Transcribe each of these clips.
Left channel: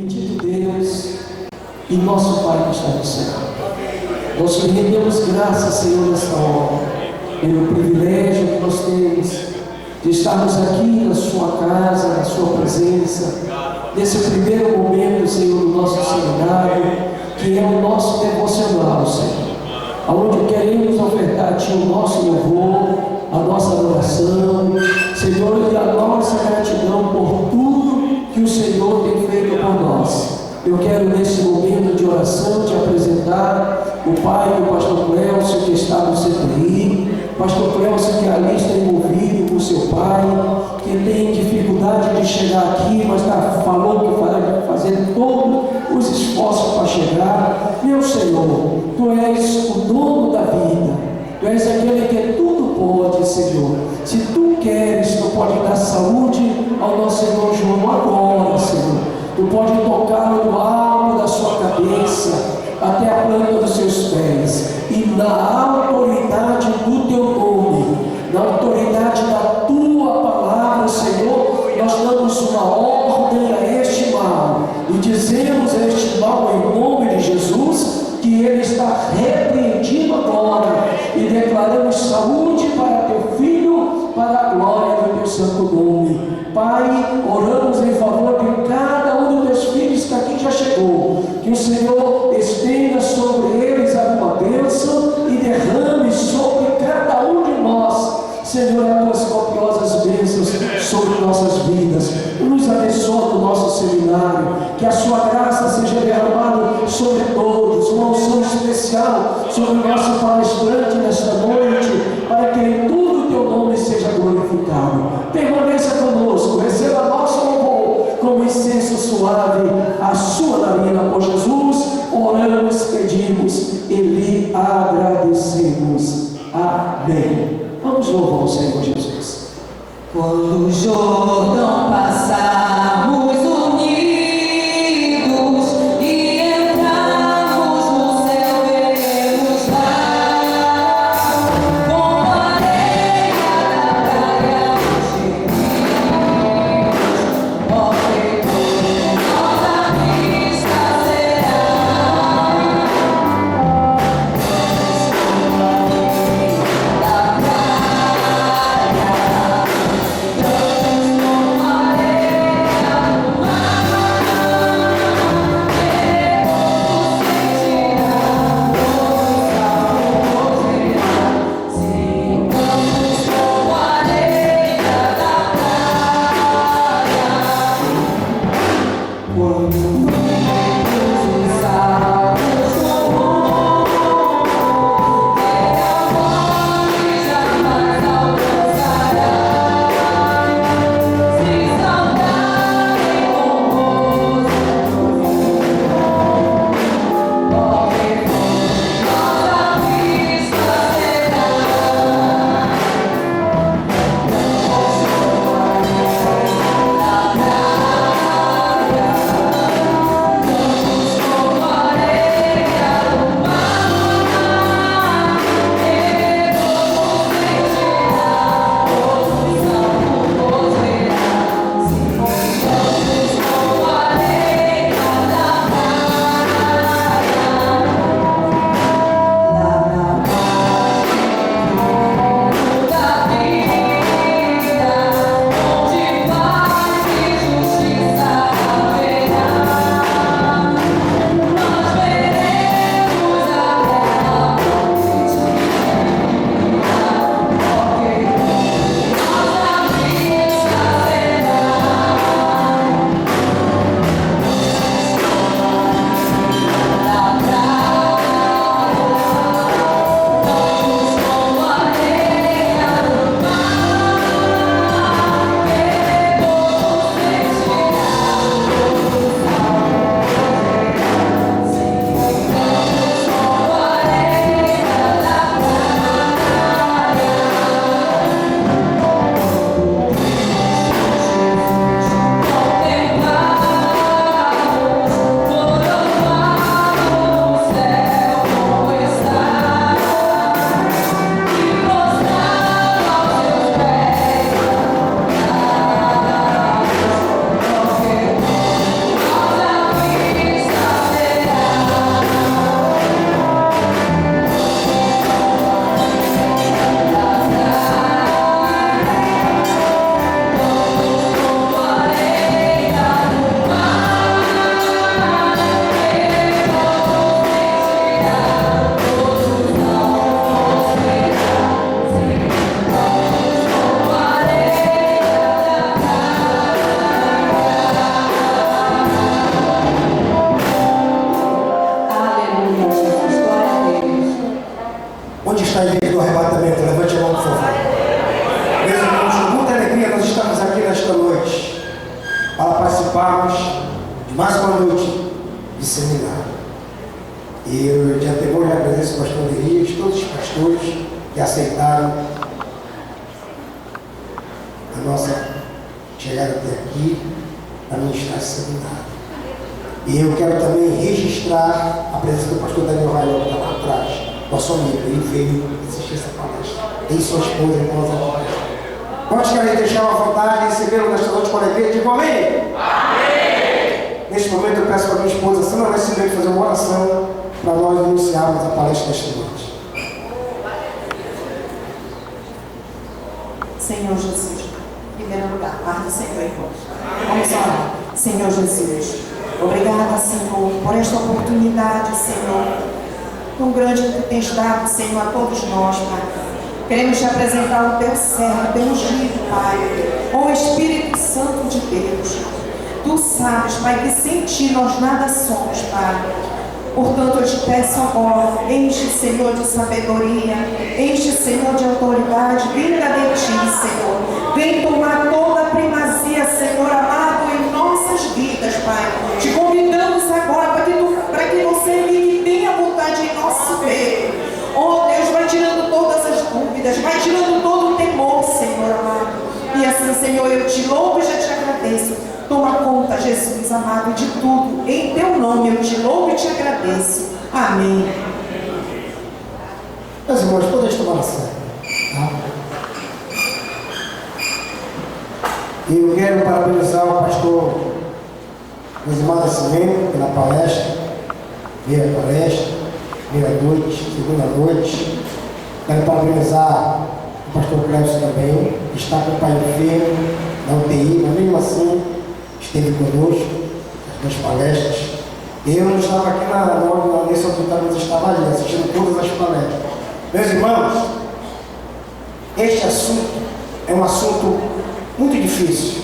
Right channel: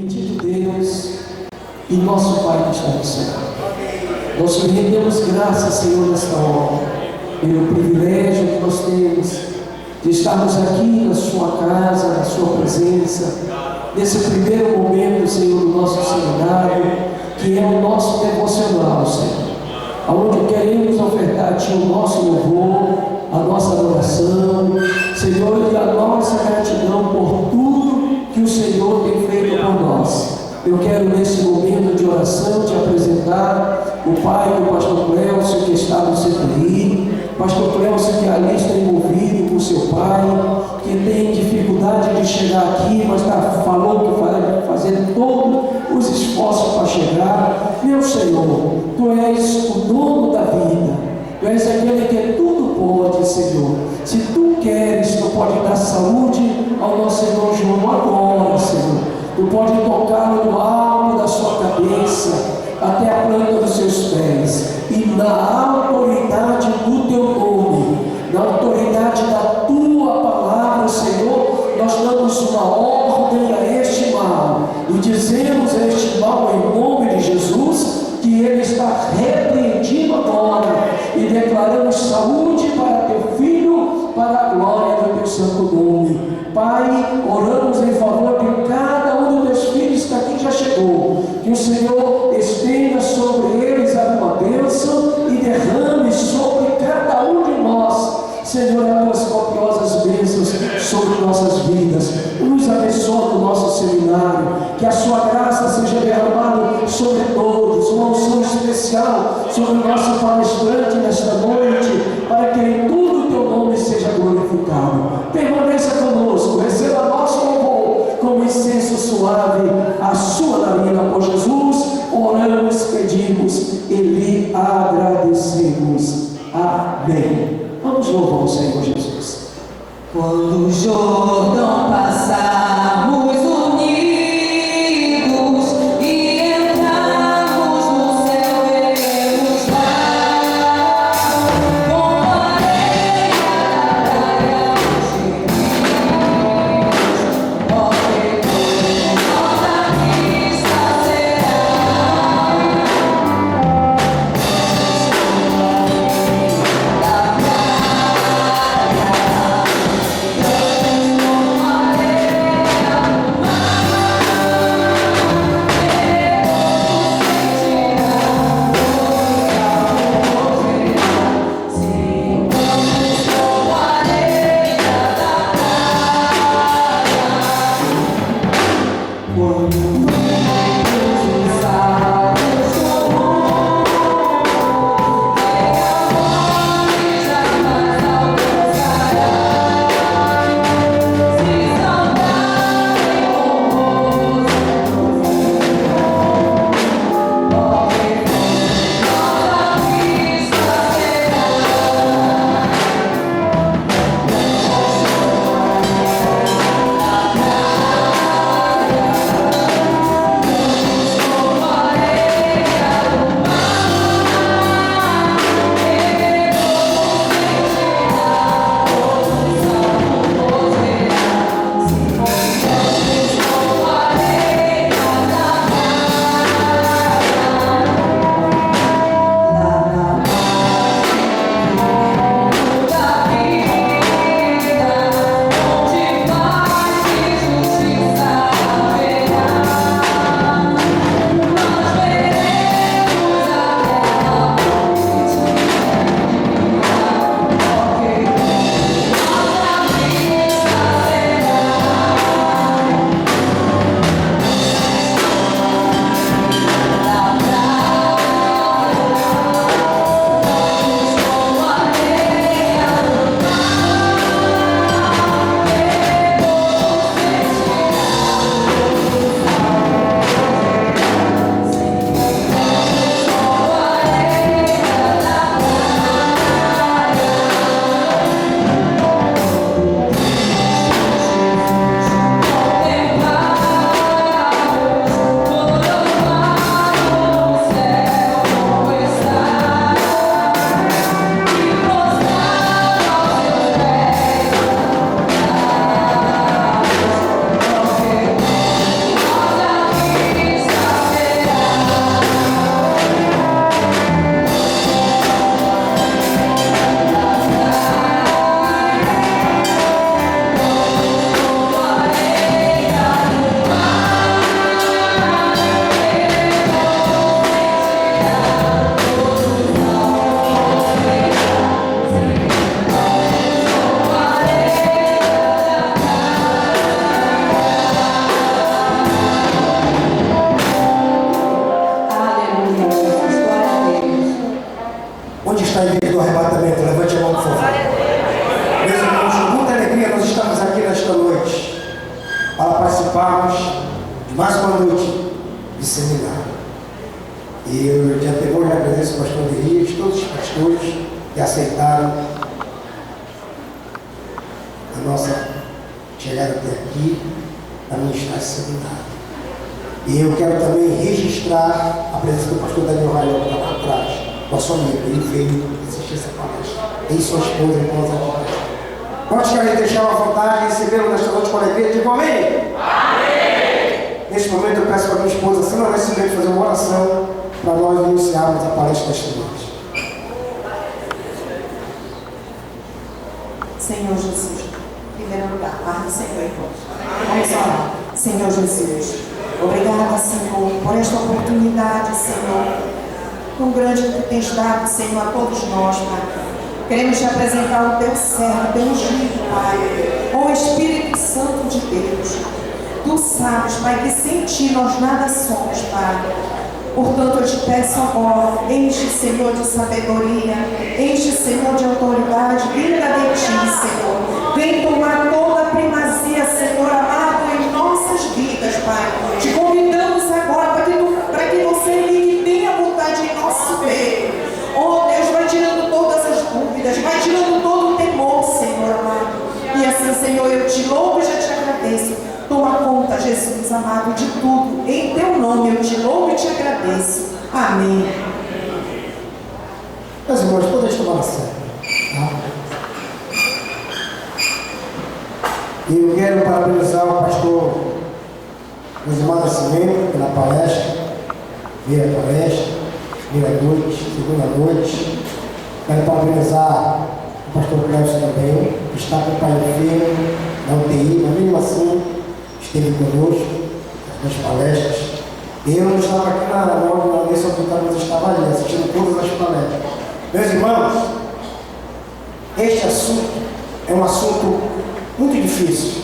Bendito Deus e nosso Pai que está no céu. Nós te rendemos graças, Senhor, nesta hora, pelo privilégio que nós temos de estarmos aqui na sua casa, na sua presença, nesse primeiro momento, Senhor, do nosso seminário, que é o nosso devocional, Senhor, onde queremos ofertar a Ti o nosso louvor, a nossa adoração, Senhor, e a nossa gratidão por tudo que o Senhor tem feito por nós. Eu quero, nesse momento de oração, te apresentar o pai do pastor Clélcio, que está no CTI, pastor Clélcio, que ali está envolvido com seu pai, que tem dificuldade de chegar aqui, mas falou que vai fazer todos os esforços para chegar. Meu Senhor, Tu és o dono da vida, Tu és aquele que tudo pode, Senhor. Se Tu queres, Tu pode dar saúde ao nosso irmão João agora, Senhor. Tu pode tocá-lo do alto da sua cabeça até a planta dos seus pés, e na autoridade do Teu nome, na autoridade da Tua palavra, Senhor, nós damos uma ordem a este mal e dizemos a este mal em nome de Jesus que ele está repreendido agora, e declaramos saúde para Teu Filho, para a glória do Teu santo nome. Pai, oramos em favor de cada um dos Teus filhos que aqui já chegou, que o Senhor estenda sobre eles alguma bênção e derrame sobre cada um de nós, Senhor, as Tuas copiosas bênçãos sobre nossas vidas. Nos abençoa no nosso seminário, que a Sua graça seja derramada sobre todos, uma unção especial sobre o nosso palestrante nesta noite, para que em tudo o Teu nome seja glorificado. Permaneça conosco, receba nosso louvor como incenso suave à Sua narina. Por Jesus oramos, pedimos e lhe agradecemos. Amém. Vamos louvar o Senhor Jesus. Quando o Jordão passarmos unidos e entrarmos no céu, veremos lá participarmos de mais uma noite de seminário. E eu de antemão já agradeço o pastor Elias, todos os pastores que aceitaram a nossa chegada até aqui para ministrar esse seminário. E eu quero também registrar a presença do pastor Daniel Raiol, que está lá atrás, nosso amigo. Ele veio assistir essa palestra. Ele e sua esposa, irmãos aqui. Quantos querem deixar à vontade e recebê-lo nesta noite com alegria? Digo amém? Amém! Neste momento eu peço para a minha esposa, Sandra Nascimento, fazer uma oração para nós iniciarmos a palestra desta noite. Senhor Jesus, em primeiro lugar, paz do Senhor, irmãos. Vamos orar. Senhor Jesus, obrigada, Senhor, por esta oportunidade, Senhor, tão grande que tu tens dado, Senhor, a todos nós, Pai. Queremos te apresentar o teu servo, teu ungido, Pai, o Espírito Santo de Deus. Tu sabes, Pai, que sem ti nós nada somos, Pai. Portanto, eu te peço agora, enche, Senhor, de sabedoria, enche, Senhor, de autoridade, vinda de ti, Senhor. Vem tomar toda a primazia, Senhor amado, em nossas vidas, Pai. Te convidamos agora para que você ligue bem à vontade em nosso meio. Oh Deus, vai tirando todas as dúvidas, vai tirando todo o temor, Senhor amado. E assim, Senhor, eu te louvo e já te agradeço. Toma conta, Jesus amado, de tudo. Em teu nome eu te louvo e te agradeço. Amém. Meus irmãos, podem tomar a sério. E eu quero parabenizar o pastor Josimar Nascimento pela palestra, primeira palestra, primeira noite, segunda noite. Quero parabenizar o pastor Clécio também, que está com o pai enfermo na UTI, mas mesmo assim esteve conosco nas palestras. Eu não estava aqui nesse auditório, mas estava ali assistindo todas as palestras. Meus irmãos, este assunto é um assunto muito difícil,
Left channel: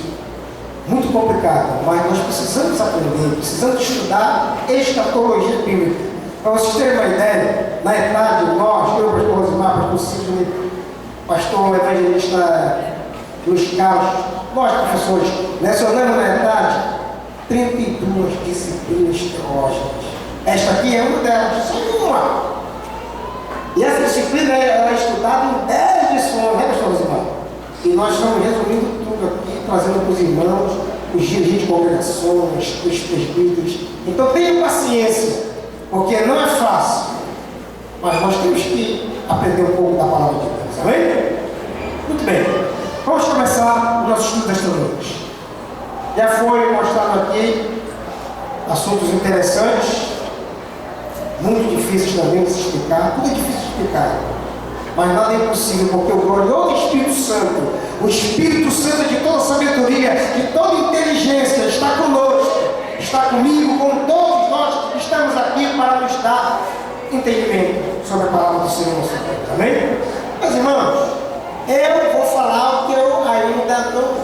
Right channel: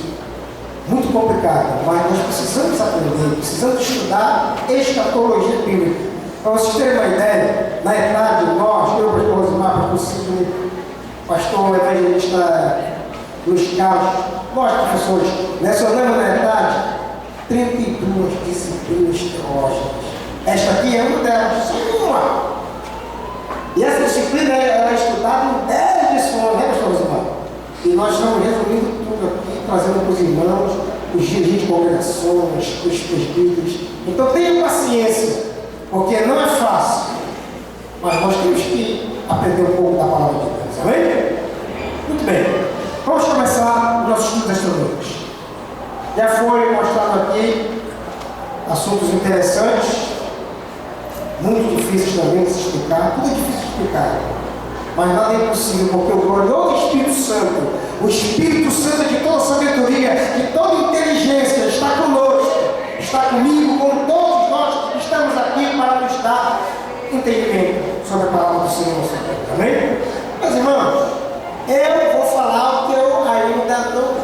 muito complicado, mas nós precisamos aprender, precisamos estudar escatologia bíblica. Para vocês terem uma ideia, na etade, nós, eu, pastor Rosimar, pastor Sidney, pastor evangelista Luiz Carlos, nós, professores, lecionamos na etade 32 disciplinas teológicas. Esta aqui é uma delas, só uma. E essa disciplina é estudada em 10 lições, né, pastor Rosimar? E nós estamos resumindo tudo aqui, trazendo para os irmãos, os dirigentes de congregações, os presbíteros. Então tenham paciência, porque não é fácil, mas nós temos que aprender um pouco da palavra de Deus, amém? Muito bem, vamos começar o nosso estudo desta noite. Já foi mostrado aqui assuntos interessantes, muito difíceis também de se explicar, tudo é difícil de explicar. Mas nada é impossível, porque o glorioso Espírito Santo, o Espírito Santo de toda sabedoria, de toda inteligência, está conosco, está comigo, com todos nós que estamos aqui para nos dar entendimento sobre a palavra do Senhor. Amém? Meus irmãos, eu vou falar o que eu ainda não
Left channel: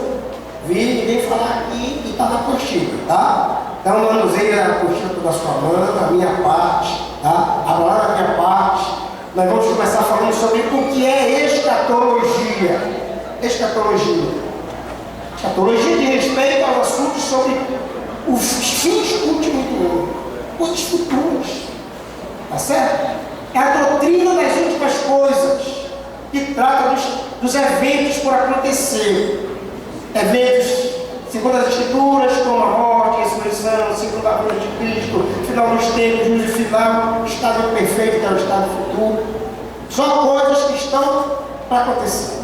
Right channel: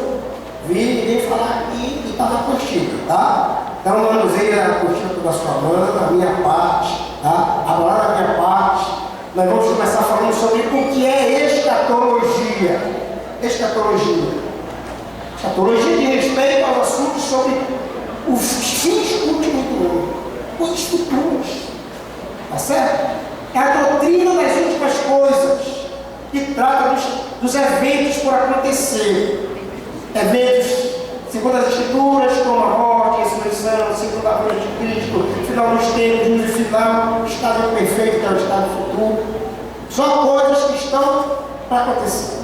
vi ninguém falar aqui e está na apostila, tá? Então, manusei a apostila da sua mão, a minha parte, tá? A palavra da minha parte. Nós vamos começar falando sobre o que é escatologia. Escatologia. Escatologia de respeito aos assuntos sobre os fins últimos do mundo, coisas futuras. Tá certo? É a doutrina das últimas coisas, que trata dos eventos por acontecer. Eventos segundo as Escrituras, como a morte, a ressurreição, segundo a vinda de Cristo, final dos tempos, juízo final, estado perfeito, que é o estado futuro. Só coisas que estão para acontecer.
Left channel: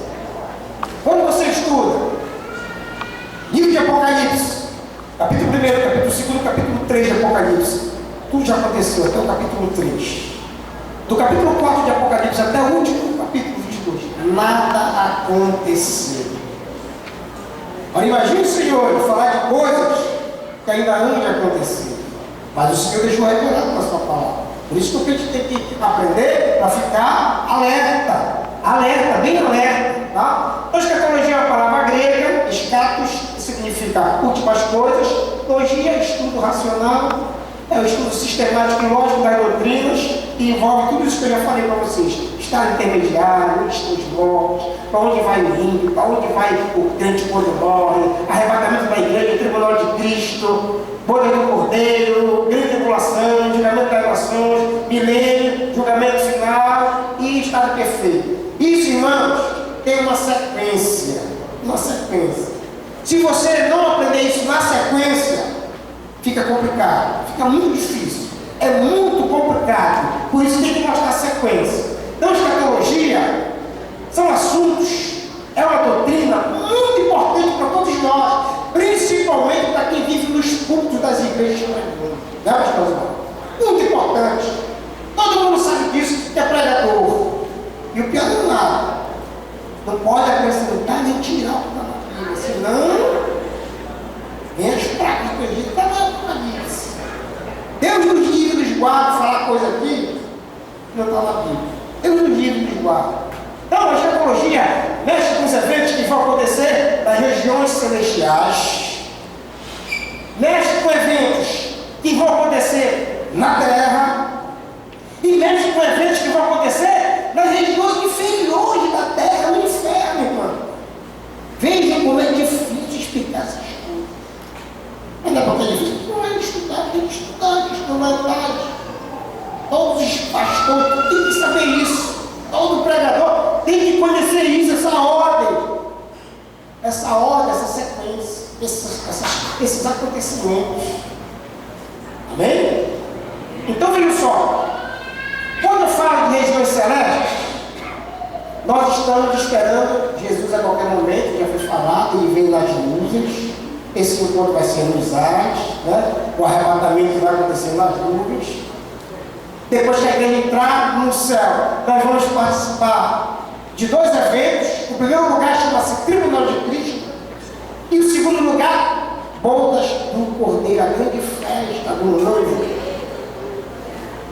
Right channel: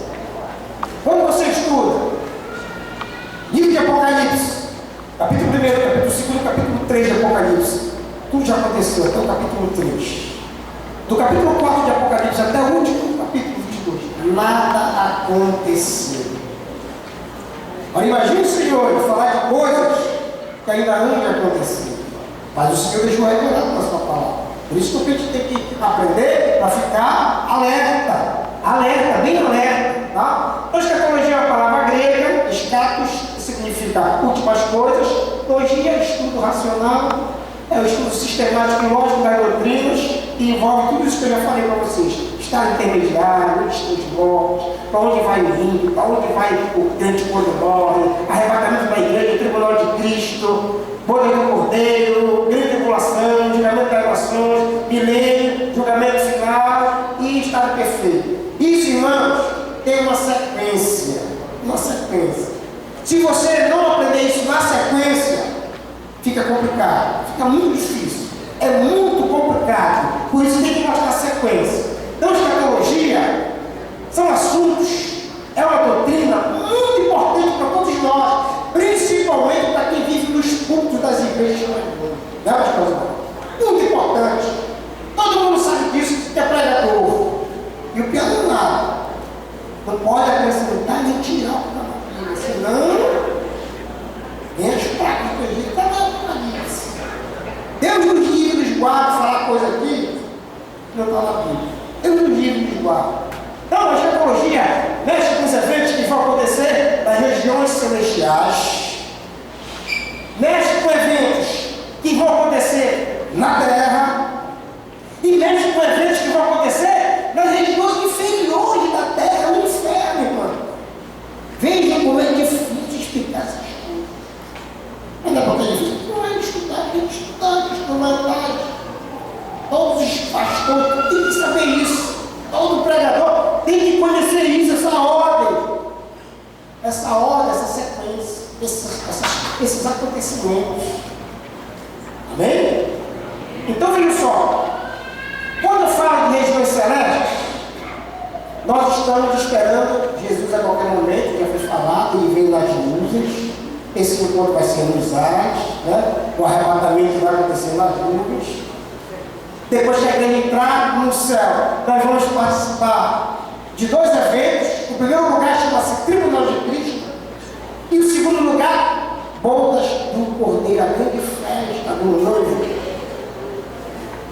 Quando você estuda livro de Apocalipse, capítulo 1, capítulo 2, capítulo 3 de Apocalipse, tudo já aconteceu até o capítulo 3. Do capítulo 4 de Apocalipse até o último capítulo 22, nada aconteceu. Agora imagine o Senhor falar de coisas que ainda não já aconteceram. Mas o Senhor deixou revelado na sua palavra. Por isso que a gente tem que aprender para ficar alerta. Alerta, bem alerta. Tá? Então, escatologia é uma palavra grega, escatos, que significa últimas coisas. Logia é estudo racional, é o estudo sistemático e lógico das doutrinas, que envolve tudo isso que eu já falei para vocês. Estado intermediário, onde estão os mortos, para onde vai o índio, para onde vai o crente quando morre, arrebatamento da igreja, tribunal do anticristo, boda do cordeiro, grande tribulação, julgamento das nações, milênio, julgamento final e estado perfeito. Isso, irmãos, tem uma sequência. Uma sequência. Se você não aprender isso na sequência, fica complicado, fica muito difícil. É muito complicado. Por isso tem que mostrar a sequência. Então, escatologia são assuntos, é uma doutrina muito importante para todos nós, principalmente para quem vive nos púlpitos das igrejas. Não é, pastor? Muito importante. Todo mundo sabe disso, que é pregador. E o pior não é nada. Não pode acrescentar nem tirar o que está na Bíblia, senão vem as práticas que a gente está na Bíblia. Deus nos livre e nos guarda falar coisa aqui que não está na Bíblia. Deus nos livre e nos guarda. Então, a escatologia mexe com os eventos que vão acontecer nas regiões celestiais, mexe com eventos que vão acontecer na terra e mexe com eventos que vão acontecer nas regiões inferiores da terra, no inferno, irmão. Vejam como é difícil explicar essas coisas. Ainda porque é difícil. Não é estudar, tem que estudar, tem que estudar. Todos os pastores têm que saber isso. Todo pregador tem que conhecer isso, essa ordem, essa sequência, esses acontecimentos. Amém? Então, veja só. Quando eu falo de regiões celestes, nós estamos esperando Jesus a qualquer momento, já foi falado, ele vem nas nuvens. Esse encontro vai ser nos ares, né? O arrebatamento vai acontecer nas nuvens. Depois que a igreja entrar no céu, nós vamos participar de dois eventos. O primeiro lugar chama-se Tribunal de Cristo. E o segundo lugar, bodas do Cordeiro, a grande festa do noivo.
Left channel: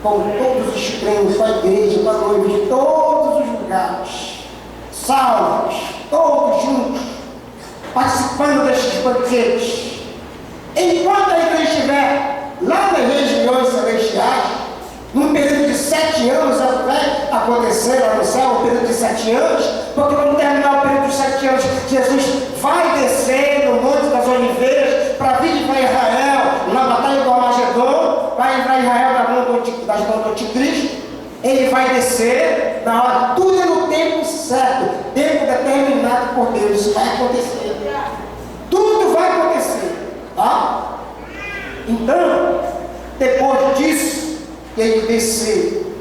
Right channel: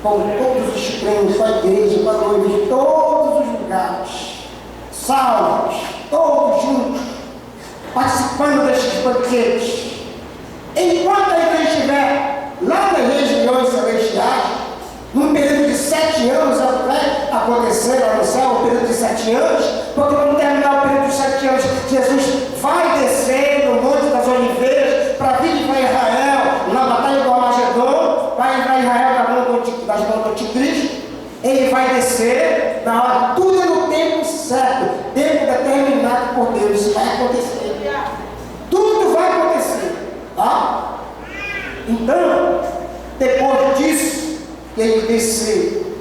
Com todos os crentes, com a igreja, com a noiva, de todos os lugares. Salvos, todos juntos, participando destes banquetes. Enquanto a igreja estiver lá nas regiões celestiais, num período de 7 anos até acontecer lá no céu, um período de 7 anos, porque quando terminar o período de 7 anos, Jesus vai descer no Monte das Oliveiras para vir para Israel, na batalha do Armagedon, vai livrar Israel das mãos do anticristo. Ele vai descer na hora, tudo é no tempo certo, tempo determinado por Deus. Isso vai acontecer. Tudo vai acontecer. Tá? Então, depois disso, ele descer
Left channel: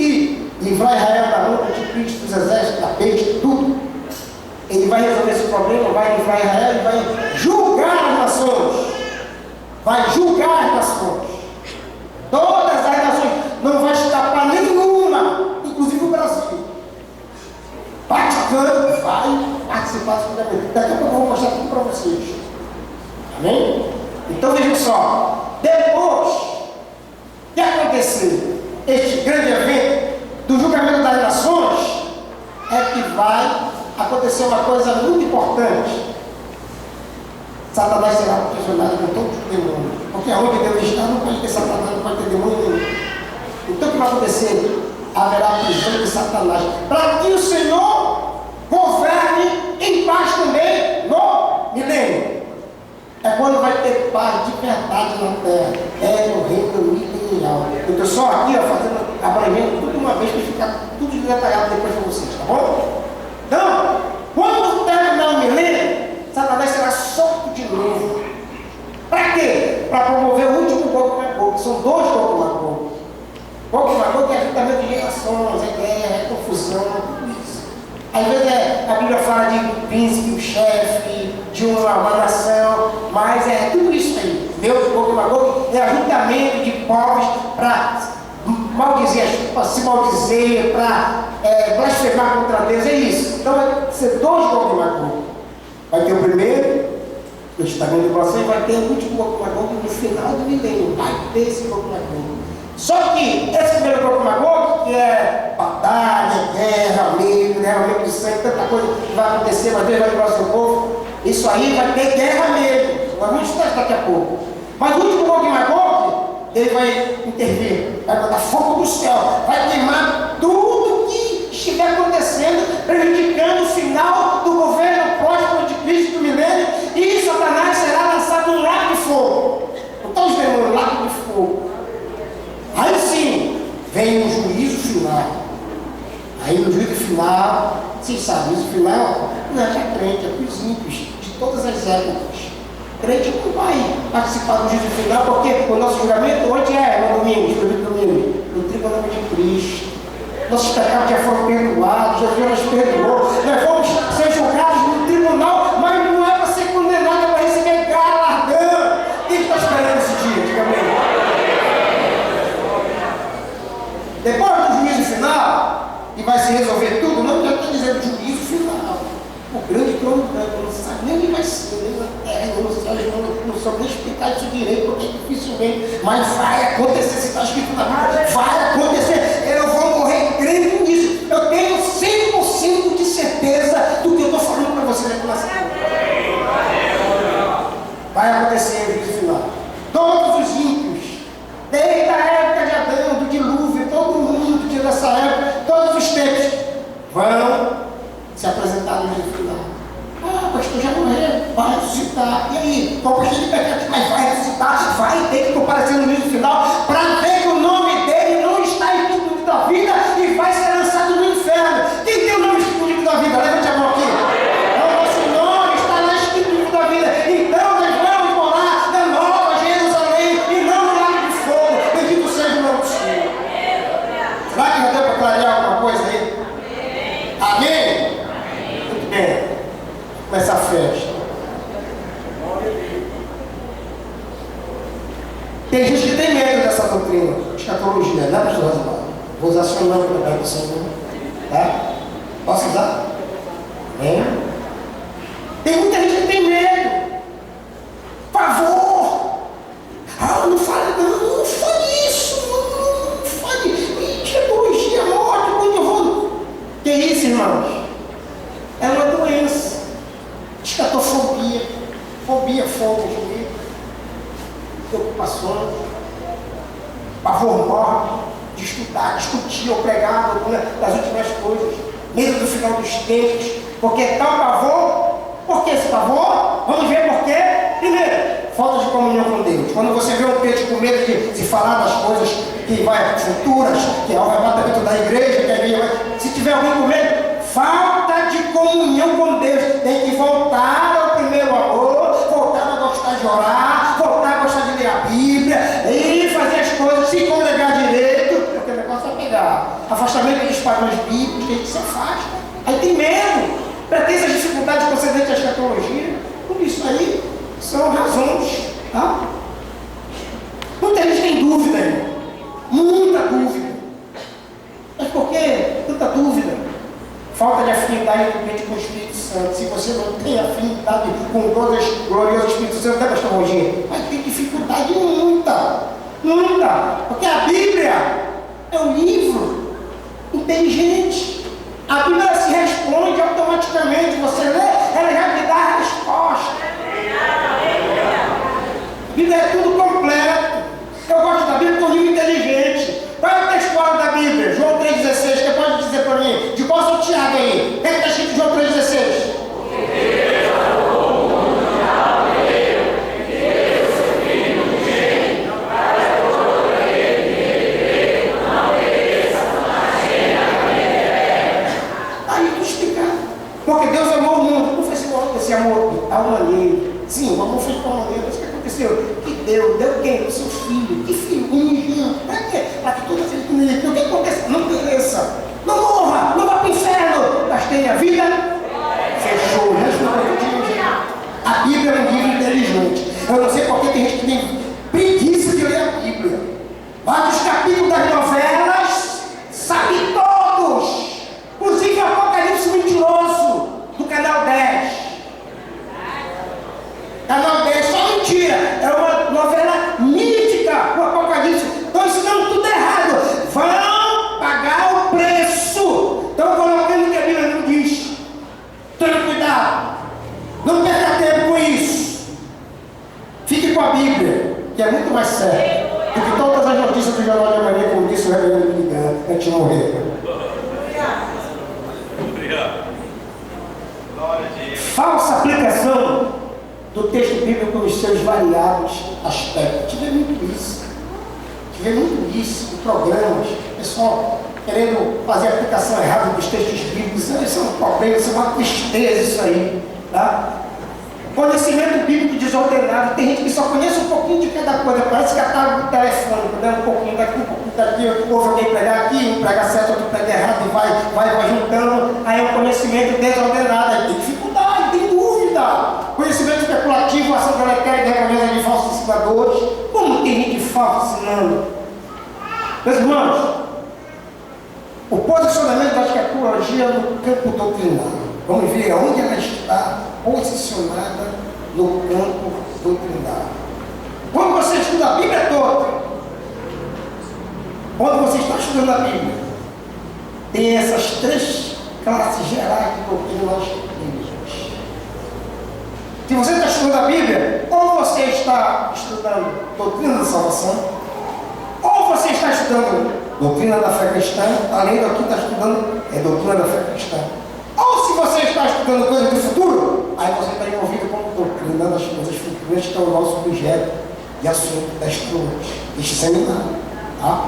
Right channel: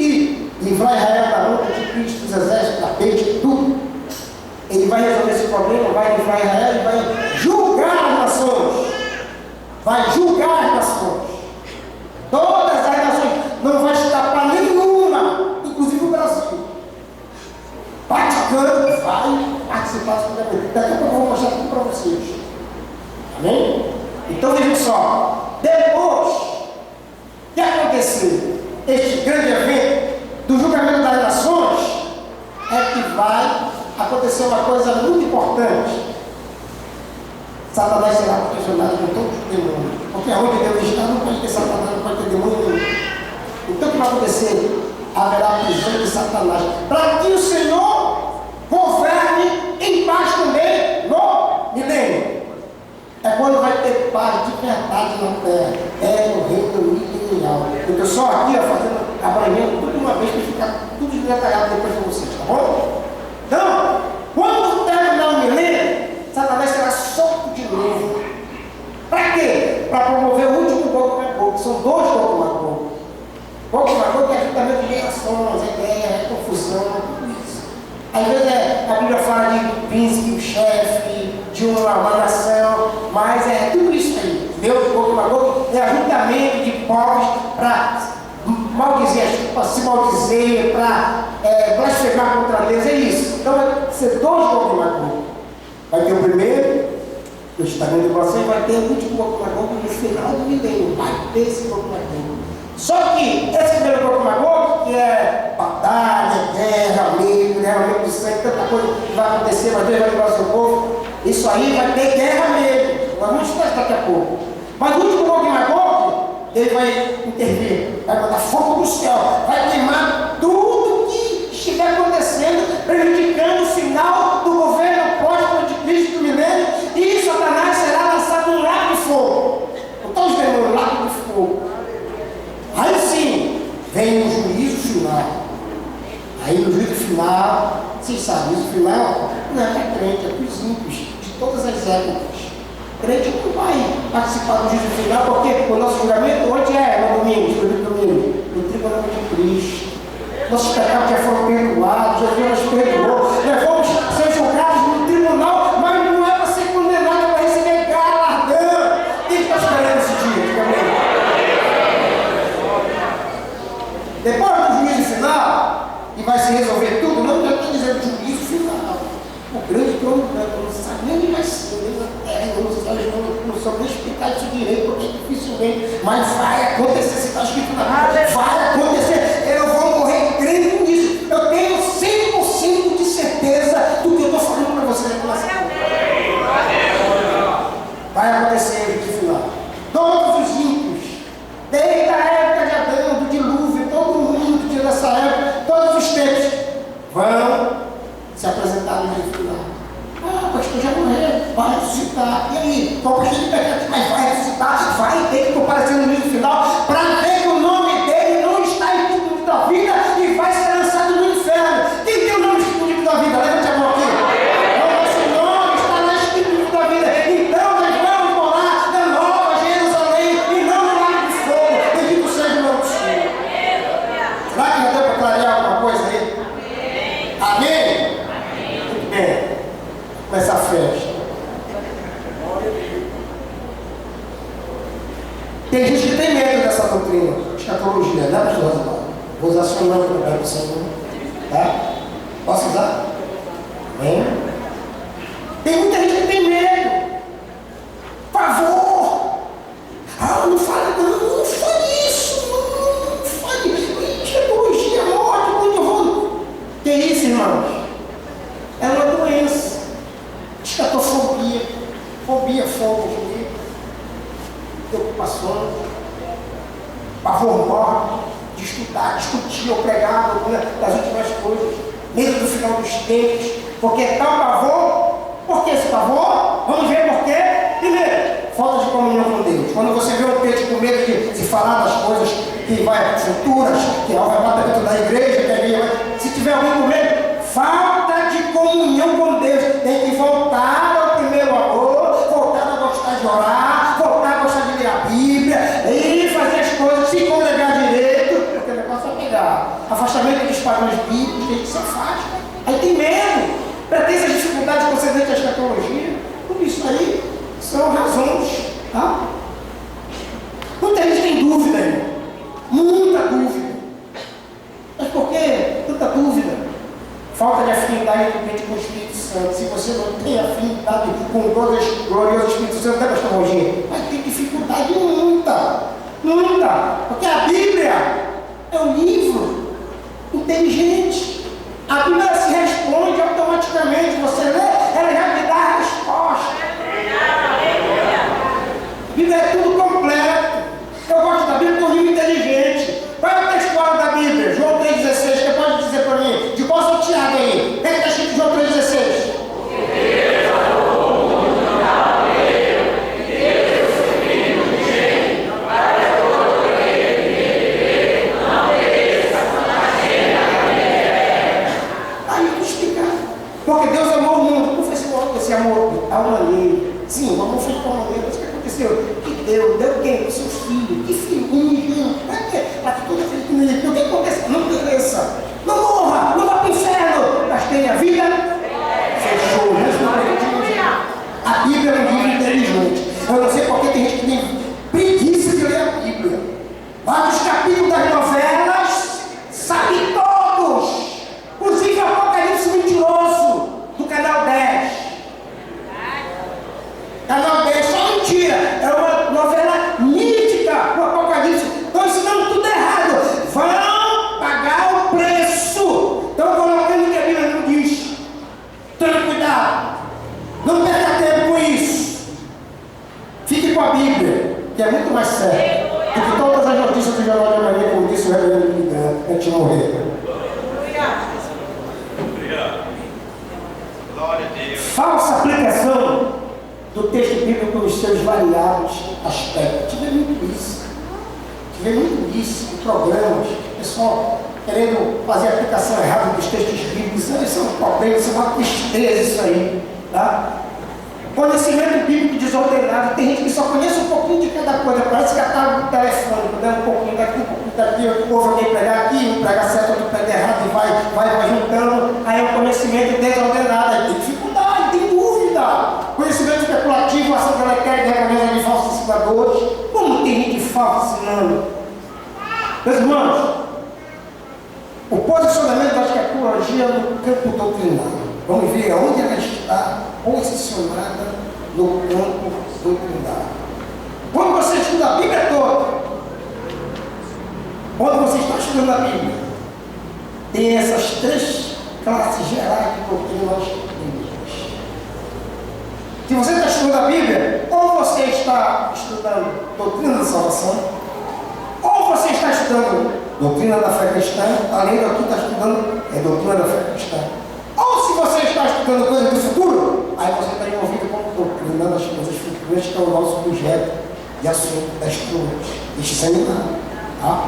e livrar Israel da mão do anticristo, dos exércitos, da besta, tudo. Ele vai resolver esse problema, vai livrar Israel e vai julgar as nações. Vai julgar as nações. Todas as nações. Não vai escapar nenhuma, inclusive o Brasil. Vaticano vai participar desse julgamento. Daqui a pouco eu vou mostrar tudo para vocês. Amém? Então vejam só. Depois de acontecer este grande evento do julgamento das nações, é que vai acontecer uma coisa muito importante. Satanás será aprisionado com todos os demônios, porque aonde Deus está não pode ter Satanás, não pode ter demônio nenhum. Então o que vai acontecer? Haverá a prisão de Satanás, para que o Senhor governe em paz também no milênio. É quando vai ter paz de verdade na terra. É no reino milenial. Eu estou só aqui, fazendo, abrangendo tudo uma vez para ficar tudo detalhado depois para vocês, tá bom? Então, quando terminar o milênio, Satanás será solto de novo. Para quê? Para promover o último Gog e Magog. São dois Gog e Magog. Gog e Magog é ajuntamento de gerações, é guerra, é confusão, tudo isso. Às vezes a Bíblia fala de um príncipe, um chefe, de uma nação, mas é tudo isso aí. Meu Gog e Magog é ajuntamento de povos para maldizer, para se maldizer, para blasfemar contra Deus, é isso. Então vai ser dois Gog e Magog. Vai ter o primeiro, o Instagram do coração, e vai ter o último Gog e Magog no final do milênio. Vai ter esse Gog e Magog. Só que esse primeiro Gog e Magog, que é batalha, guerra, medo, derramamento de sangue, tanta coisa que vai acontecer, mas Deus vai livrar o seu povo. Isso aí vai ter guerra mesmo. Nós vamos estudar daqui a pouco. Mas o último Gog e Magog, ele vai intervir, vai botar fogo do céu, vai queimar tudo que estiver acontecendo, prejudicando o final do governo próximo de Cristo do milênio, e Satanás será lançado no lago fogo. Aí sim, vem o juízo final. Aí no juízo final, vocês sabem, o juízo final não é para crente, é para os ímpios de todas as épocas. O crente não vai participar do juízo final, porque o nosso julgamento hoje é no domingo, no tribunal de Cristo. Nossos pecados já foram perdoados, Jesus nos perdoou. Nós vamos ser julgados no tribunal, mas não é para ser condenado, é para receber galardão. Quem está esperando esse dia? Diga amém. Depois do juízo final, e vai se resolver tudo, não está dizendo juízo final. O grande trono branco, não sabe nem onde vai ser, nem na terra, não soube nem explicar isso direito, porque é dificilmente, mas vai acontecer, se está escrito na Bíblia, vai acontecer, eu vou morrer crendo nisso, eu tenho 100% de certeza do que eu estou falando para vocês aqui nessa terra. Vai acontecer o juízo final. Todos os ímpios, desde a época de Adão, do dilúvio, todo mundo que nessa época, todos os tempos, vão se apresentar no juízo final. Ah, pastor, já morreu, vai ressuscitar. E aí, qual pastor de pecado, mas vai ressuscitar, vai ter que comparecer no juízo final, para ver que o nome dele não está escrito no livro da vida e vai ser lançado no inferno. Quem tem o nome escrito no livro da vida? Levante a mão aqui. O nosso nome está lá escrito no livro da vida. Então nós vamos morar na Nova Jerusalém e não no lago de fogo. Bendito seja o nome do Senhor. Será que já deu para clarear alguma coisa aí? Amém? Muito bem. Começa a festa. Tem gente que tem medo dessa doutrina, escatologia, né, pastor Osmar? Vou usar seu nome também para o Senhor. Tá? Posso usar? Amém? Tem muita gente que tem medo. Pavor. Ah, não fale, não fale isso. Não fale. Escatologia, morte, quando eu vou. Que isso, irmãos? É uma doença. Escatofobia. Fobia, fogo de mim. Preocupações. Pavor morte. De estudar, discutir ou pregar alguma das últimas coisas. Medo do final dos tempos. Porque tal pavor. Por que esse pavor? Vamos ver por quê. Primeiro, falta de comunhão com Deus. Quando você vê um crente com medo de falar das coisas que vai futuras, que é o arrebatamento da igreja, que a igreja vai... Se tiver alguém com medo, falta de comunhão com Deus. Tem que voltar ao primeiro amor, voltar a gostar de orar, voltar a gostar de ler a Bíblia, e fazer as coisas, se congregar direito, porque o negócio vai pegar. Afastamento dos padrões bíblicos, tem que se afasta. Aí tem medo, tem essas dificuldades concedentes à escatologia. Tudo isso aí são razões, tá? Muita gente tem dúvida, irmão. Muita dúvida. Mas por que tanta dúvida? Falta de afinidade com o Espírito Santo. Se você não tem afinidade com o glorioso Espírito Santo, né, pastor Roginho? Vai ter dificuldade muita. Porque a Bíblia é um livro inteligente. A Bíblia se responde automaticamente. Você lê, ela já me dá a resposta. A Bíblia é tudo completo. Eu gosto da Bíblia porque é um livro inteligente. Qual é o textual da Bíblia? João 3,16. Quem pode dizer para mim? De qual São Tiago aí? O que está escrito em João 3,16? Porque Deus amou o mundo. Não foi esse amor de tal maneira. Sim, o amor foi de tal maneira. Mas o que aconteceu? Que deu quem? O seu filho. Que filho? Um para quê? Para que toda vez que me o que acontece? Não pereça. Não morra. Não vá para o inferno. Mas tenha vida. Fechou. A Bíblia é um livro inteligente. Eu não sei porque tem gente que tem preguiça de ler a Bíblia. Vários capítulos das novelas, sabe todos. Inclusive o Apocalipse mentiroso do canal 10. Canal 10, só mentira. É uma novela mítica, o Apocalipse. Estão ensinando tudo errado. Vão pagar o preço. Estão colocando que a Bíblia não diz. Tome cuidado. Não perca tempo com isso. Fique com a Bíblia, que é muito mais sério do que todas as notícias do Jornal de Amanhã, como disse o reverendo Billy antes de morrer. Falsa aplicação do texto bíblico nos seus variados aspectos. Tive muito isso. vê muito isso em programas, o pessoal querendo fazer a aplicação errada dos textos bíblicos. Isso é um problema, isso é uma tristeza isso aí. Tá? Conhecimento bíblico desordenado. Tem gente que só conhece um pouquinho de cada coisa, parece catálogo do telefone, né? Um pouquinho daqui, um pouquinho daqui, ouve alguém pregar aqui, um prega certo, outro prega errado, e vai juntando. Aí é um conhecimento desordenado, aí tem dificuldade, tem dúvida. Conhecimento especulativo, ação deletéria, recompensa de falsos ensinadores. Como tem gente falsa ensinando? Meus irmãos, o posicionamento da escatologia no campo doutrinário. Vamos ver aonde ela está posicionada no campo doutrinário. Quando você estuda a Bíblia toda, quando você está estudando a Bíblia, tem essas 3 classes gerais de doutrinas bíblicas. Se você está estudando a Bíblia, ou você está estudando doutrina da salvação, ou você está estudando doutrina da fé cristã, além do que está estudando é doutrina da fé cristã. Ou se você está estudando coisas do futuro, aí você está envolvido com doutrina das coisas futuras, que é o nosso objeto de assunto deste seminário. Tá?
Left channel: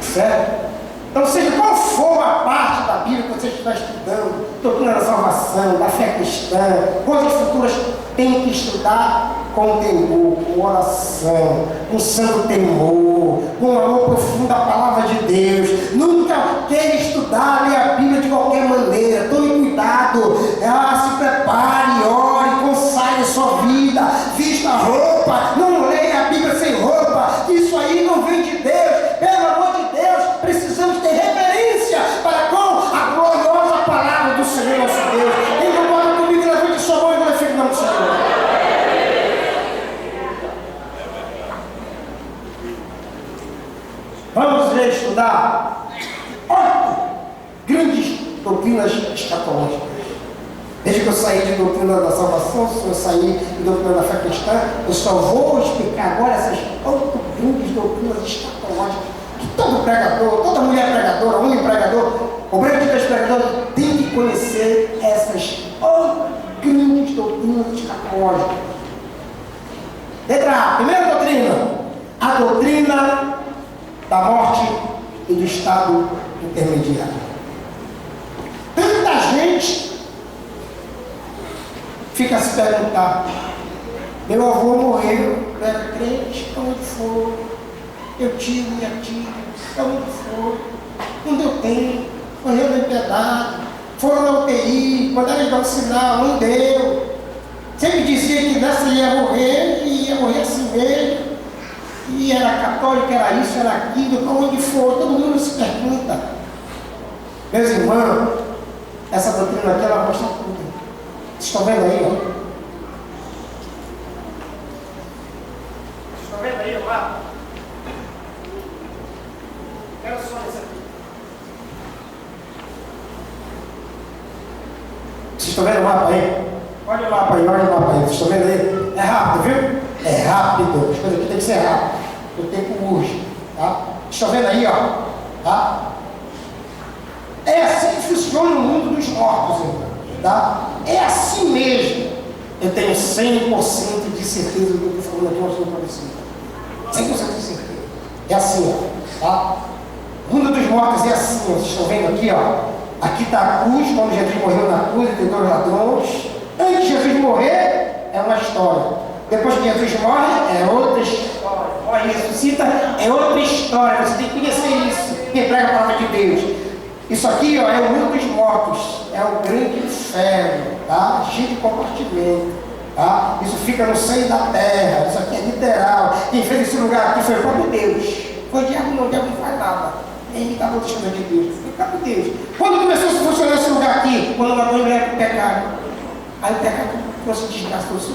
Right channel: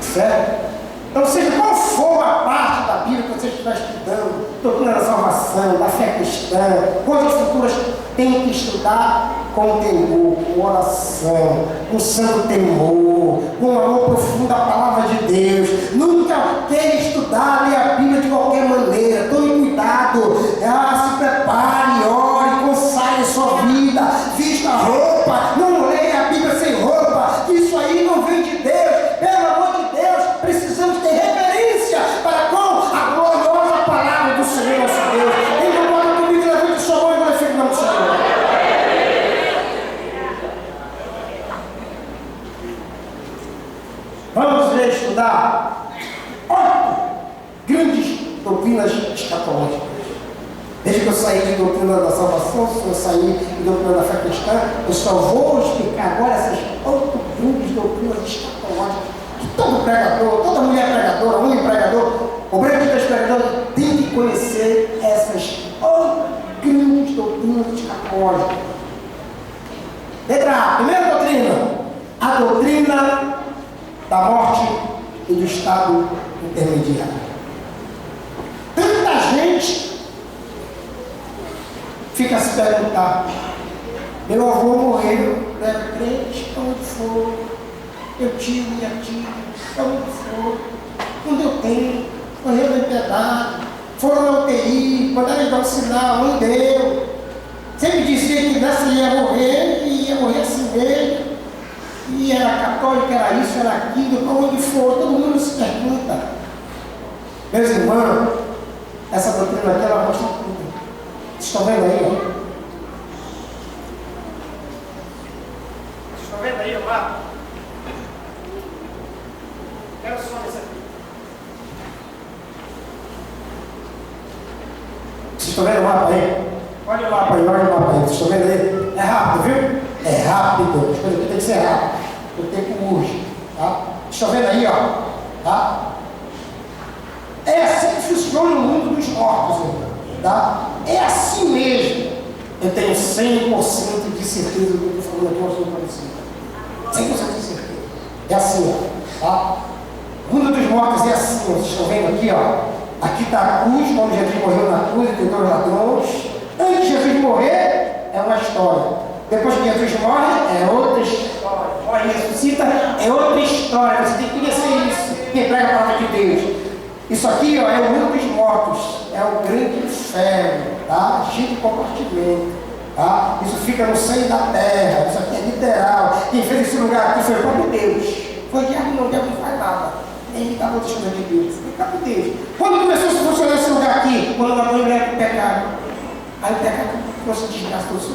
Certo? Então, seja qual for a parte da Bíblia que você estiver estudando, doutrina da salvação, da fé cristã, coisas futuras, tem que estudar com temor, com oração, com santo temor, com amor profundo à palavra de Deus. Nunca queira estudar, ler a Bíblia de qualquer maneira. Tome cuidado, se prepare, ore, consagre sua vida, vista a roupa, não leia a Bíblia sem roupa. Isso aí não vem de Deus. Pelo amor de Deus, precisamos ter reverência para com a gloriosa palavra do Senhor nosso Deus. Quem concorda comigo, levante sua mão e glorifique o nome do Senhor. Vamos ver estudar 8 grandes doutrinas escatológicas. Desde que eu saí de doutrina da salvação, se eu saí de doutrina da fé cristã, eu só vou explicar agora essas 8 grandes doutrinas escatológicas que todo pregador, toda mulher pregadora, homem pregador, obreiro de Deus pregador, tem que conhecer essas 8 grandes doutrinas escatológicas. Letra A, primeira doutrina, a doutrina da morte e do estado intermediário. Tanta gente fica a se perguntar: meu avô morreu, eu era crente, onde for, eu tiro minha tia, onde for, não deu tempo, morreu no empedado, foram na UTI, mandaram ele dar um sinal, não deu. Sempre dizia que nessa ia morrer, e ia morrer assim mesmo. E era católico, era isso, era aquilo, para onde for, todo mundo se pergunta. Meus irmãos, essa doutrina aqui, ela mostra tudo. Vocês estão vendo aí, ó? Vocês estão vendo aí o mapa? Quero só esse aqui. Vocês estão vendo o mapa aí? Olha o mapa aí, olha o mapa aí. Vocês estão vendo aí? É rápido, viu? É rápido. As coisas aqui tem que ser rápido. O tempo urge. Tá? Vocês estão vendo aí, ó? Tá? É assim que funciona o mundo dos mortos, então. Tá? É assim mesmo. Eu tenho 100% de certeza do que eu estou falando aqui, eu estou para você. 100% de certeza. É assim, ó. Tá? O mundo dos mortos é assim, ó. Vocês estão vendo aqui, ó? Aqui está a cruz, quando Jesus morreu na cruz, entre 2 ladrões. Antes de Jesus morrer, é uma história. Depois que Jesus morre, é outra história. Morre e ressuscita, é outra história. Você tem que conhecer isso. Quem prega a palavra de Deus. Isso aqui, ó, é o mundo dos mortos. É o grande inferno, tá? Cheio de compartimento. Tá? Isso fica no seio da terra. Isso aqui é literal. Quem fez esse lugar aqui foi o próprio Deus. Foi o diabo, não. O diabo não faz nada. Ele estava outras coisas de Deus. Foi o próprio Deus. Quando começou a funcionar esse lugar aqui? Quando uma mulher com o pecado. Aí o pecado trouxe desgraça, trouxe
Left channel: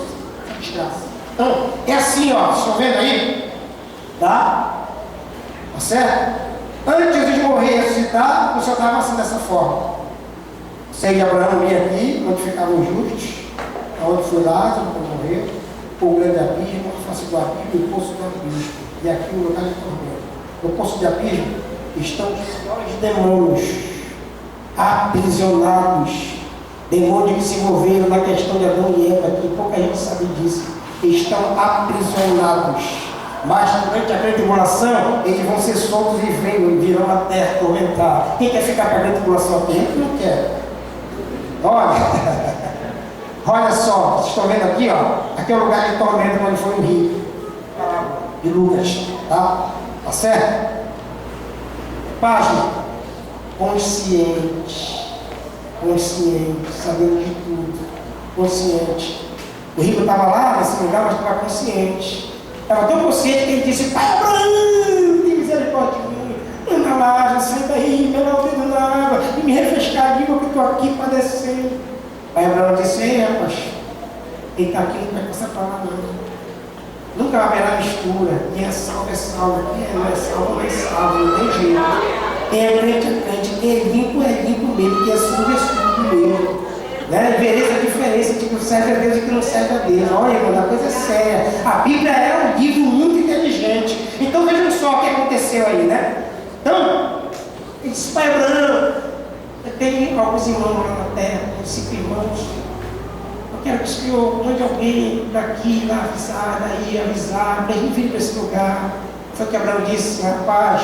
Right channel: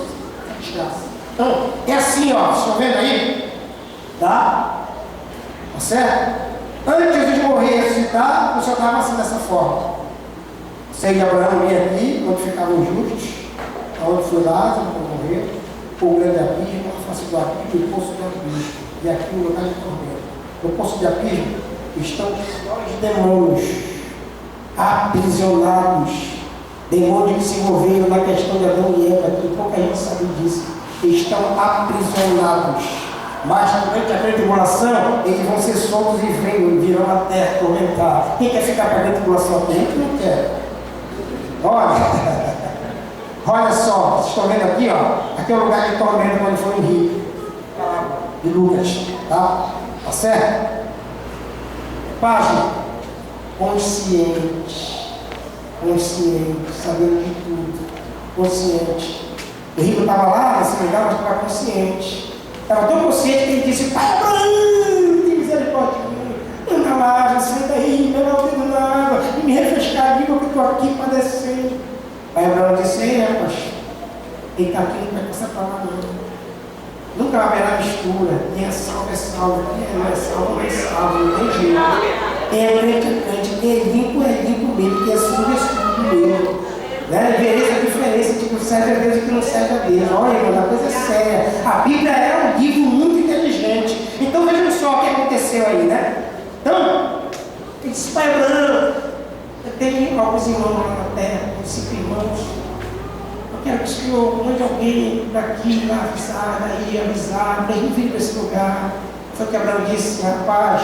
desgraça. Então, é assim, ó. Vocês estão vendo aí? Tá? Tá certo? Antes de Jesus morrer e ressuscitar, funcionava assim dessa forma. O seio de Abraão vinha aqui, onde ficavam os justos, onde foi Lázaro, quando morreu, o grande abismo, a face do abismo e o poço do abismo. E aqui o lugar de tormento. No poço de abismo estão os piores demônios aprisionados. Demônios que se envolveram na questão de Adão e Eva, que pouca gente sabe disso. Estão aprisionados. Mas durante a grande tribulação, eles vão ser soltos e virão a terra tormentar. Quem quer ficar para a grande tribulação? Quem não quer? Olha, olha só, vocês estão vendo aqui, ó. Aqui é o lugar de tormento quando foi o rio de Lucas, tá? Tá certo? Página, consciente, sabendo de tudo, consciente. O rico estava lá nesse lugar, mas estava consciente. Estava tão consciente que ele disse: Pai Abraão, tem misericórdia de mim. Anda lá, já sai daí, melhor o dedo na água, e me refrescar, diga que eu estou aqui padecendo. Pai Abraão disse: Ei, rapaz, ele está aqui, não vai passar para lá não. Nunca haverá mistura. Quem é salvo, quem não é salvo, não tem jeito. Quem é crente, quem é limpo mesmo, quem é sujo mesmo. Né? Vereis a diferença entre o que serve a Deus e o que não serve a Deus. Olha, irmão, a coisa é séria. A Bíblia é um livro muito inteligente. Então vejam só o que aconteceu aí, né? Então, ele disse: Pai Abraão, eu tenho alguns irmãos lá na terra, uns 5 irmãos. Eu quero que o Senhor mande alguém daqui, lá avisar, para a gente vir para esse lugar. Foi o que Abraão disse: rapaz,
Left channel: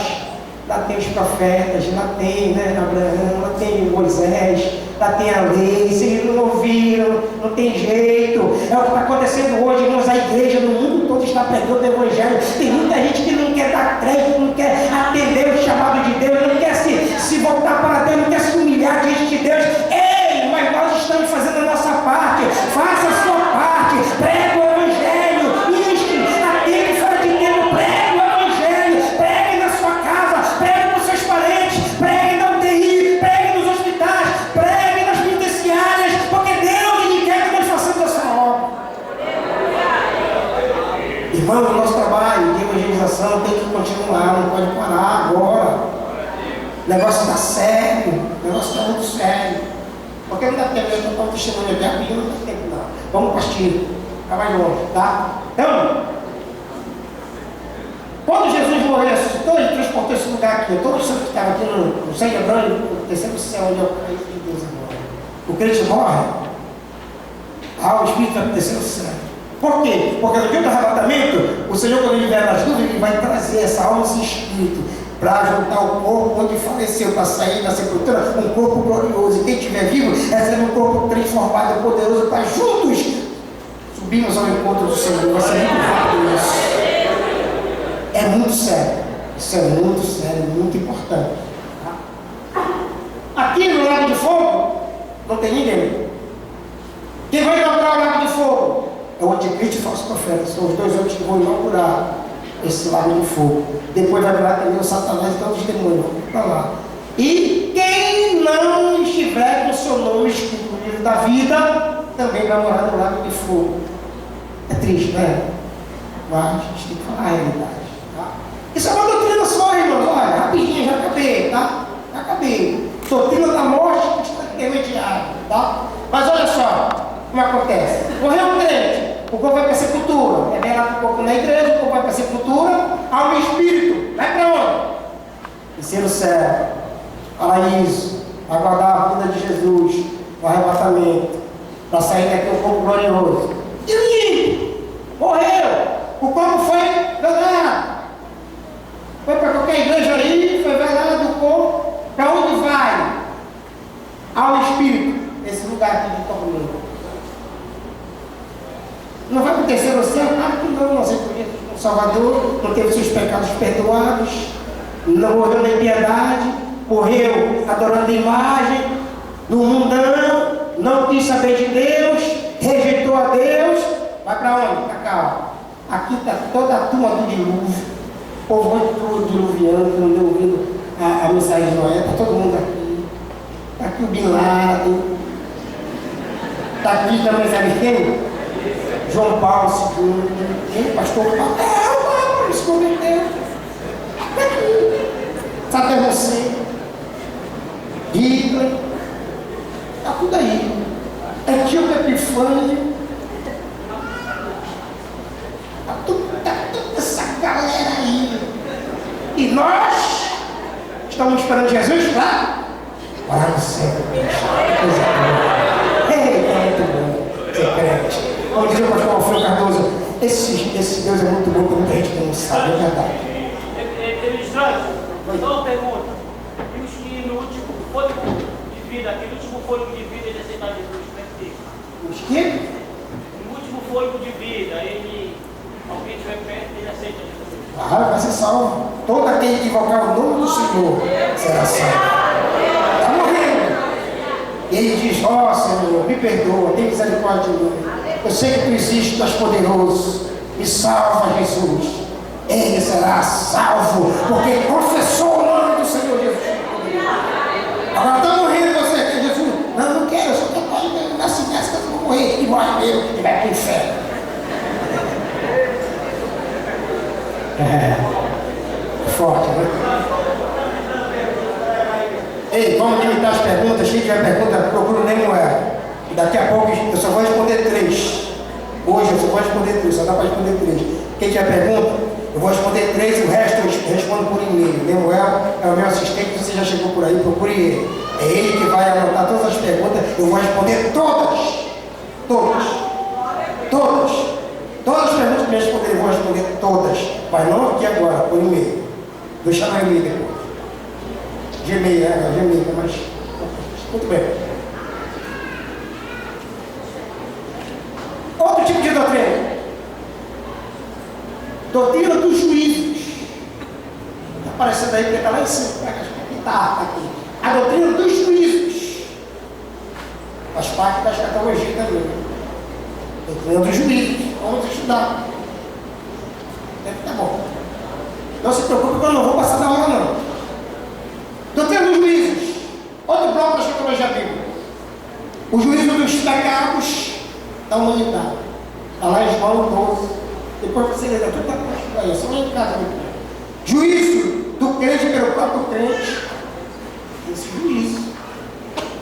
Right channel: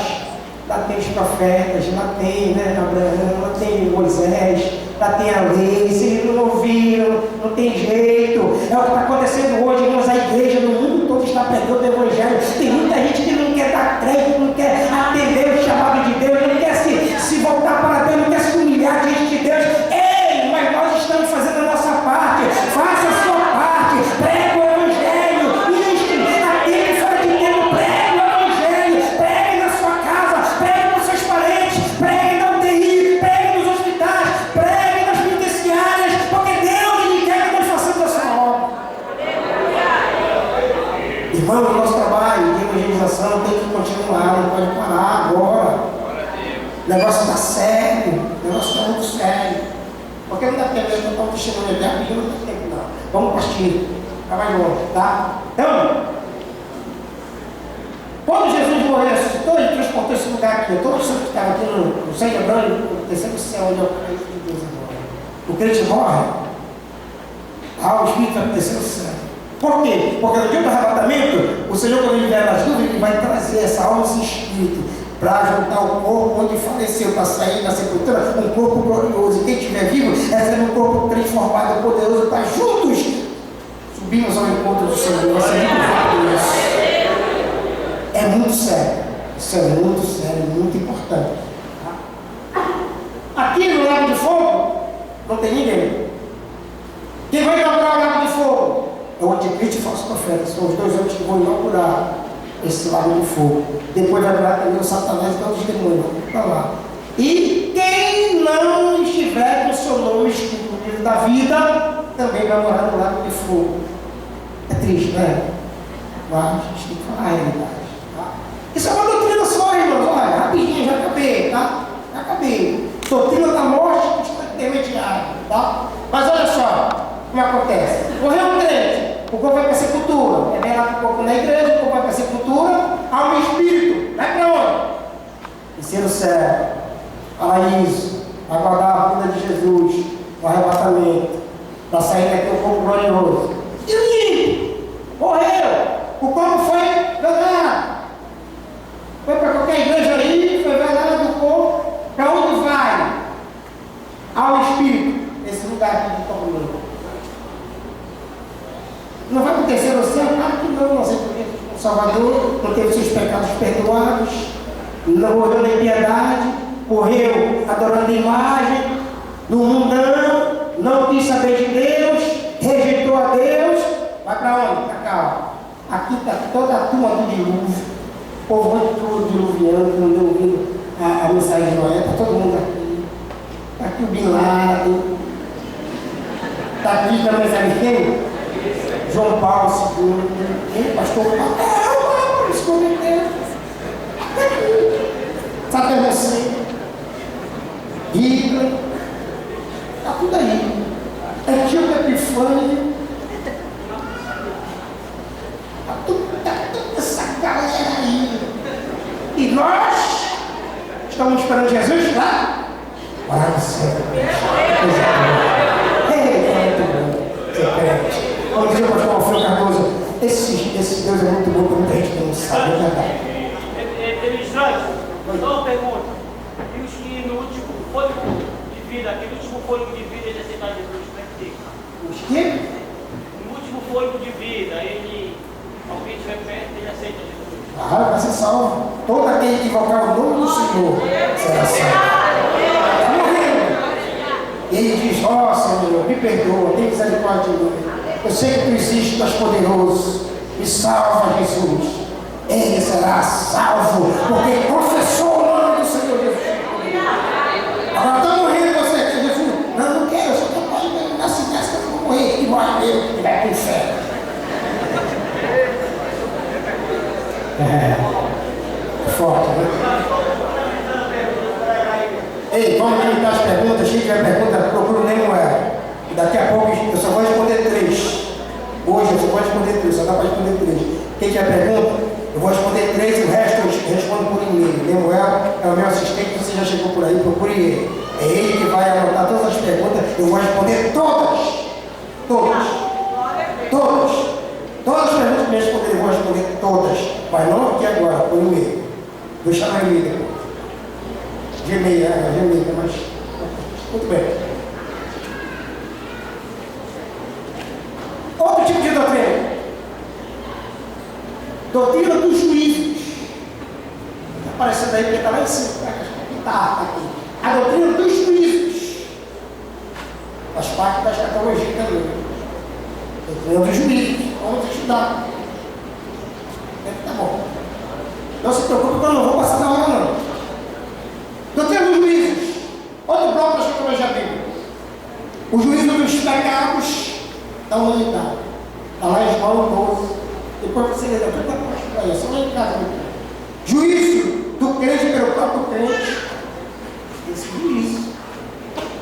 lá tem os profetas, lá tem, né, Abraão, lá tem Moisés, lá tem a lei, se eles não ouviram, não tem jeito. É o que está acontecendo hoje, irmãos, a igreja no mundo todo está pregando o evangelho. Tem muita gente que não quer dar crédito, não quer atender o chamado de Deus, não quer se voltar para Deus, não quer se humilhar diante de Deus. Ei, mas nós estamos fazendo a nossa parte. Faça a sua parte, pregue o evangelho, atende fora de tempo, pregue o evangelho, pregue na sua casa, pregue com seus parentes, pregue na UTI, pregue nos hospitais, pregue nas penitenciárias, porque Deus ele quer que nós façamos essa obra. Irmão, o nosso trabalho de evangelização tem que continuar, não pode parar agora. O negócio está sério, o negócio está muito sério. Porque não dá tempo de contar um testemunho aqui, rapidinho, não dá tempo não. Vamos partir, ficar mais longe, tá? Então, quando Jesus morreu, ressuscitou, ele transportou esse lugar aqui. Todo o santo que estava aqui no céu de Abraão, no terceiro céu, onde é o Deus agora. O crente morre, o Espírito vai para o terceiro céu. Por quê? Porque no dia do arrebatamento, o Senhor, quando ele vier nas nuvens, ele vai trazer essa alma e esse Espírito para juntar o corpo onde faleceu, para sair da sepultura, um corpo glorioso. E quem estiver vivo, recebe um corpo transformado, poderoso, para juntos subimos ao encontro do Senhor. Vai ser muito rápido isso. É muito sério. Isso é muito sério, muito importante. Aqui no Lago de Fogo, não tem ninguém. Quem vai inaugurar o Lago de Fogo? É o anticristo e o falso profeta. São os dois homens que vão inaugurar esse lago de fogo. Depois vai virar também o Satanás e todos os demônios. Vão para lá. E quem não estiver com o seu nome escrito no livro da vida, também vai morar no lago de fogo. É triste, né? Mas a gente tem que falar a realidade. Tá? Isso é uma doutrina só, irmãos. Olha, rapidinho, já acabei, tá? Já acabei. Doutrina da morte que está intermediária, tá? Mas olha só como acontece. Morreu um crente. O corpo vai para a sepultura. É bem lá que o corpo na igreja, o corpo vai para a sepultura, alma e espírito. Vai para onde? Terceiro céu. Paraíso. Aguardar a vinda de Jesus. O arrebatamento. Para sair daqui o corpo glorioso. E ninguém morreu. O corpo foi velado. Foi para qualquer igreja aí, foi velado do corpo. Para onde vai? Alma e espírito. Esse lugar aqui de tormento. Não vai para o terceiro céu? Claro que não. Nós reconhecemos o Salvador, não teve seus pecados perdoados, não morreu na impiedade, morreu adorando a imagem, no mundão, não quis saber de Deus, rejeitou a Deus. Vai para onde? Para cá. Aqui está toda a turma do dilúvio, o povo todo diluviano, que não deu ouvido a mensagem de Noé, está todo mundo aqui. Está aqui o Bin Laden, está aqui também, sabe quem? João Paulo II, ele, pastor Paulo, se converteu. Saddam Hussein, Hitler, está tudo aí. Antíoco Epifânio, está toda essa galera aí. E nós estamos esperando Jesus lá? Lá no céu. É muito bom ser crente. Como dizia o pastor Alfredo Cardoso, Esse Deus é muito bom, que muita gente não sabe, é verdade. Ministrante, só uma pergunta. E os que no último fôlego de vida, aquele último fôlego de vida, ele aceitar Jesus, como é que fica? Os que? No último fôlego de vida, alguém estiver perto, ele aceita Jesus. Ah, vai ser salvo. Todo aquele que invocar o nome do Senhor será salvo. Está morrendo. E ele diz: ó Senhor, me perdoa, tem misericórdia de mim. Eu sei que tu existes, tu és poderoso. Me salva, Jesus. Ele será salvo, porque confessou o nome do Senhor Jesus. Agora está morrendo você aqui, Jesus. Não, não quero, eu só quero nascer nessa, que eu vou morrer. E morre mesmo, e vai para o inferno. Forte, né? Ei, vamos limitar as perguntas. Quem tiver pergunta, procura o Nemuel. E daqui a pouco eu só vou responder 3. Hoje eu só vou responder 3, só dá para responder 3. Quem tiver pergunta, eu vou responder 3 e o resto eu respondo por e-mail. Nemuel é o meu assistente, você já chegou por aí, procure ele. É ele que vai anotar todas as perguntas. Eu vou responder todas. Todas. Todas. Todas as perguntas que me responderem, eu vou responder todas. Mas não aqui agora, por e-mail. Vou chamar e-mail depois. Gmail, né? Gmail, mas... Muito bem. Outro tipo de doutrina. Doutrina dos juízos. Está aparecendo aí, porque está lá em cima. Está aqui. A doutrina dos juízos. Faz parte da escatologia também. Doutrina dos juízos. Vamos estudar. Tá bom. Não se preocupe que eu não vou passar da hora, não. Doutrina dos juízos. Outro bloco da escatologia bíblica. O juízo dos pecados da humanidade. Está lá em João 12. Depois você lê tudo da parte para isso. Só lá em casa. Juízo do crente pelo próprio crente. Esse juízo.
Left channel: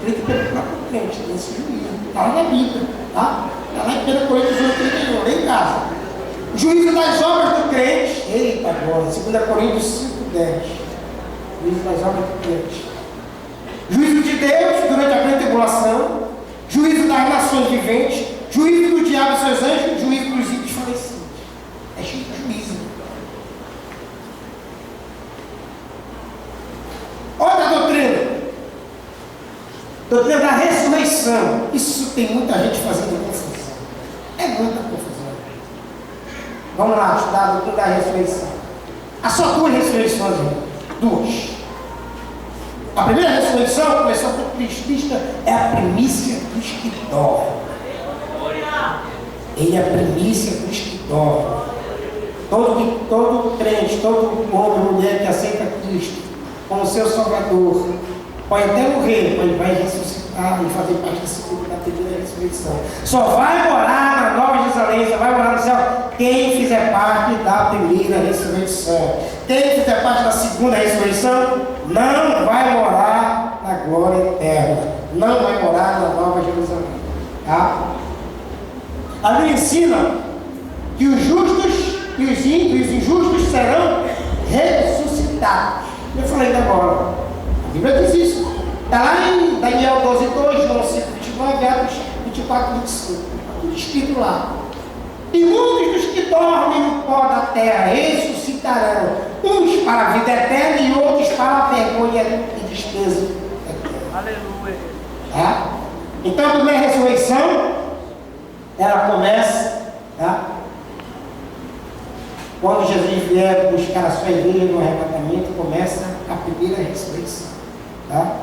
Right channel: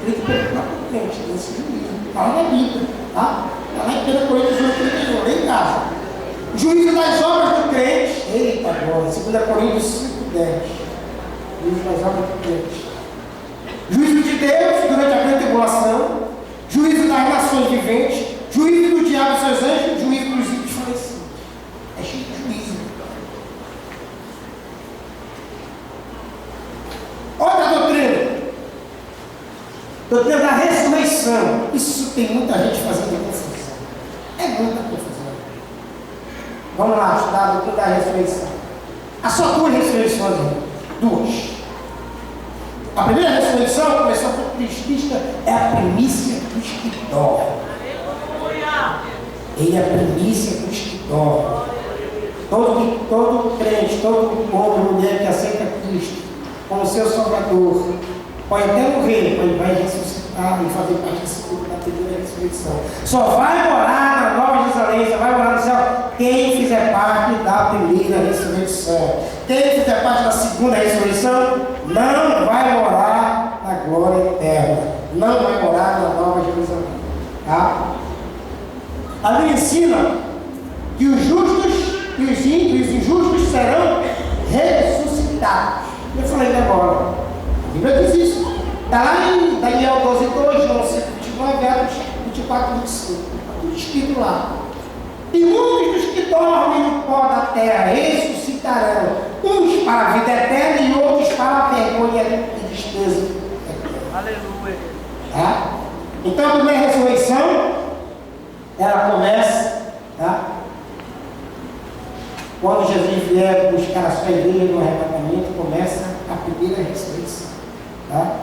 Crente pelo próprio crente. Esse juízo. Está lá na Bíblia. Tá? Está lá em 1 Coríntios 1:31. Lê em casa. Juízo das obras do crente. Eita glória. 2 Coríntios 5:10. Juízo das obras do crente. Juízo de Deus durante a grande tribulação. Juízo das nações viventes. Juízo do diabo e seus anjos. Juízo dos ímpios falecidos. É cheio de juízo. Outra doutrina. Doutrina da ressurreição. Isso tem muita gente fazendo confusão. É muita confusão. Vamos lá, estudar a doutrina da ressurreição. Há só 2 ressurreições, irmão. 2. A primeira ressurreição, começou por Cristo, é a primícia dos que dormem. Ele é a primícia dos que dormem. Todo crente, todo homem e mulher que aceita Cristo como seu Salvador, pode até morrer, mas ele vai ressuscitar e fazer parte da primeira ressurreição. Só vai morar na Nova Jerusalém, só vai morar no céu quem fizer parte da primeira ressurreição. Quem fizer parte da segunda ressurreição não vai morar na glória eterna, não vai morar na Nova Jerusalém. Tá? A Bíblia ensina que os justos e os injustos serão ressuscitados. Eu falei ainda agora. A Bíblia diz isso. Está lá em Daniel 12:2, João 5:29, Atos 24:25. Está tudo escrito lá. E muitos dos que dormem no pó da terra ressuscitarão, uns para a vida eterna e outros para a vergonha e despesa eterna. Aleluia. Tá? Então a primeira ressurreição, ela começa, tá? Quando Jesus vier buscar a sua igreja no arrebatamento, começa a primeira ressurreição. Tá?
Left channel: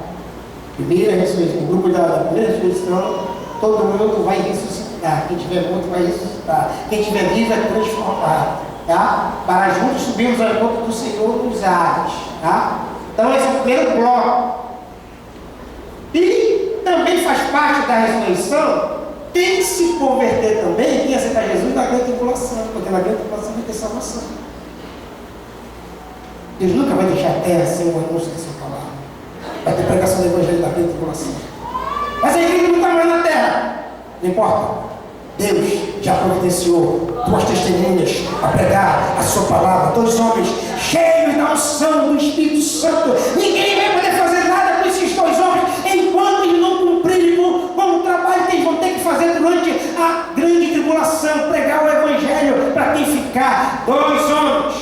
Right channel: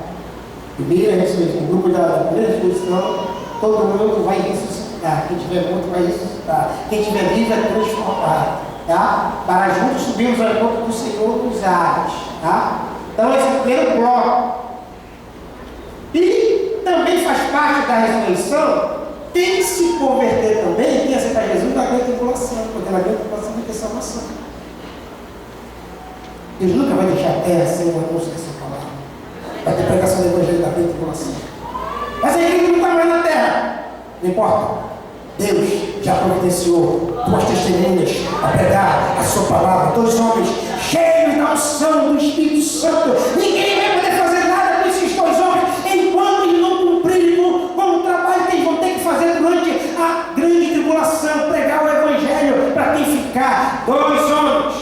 Primeira ressurreição, o grupo da primeira ressurreição, todo mundo vai ressuscitar. Quem tiver morto vai ressuscitar. Quem tiver vivo é transformado. Tá? Para juntos subirmos ao encontro do Senhor nos ares. Tá? Então esse é o primeiro bloco. E também faz parte da ressurreição quem se converter também, quem aceitar Jesus na grande tribulação, porque na grande tribulação vai ter salvação. Deus nunca vai deixar a terra sem o anúncio da sua palavra. Vai ter pregação do evangelho da grande tribulação. Mas a igreja não está mais na terra. Não importa. Deus já providenciou 2 testemunhas a pregar a sua palavra. 2 homens cheios da unção do Espírito Santo. Ninguém vai poder fazer nada com esses 2 homens enquanto eles não cumprirem com o trabalho que eles vão ter que fazer durante a grande tribulação. Pregar o evangelho, ficar 2 homens.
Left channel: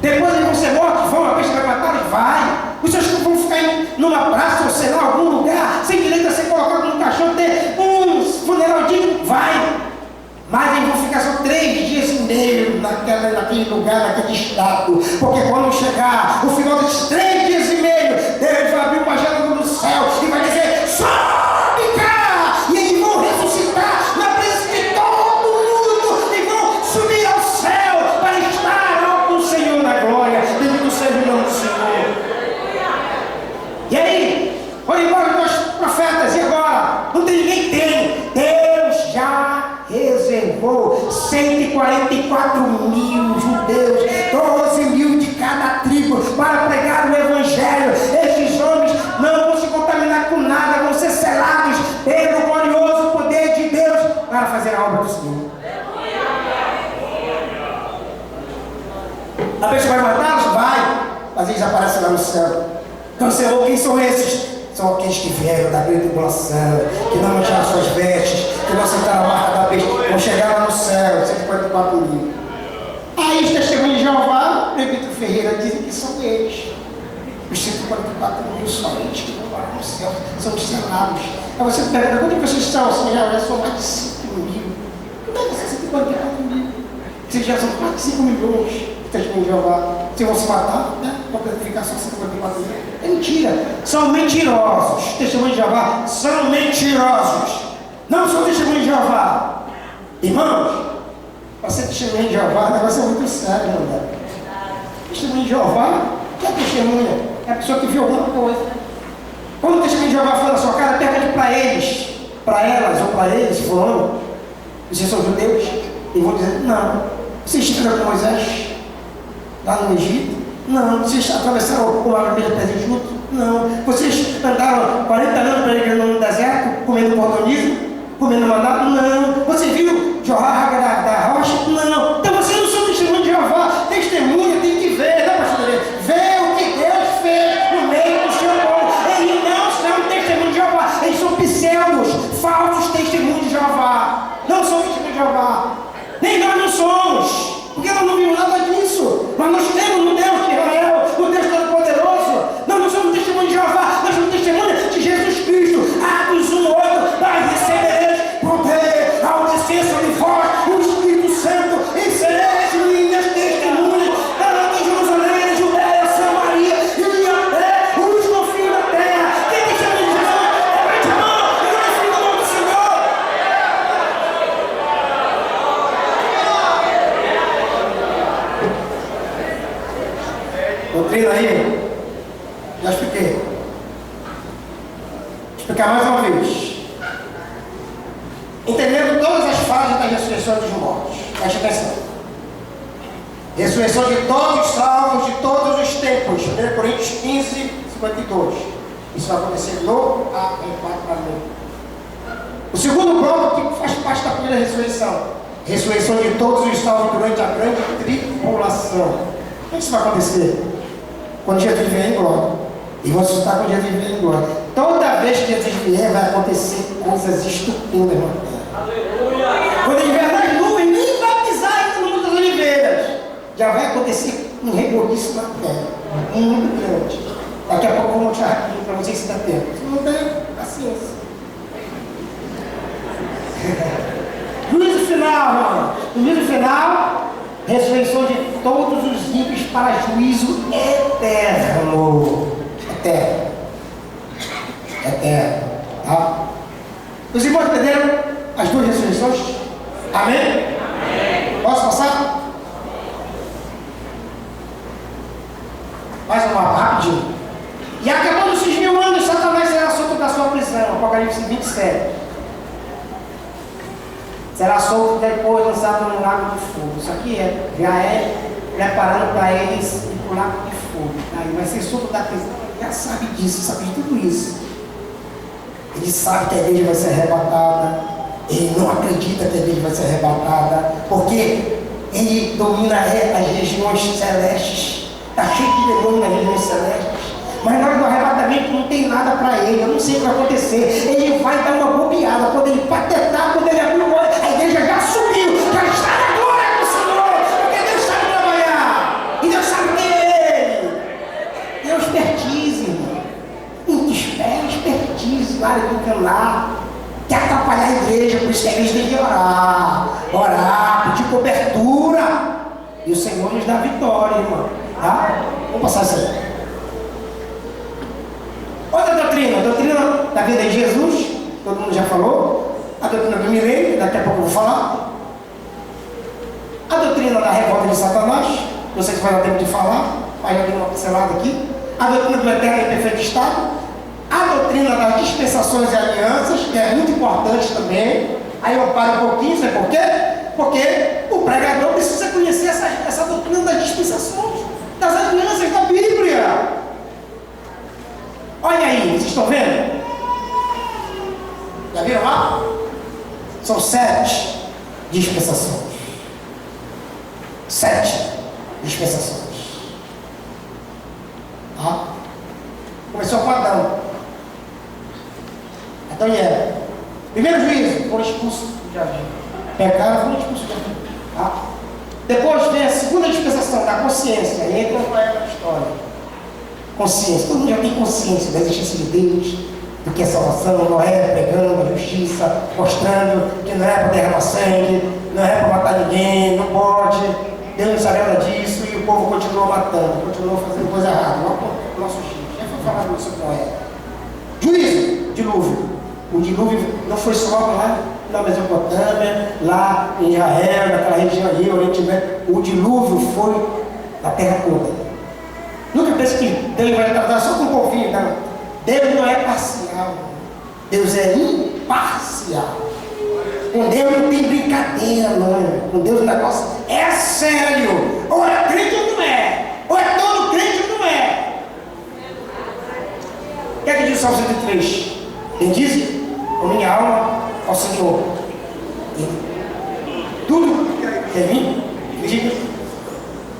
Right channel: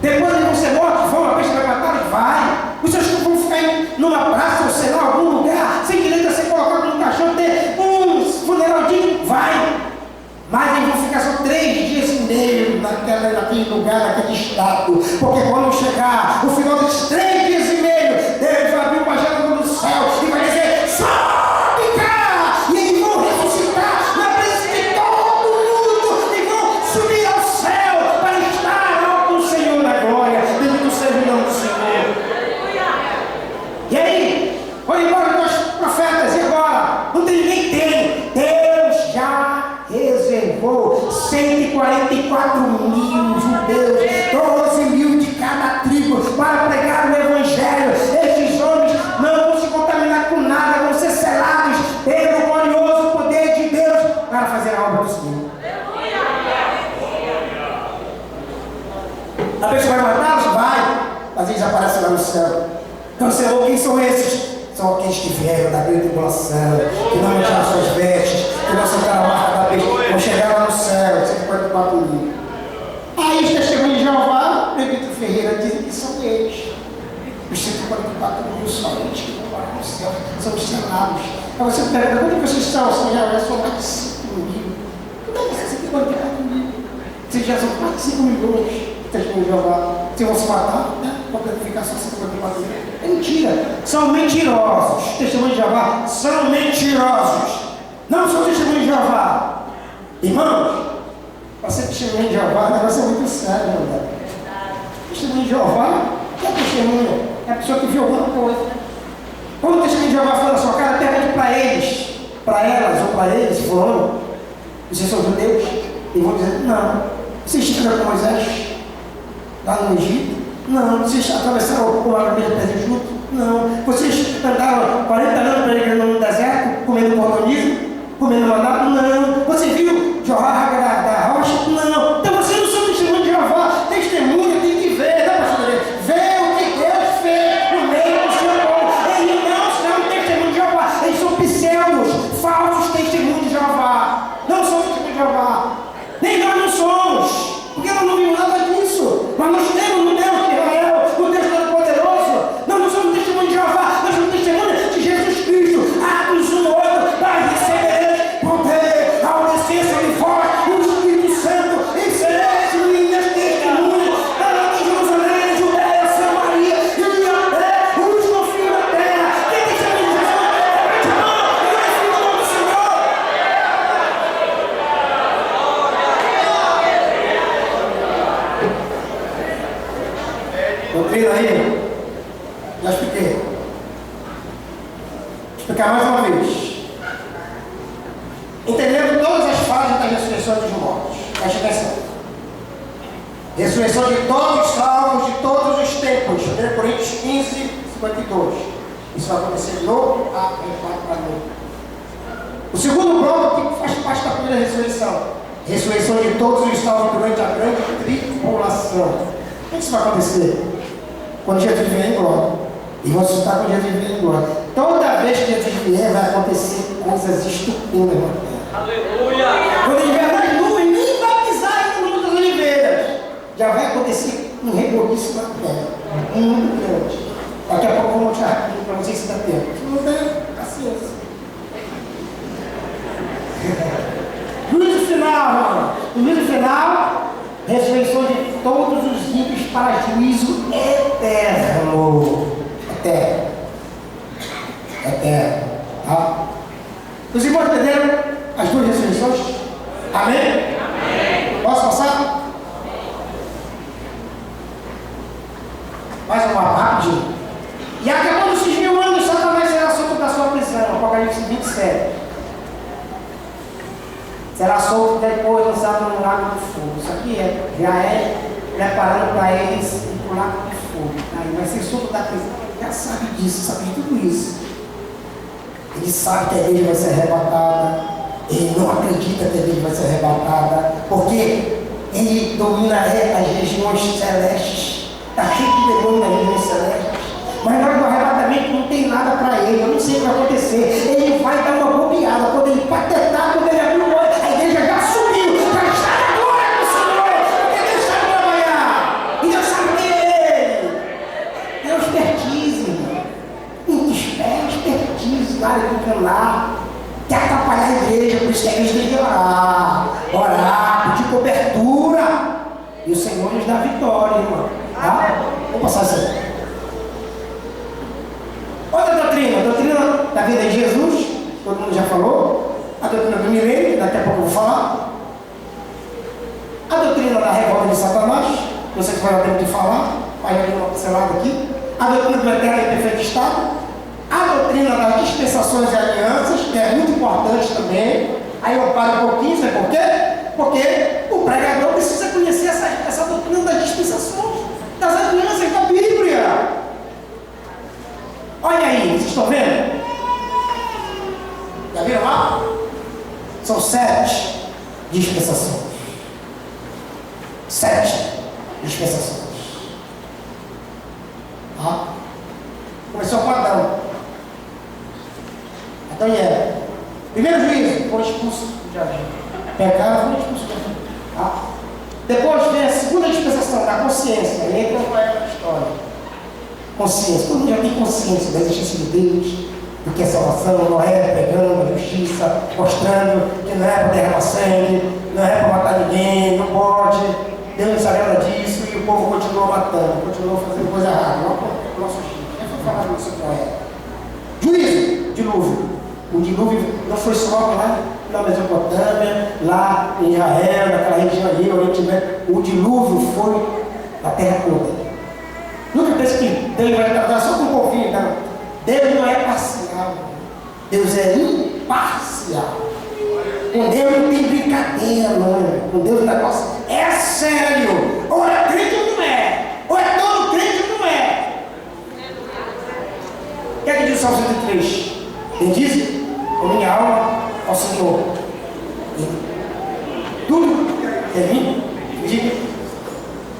Depois eles vão ser mortos, vão, a besta vai matar e vai. Os seus corpos vão ficar numa praça ou sei lá, algum lugar, sem direito a ser colocado no caixão, ter um funeral digno, vai. Mas eles vão ficar só 3 dias e meio naquele lugar, naquele estado. Porque quando chegar o final desses 3 dias e meio, Deus vai abrir uma janela do céu e vai dizer: sobe cá! E eles vão ressuscitar na presença de todo mundo e vão subir ao céu para estar com o Senhor na glória. Bendito seja o nome do Senhor. E aí, foram embora os profetas, e agora? Não tem ninguém, tem. Deus já reservou 144 mil judeus, 12 mil de cada tribo, para pregar o Evangelho. Estes homens não vão se contaminar com nada, vão ser selados pelo glorioso poder de Deus para fazer a obra do Senhor. A pessoa vai matá-los? Vai, mas eles aparecem lá no céu. Então, Senhor, quem são esses? São aqueles que vieram da grande tribulação, que não mancharam suas vestes, que não sentaram a marca da besta, vão chegar lá no céu, 144 mil. Aí os testemunhos de Jeová, Presbítero Ferreira, dizem que são eles. Os 144 mil são eles que vão lá no céu, são os selados. Aí você pergunta: quantas pessoas são? Já são mais de 5 mil. Como é que são 144 mil? Vocês já são mais de 5 milhões de testemunhos de Jeová. Vocês vão se matar, né? Para ficar só 144 mil. É mentira. São mentirosos. Testemunhos de Jeová são mentirosos. Não são testemunhos de Jeová. Irmãos, para ser testemunho de Jeová, o negócio é muito sério, não é? Testemunho de Jeová, o que é testemunha? É a pessoa que viu alguma coisa. Quando o testemunho de Jeová for na sua cara, pergunte para eles, para elas ou para eles, falando: vocês são judeus? E vão dizer: não. Vocês estiveram com Moisés lá no Egito? Não. Vocês atravessaram o Mar Vermelho junto? Não. Vocês andaram 40 anos peregrinando no deserto, comendo cordonizo, comendo maná? Não. Você viu jorrar água da rocha? Não. Então vocês não são testemunho de Jeová. Testemunha tem que ver, né, pastor? Ver o que Deus fez no meio do seu povo. Eles não são testemunho de Jeová. Eles são pseudos, falsos testemunhos de Jeová. Não são testemunhos de Jeová. Nem nós não somos. Porque nós não vimos nada disso. Mas nós temos no Deus de Israel, no Deus Todo-Poderoso. Nós não somos testemunho de Jeová, nós somos testemunho de Jesus Cristo. Atos 1:8, mas recebereis poder ao descer sobre vós o Espírito Santo, e sereis minhas testemunhas, tanto em Jerusalém, Judeia, Samaria e até os confins da terra. Quem testemunha de Jesus? Levante a mão e glorifique o nome do Senhor. Doutrina aí, já expliquei. Vou explicar mais uma vez. Entendendo todas as fases da ressurreição dos mortos. Preste atenção. Ressurreição de todos os salvos de todos os tempos. 1 Coríntios 15, 52. Isso vai acontecer no arrebatamento. O segundo bloco, que faz parte da primeira ressurreição. Ressurreição de todos os salvos durante a grande tribulação. O que isso vai acontecer? Quando Jesus vier em glória. E vão ressuscitar quando Jesus vier em glória. Toda vez que Jesus vier, vai acontecer coisas estupendas na terra. Aleluia! Quando ele vier nas nuvens, nem vai pisar ainda no mundo das oliveiras. Já vai acontecer um reboliço na terra. Muito grande. Daqui a pouco eu vou mostrar rapidinho para vocês se dá tempo. Se não der, paciência. Juízo final, irmão. Juízo final. Ressurreição de todos os ímpios para juízo eterno. Eterno. Eterno. Tá? Os irmãos entenderam as duas ressurreições? Amém? Amém. Posso passar? Mais uma rapidinho. E acabando esses 1000 anos, Satanás será solto da sua prisão. Apocalipse 27. Será solto depois lançado no lago de fogo. Isso aqui já é preparando para eles ir para o lago de fogo. Aí vai ser solto da prisão. Ele já sabe disso, sabe de tudo isso. Ele sabe que a igreja vai ser arrebatada. Ele não acredita que a igreja vai ser arrebatada. Porque ele domina as regiões celestes. Está cheio de demônio nas regiões celestes. Mas na hora do arrebatamento não tem nada para ele. Eu não sei o que vai acontecer. Ele vai dar uma bobeada. Quando ele patetar, quando ele abrir o olho, a igreja já subiu, já está na glória. de cobertura. E o Senhor nos dá vitória, irmão. Tá? Vou passar isso aí. Outra doutrina, a doutrina da vida de Jesus, todo mundo já falou. A doutrina do milênio, daqui a pouco eu vou falar. A doutrina da revolta de Satanás, não sei se vai dar tempo de falar, mas já dei uma pincelada aqui. A doutrina do eterno e perfeito estado. A doutrina das dispensações e alianças, que é muito importante também. Aí eu paro um pouquinho, sabe por quê? Porque o pregador precisa conhecer essa doutrina das dispensações, das alianças da Bíblia. Olha aí, vocês estão vendo? Já viram lá? São 7 dispensações. 7 dispensações. Tá? Começou com Adão. Adão e Eva. Primeiro juízo, foram expulsos do jardim. Pecaram, foram expulsos do jardim. Tá? Depois vem a segunda dispensação, da consciência. Aí entra uma época da história. Consciência. Todo mundo já tem consciência da existência de Deus, do que é salvação. Noé pregando a justiça, mostrando que não é para derramar sangue, não é para matar ninguém, não pode. Deus não sabe nada disso e o povo continuou matando, continuou fazendo coisa errada. Não o nosso Chico. Já foi falado sobre Noé. Juízo, dilúvio. O dilúvio não foi só lá na Mesopotâmia, lá em Israel, naquela região ali, Oriente Médio. O dilúvio foi na terra toda. Nunca pense que Deus vai tratar só com um povinho, não. Deus não é parcial. Deus é imparcial. Com Deus não tem brincadeira, não. Com Deus o negócio é sério. Ou é crente ou não é. Ou é todo crente ou não é. O que é que diz o Salmo 103? Ele diz: a minha alma ao Senhor. Tudo que é em mim, diga,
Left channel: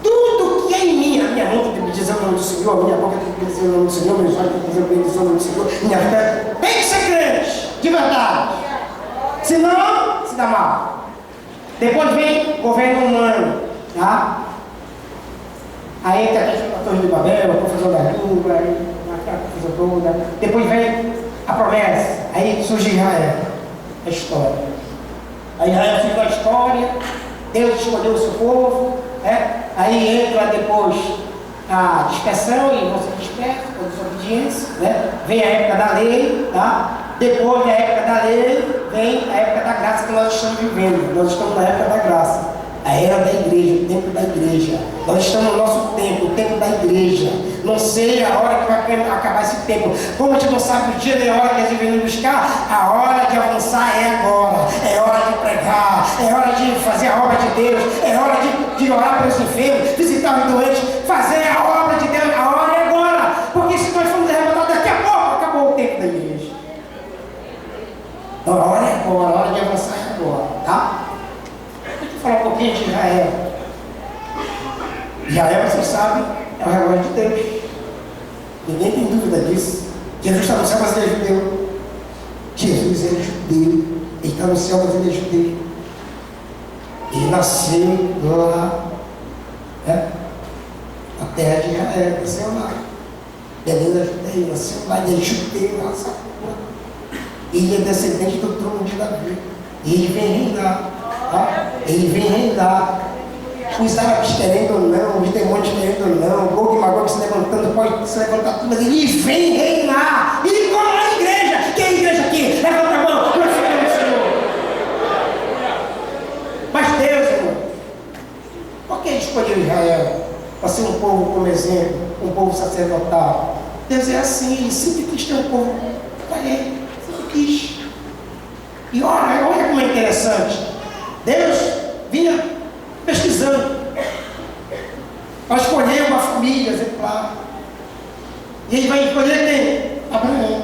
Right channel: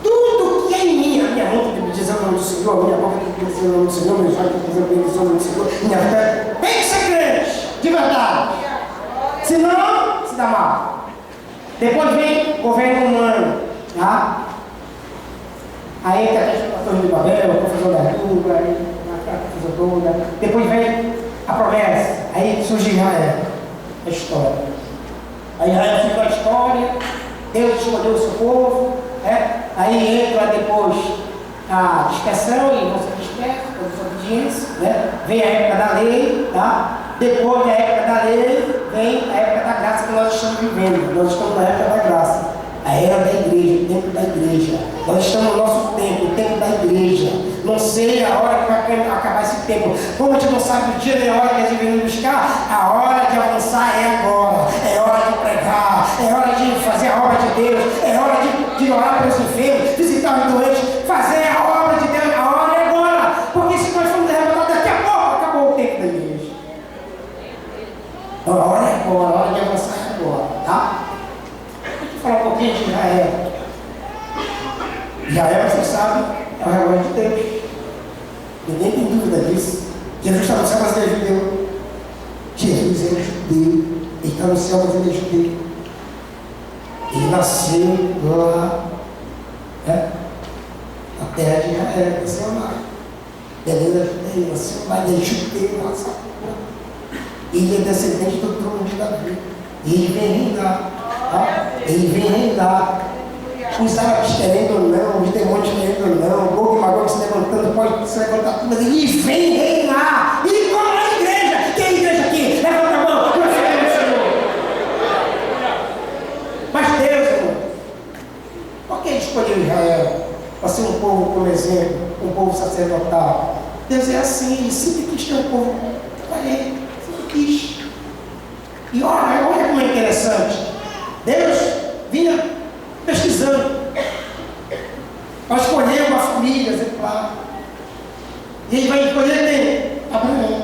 tudo que é em mim, a minha mão tem que dizer o nome do Senhor, a minha boca tem que dizer o nome do Senhor, meus olhos tem que dizer o nome do Senhor, minha fé tem que ser crente, de verdade. Senão, se dá mal. Depois vem o governo humano, tá? Aí entra a Torre de Babel, a confusão da língua, a confusão toda. Depois vem a promessa, aí surge Israel, a história. Aí Israel fica a história, Deus escolheu o seu povo, aí entra depois a dispersão e você dispersa, a desobediência, vem a época da lei, tá? Depois da época da lei, vem a época da graça que nós estamos vivendo. Nós estamos na época da graça, a era da igreja, o tempo da igreja. Nós estamos no nosso tempo, o tempo da igreja. Não sei a hora que vai acabar esse tempo. Como a gente não sabe o dia nem a hora que a gente vem nos buscar, a hora de avançar é agora. É hora de pregar, é hora de fazer a obra de Deus, é hora de orar pelos enfermos, visitar os doentes, fazer a obra de Deus. A hora é agora. Porque se nós formos derrotados daqui a pouco, acabou o tempo da igreja. Então, a hora é agora, a hora de avançar é agora, tá? Deixa eu falar um pouquinho de Israel. Israel, vocês sabem, é o relógio de Deus. Ninguém tem dúvida disso. Jesus está no céu, mas ele é judeu. Jesus é judeu. Ele está no céu, mas ele é judeu. Ele nasceu lá, na terra de Israel, nasceu lá. Beleza, judeu, nasceu lá, ele é judeu, lá, sabe? Ele é descendente do trono de Davi. Ele vem reinar. Tá? Ele vem reinar. Os árabes querendo ou não, os demônios querendo ou não, o Gog e Magog se levantando, pode se levantar tudo, mas ele vem reinar. E como a igreja? Quem é a igreja aqui? Levanta a mão, nós sabemos o Senhor. Mas Deus, irmão, por que ele escolheu Israel para ser um povo como exemplo, um povo sacerdotal? Deus é assim, ele sempre quis ter um povo para ele, sempre quis. E olha como é interessante. Deus vinha pesquisando para escolher uma família exemplar. E ele vai escolher quem? Abraão.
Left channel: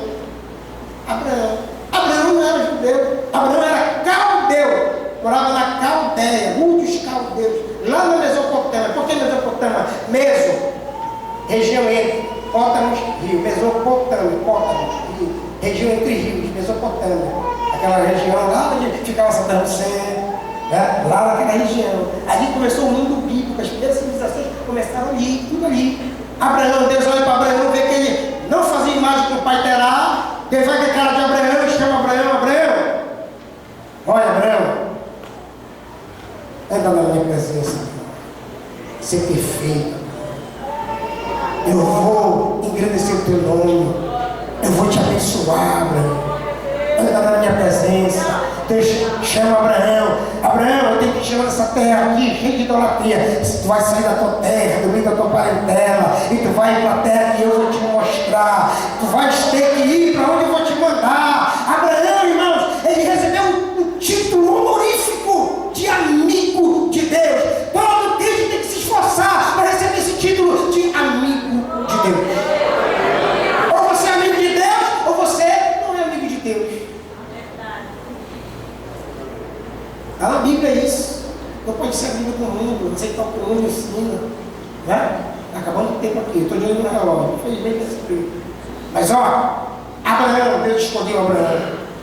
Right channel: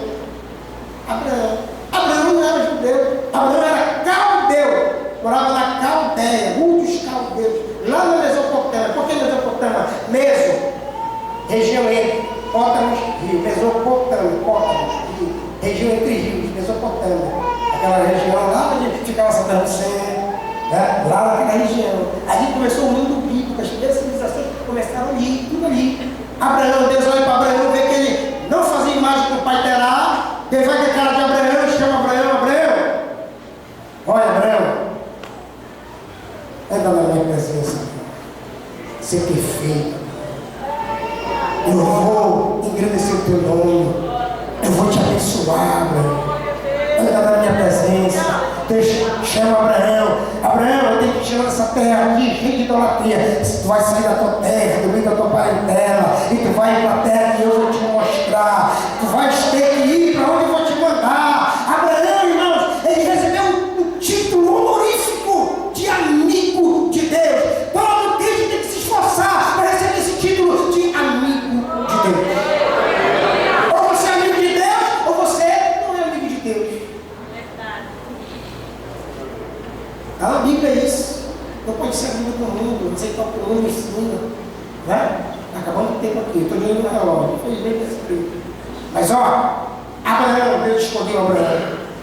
Abraão não era judeu, Abraão era caldeu, morava na Caldeia, dos caldeus, lá na Mesopotâmia. Por que Mesopotâmia? Meso, região entre Pótamos e Rio. Mesopotâmia, Pótamos, Rio, região entre rios, Mesopotâmia. Aquela região lá onde ficava Saddam Hussein, lá naquela região. Ali começou o mundo bíblico, as primeiras civilizações começaram ali, tudo ali. Abraão, Deus olha para Abraão, vê que ele não fazia imagem que o pai terá. Deus vai ter cara de Abraão, chama Abraão. Olha, Abraão, anda entrar na minha presença, ser perfeito. Eu vou engrandecer o teu nome. Eu vou te abençoar, Abraão. Anda na minha presença. Deus chama Abraão. Abraão, eu tenho que te tirar dessa terra aqui, cheia de idolatria. Tu vai sair da tua terra, do meio da tua parentela, e tu vai para a terra que eu vou te mostrar. Tu vais ter que ir para onde eu vou te mandar. Abraão, irmãos, ele recebeu um título honorífico de amigo de Deus. Todo crente tem que se esforçar para receber esse título de amigo de Deus. Ou você é amigo de Deus, ou você não é amigo de Deus. A Bíblia é isso. Não pode ser amigo do mundo, aceitar o que o mundo ensina. Né? Acabando o tempo aqui, estou de olho no relógio. Infelizmente esse tempo. Mas ó, Abraão, Deus escolheu Abraão.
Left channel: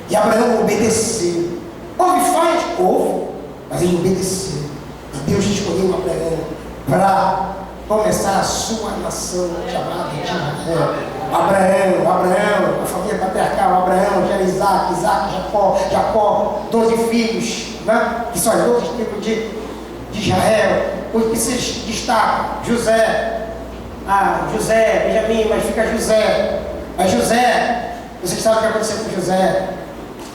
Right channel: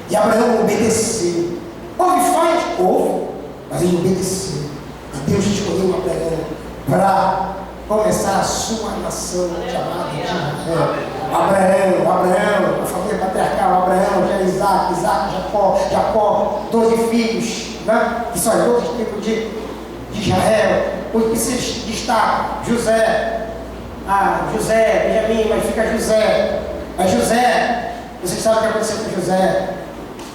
E Abraão obedeceu. Houve falhas? Houve. Mas ele obedeceu. E Deus escolheu Abraão para começar a sua nação chamada de Israel. Abraão, a família patriarcal, Abraão, já Isaac, Jacó, 12 filhos, né? Que são as 12 tribos de Israel. Os que se destacam, José, Benjamim, mas fica José. Mas José, vocês sabem o que aconteceu com José?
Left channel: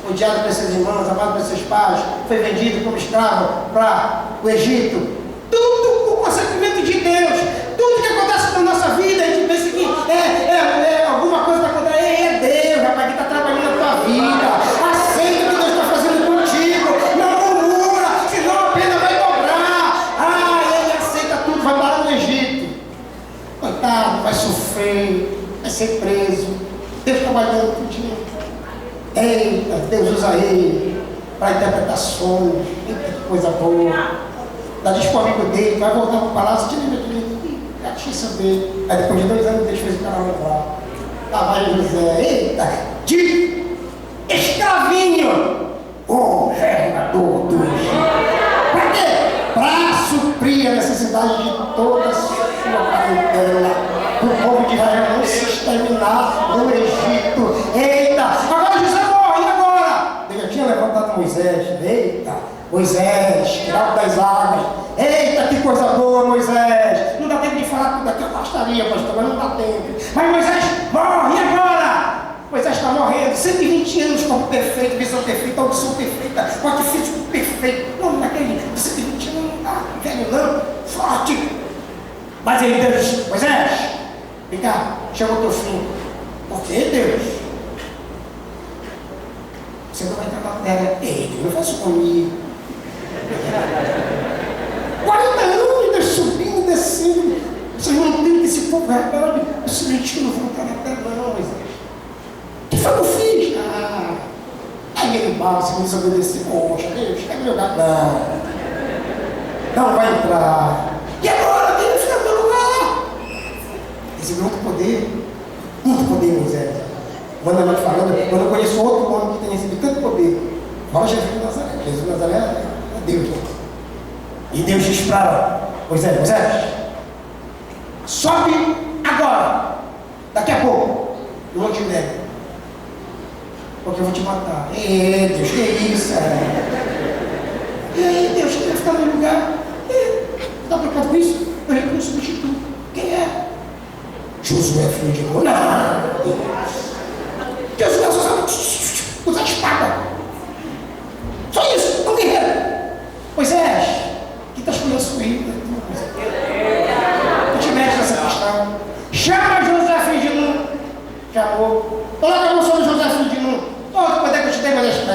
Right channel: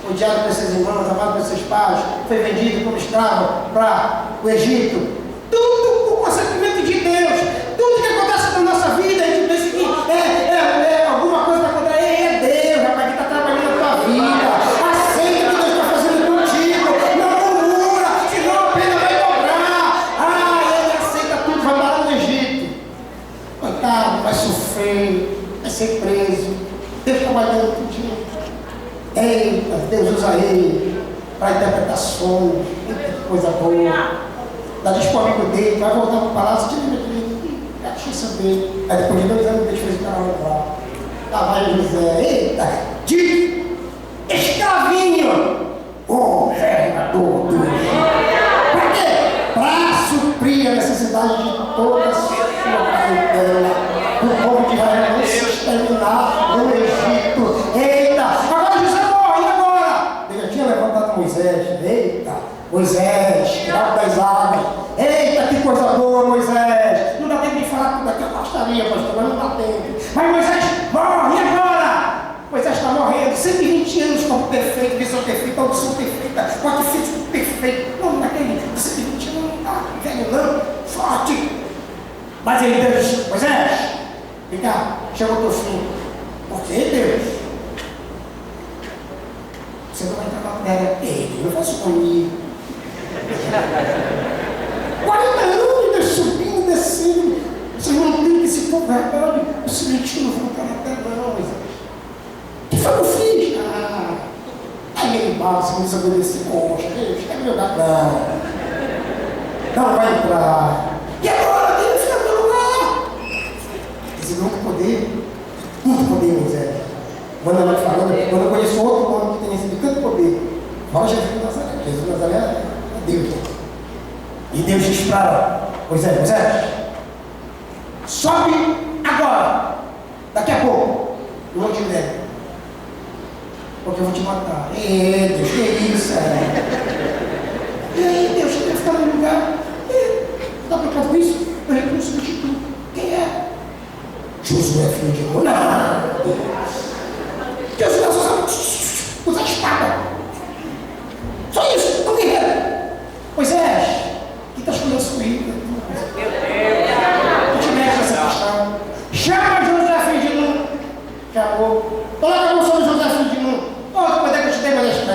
Odiado pelos seus irmãos, amado pelos seus pais, foi vendido como escravo para o Egito. Tudo o consentimento de Deus. Tudo que acontece na nossa vida, a gente pensa que alguma coisa está contra ele. É Deus, rapaz, que está trabalhando na tua vida. Aceita o que Deus está fazendo contigo. Não murmura, senão a pena vai dobrar. Ele aceita tudo, vai parar no Egito. Coitado, vai sofrer, vai ser preso. Deus trabalhando contigo. Eita, Deus usa ele para interpretar sonhos. Eita, que coisa boa. Dá disco amigo dele, vai voltar para o palácio, tira ele, deixa eu saber. Aí depois de 2 anos, Deus fez o cara lembrar. Lá vai José, eita, de escravinho, governador do Egito. Para quê? Para suprir a necessidade de toda a sua parentela, do povo de Israel não se exterminar no Egito. Eita, agora José morre, e agora? Ele já tinha levantado Moisés, eita. Moisés, tirado das águas. Eita, que coisa boa, Moisés. Não dá tempo de falar tudo aqui, eu gostaria, pastor, mas não dá tempo. Mas Moisés morre, e agora? Moisés está morrendo, 120 anos como perfeito, visão perfeita, audição perfeita, quatro físico perfeito. Não, naquele 120 anos não está velho não, forte. Mas ele, Deus, Moisés, vem cá, chama o teu filho. Por que, Deus? Você não vai entrar na terra. Ei, eu faço comigo. 40 anos, Deus subindo e descendo. Vocês não tem que esse povo rebelde. Eu simplesmente não vou entrar na terra, não, Moisés. O que foi que eu fiz? Aí ele bala, se me desobedecer. Poxa, Deus, quer me jogar? Não vai entrar. E agora? Deus, fica no meu lugar. Recebeu muito poder, Moisés. Manda mais falando, quando eu conheço outro homem que tem recebido tanto poder, fala Jesus de Nazaré. Jesus de Nazaré é Deus. E Deus diz para Moisés, sobe agora, daqui a pouco, no Monte Nebo, porque eu vou te matar. Ei, Deus, que isso? Ei, Deus, quer ficar no meu lugar? Está preocupado com isso? Eu recruto substituto. Quem é? Josué, filho de Nun. Não, Deus. Josué só sabe usar espada. Só isso, não guerreiro. Moisés, que está escolhendo sua vida? Não te mexe nessa questão. Chama Josué, filho de Nun. Chamou. Coloca a mão sobre Josué, filho de Nun. Todo poder que eu te dei, vai ficar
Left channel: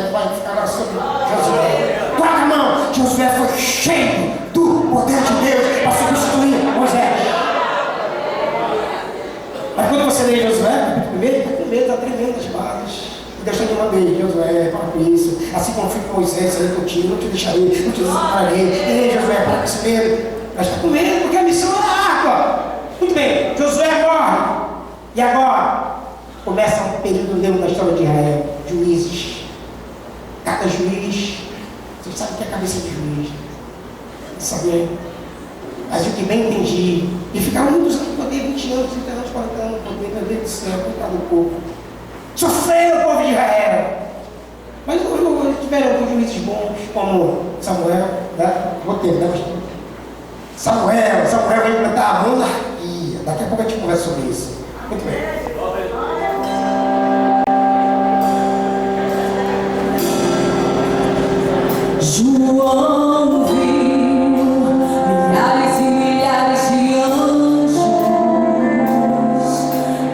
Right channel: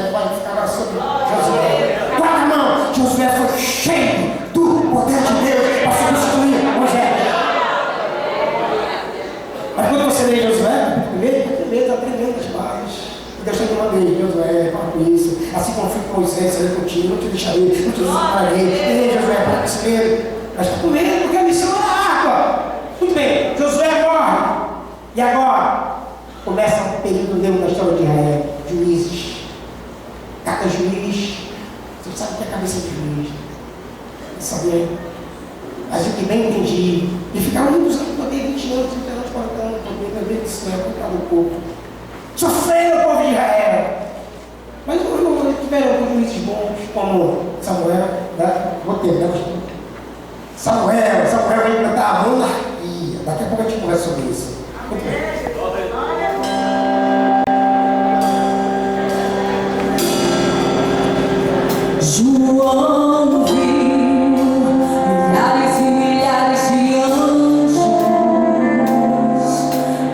agora sobre Josué. Coloca a mão. Josué foi cheio do poder de Deus para substituir Moisés. Mas quando você lê Josué, primeiro está tremendo as bases. Deus tem uma vez, Josué, para com isso. Assim como fui com Moisés, saí contigo, não te deixarei, não te desampararei. Ei, Josué, para com esse medo. Mas está com medo porque a missão é água. Muito bem, Josué morre. E agora? Começa um período novo da história de Israel. Juízes. Cada juiz. Você sabe o que é a cabeça de juiz. Saber. Mas o que bem entendi. E ficaram muitos anos no poder, 20 anos, 30 anos, 40 anos, no poder, meu Deus do céu, contra o povo. Sofreram o povo de Israel. Mas eu tiveram alguns juízes bons, como Samuel, né? Roteiro, né? Samuel vai implantar a monarquia. Daqui a pouco a gente conversa sobre isso. Muito bem. João viu milhares e milhares de anjos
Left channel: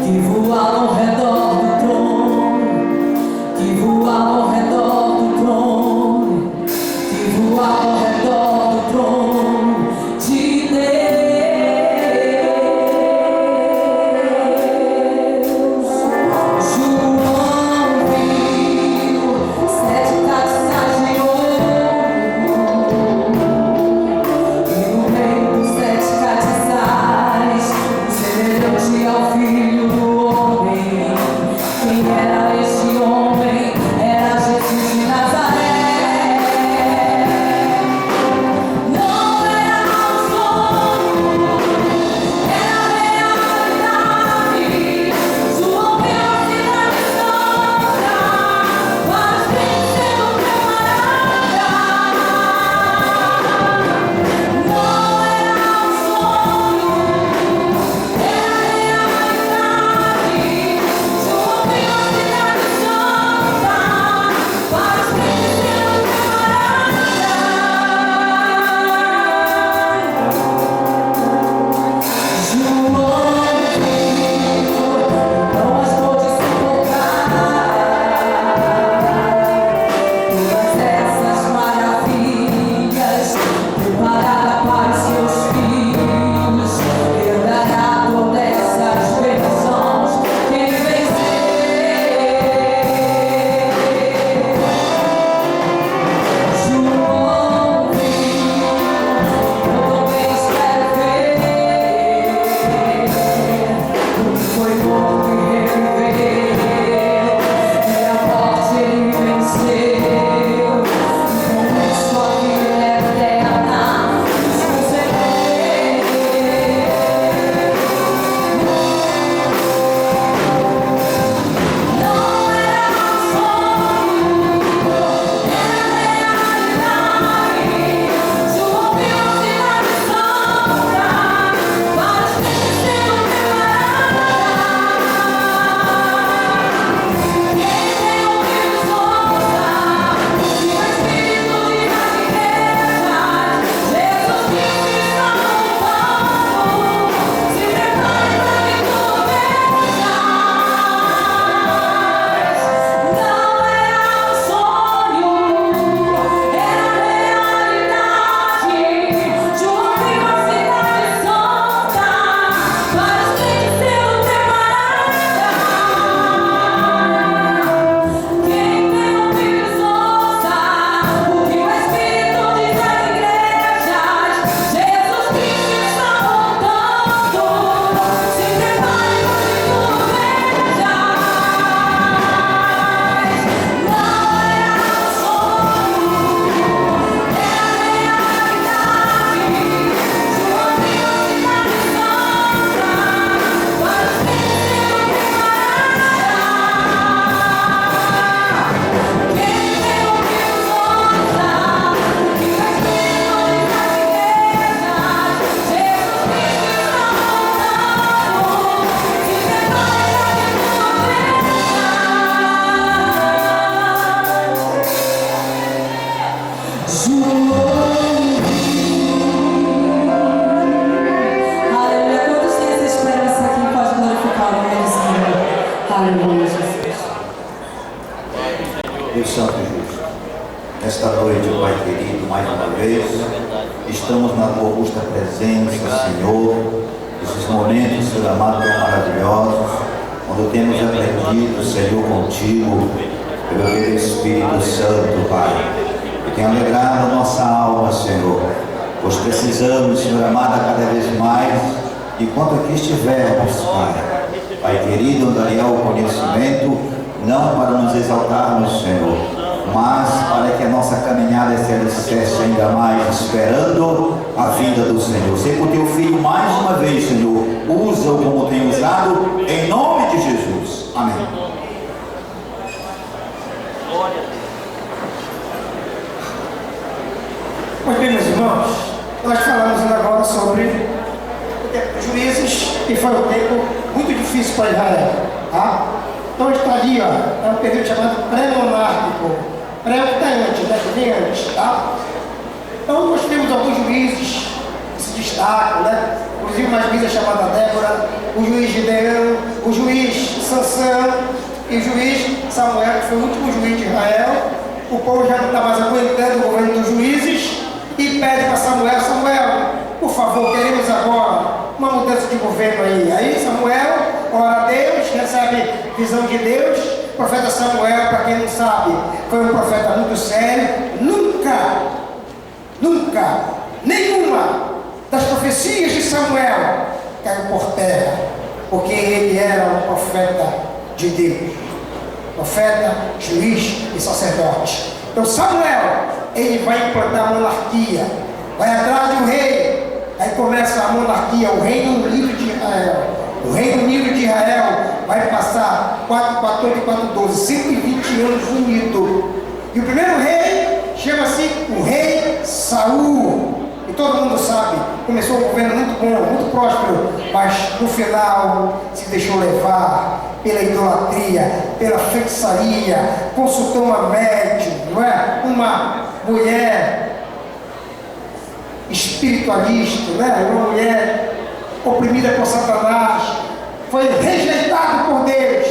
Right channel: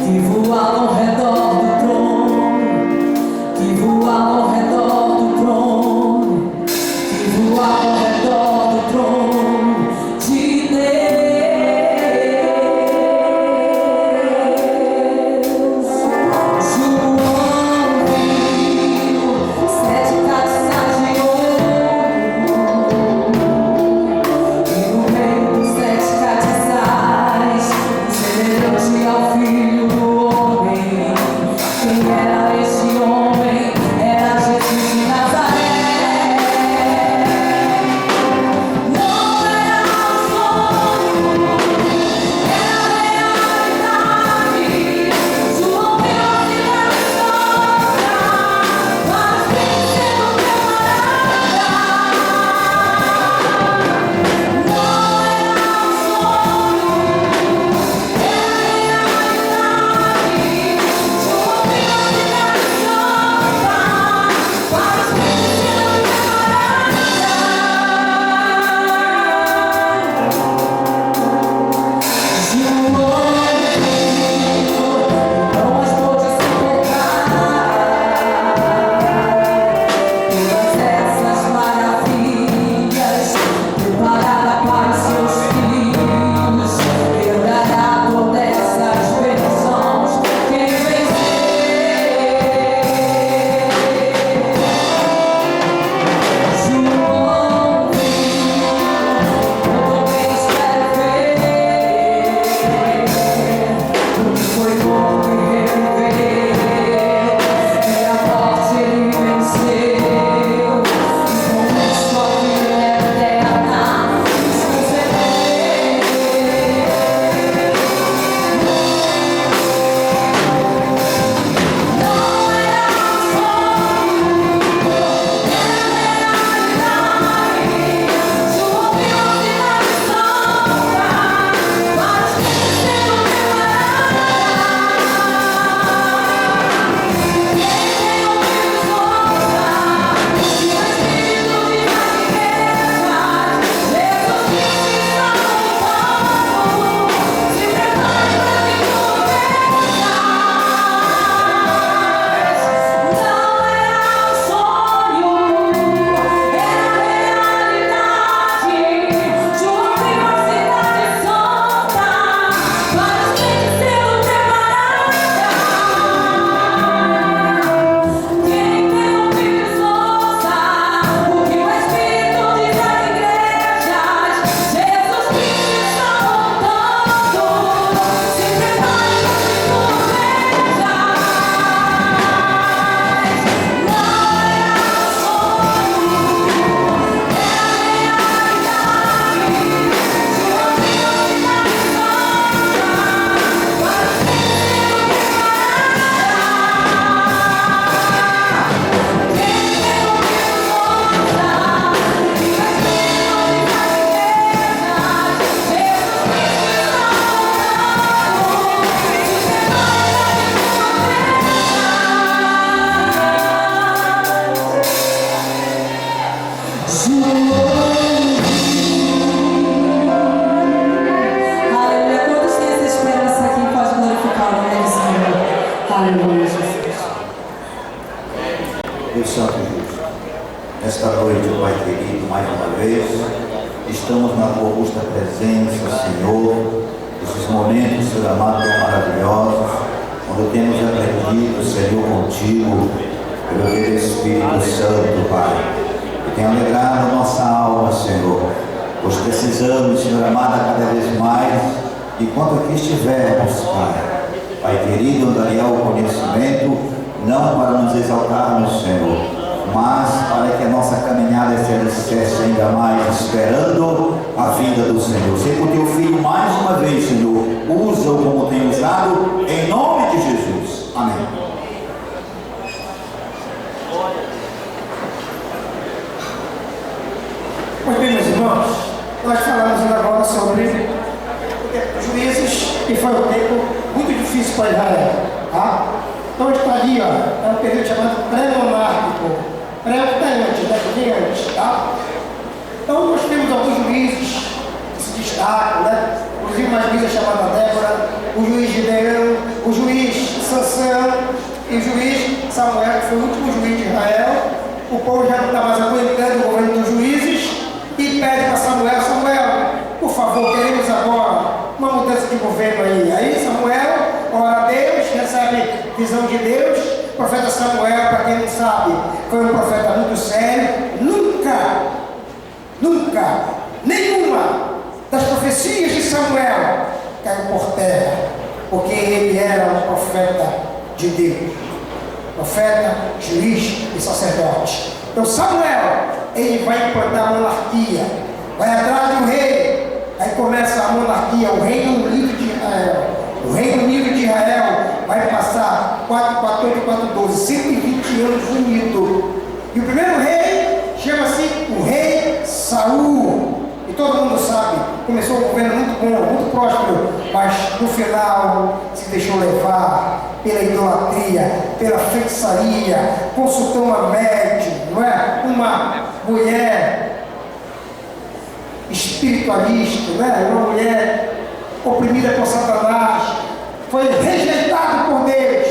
que voavam ao redor do trono, que voavam ao redor do trono, que voavam ao redor do trono de Deus. João viu 7 taças de ouro e no meio dos 7 castiçais, semelhante ao Filho do Homem. Quem era esse homem? Era Jesus de Nazaré. Não era um sonho, era realidade. João viu a cidade santa, mas vencendo o camarada. Não era um sonho, era realidade. João viu a cidade santa, mas vencendo o não as pôde suportar todas essas maravilhas preparadas para os seus filhos. Herdará todas essas bênçãos quem vencer. João viu, eu também espero ver o que foi morto e reviveu, e a morte ele venceu, e com isso a vida eterna nos concedeu. Não era um sonho, era realidade. João viu a cidade santa, mas vencendo o camarada. Quem tem ouvidos ouça o que o Espírito diz às igrejas. Jesus Cristo está voltando, se prepare para vir com Não era um sonho, era realidade. João viu a cidade santa, mas venceu o camarada. Quem tem ouvidos ouça o que o Espírito diz às igrejas. Jesus Cristo está voltando, se prepare para vir com Não era um sonho, era realidade. João viu a cidade santa, mas venceu o camarada. Quem tem ouvidos ouça o que o Espírito diz às igrejas. Jesus Cristo está voltando, se prepare para vir Aleluia. Quantos têm essa esperança aqui? Pode glorificar o nome do Senhor. Aleluia, Jesus. Deus Santo e Justo, esta noite, Pai querido, mais uma vez, estamos na tua augusta presença, Senhor, esses momentos, Senhor amado, tão maravilhosos, quando temos aprendido, Senhor, contigo, pelo teu Espírito Santo, Pai, que tem alegrado a nossa alma, Senhor, pois precisamos, Senhor amado, cada vez mais, enquanto aqui estivermos, Pai. Pai querido, daria o conhecimento, não para nos exaltarmos, Senhor, mas para que a nossa caminhada se alicerce ainda mais, esperando a vinda do Senhor. Sei que o teu filho, mais uma vez, Senhor, usa-o como tem usado, em nome de Jesus. Amém. Pois bem, meus irmãos, nós falamos ainda agora sobre o tempo dos juízes, que foi um tempo muito difícil para Israel. Tá? Então está ali, ó, é um período chamado pré-monárquico. Pré o que está antes, né? Que vem antes, tá? Então nós temos alguns juízes que se destacam, né? Inclusive uma juíza chamada Débora, o juiz Gideão, o juiz Sansão e o juiz Samuel, que foi o último juiz de Israel. O povo já não está mais aguentando o governo dos juízes e pede para Samuel: Samuel, por favor, queremos agora uma mudança de governo aí. Aí Samuel ora a Deus, recebe visão de Deus. O profeta Samuel, para quem não sabe, foi um profeta muito sério. Nunca, nenhuma das profecias de Samuel caiu por terra, porque ele era um profeta de Deus, profeta, juiz e sacerdote. Então Samuel, ele vai implantar a monarquia, vai atrás do rei, aí começa a monarquia, o Reino Unido de Israel. O Reino Unido de Israel vai passar 414 e 412, 120 anos unido. E o primeiro rei chama-se o rei Saul. E todo mundo sabe, começou um governo muito bom, muito próspero, mas no final se deixou levar pela idolatria, pela feitiçaria, consultou uma médium, não é? Uma mulher espiritualista, né? Uma mulher oprimida por Satanás, foi rejeitado por Deus,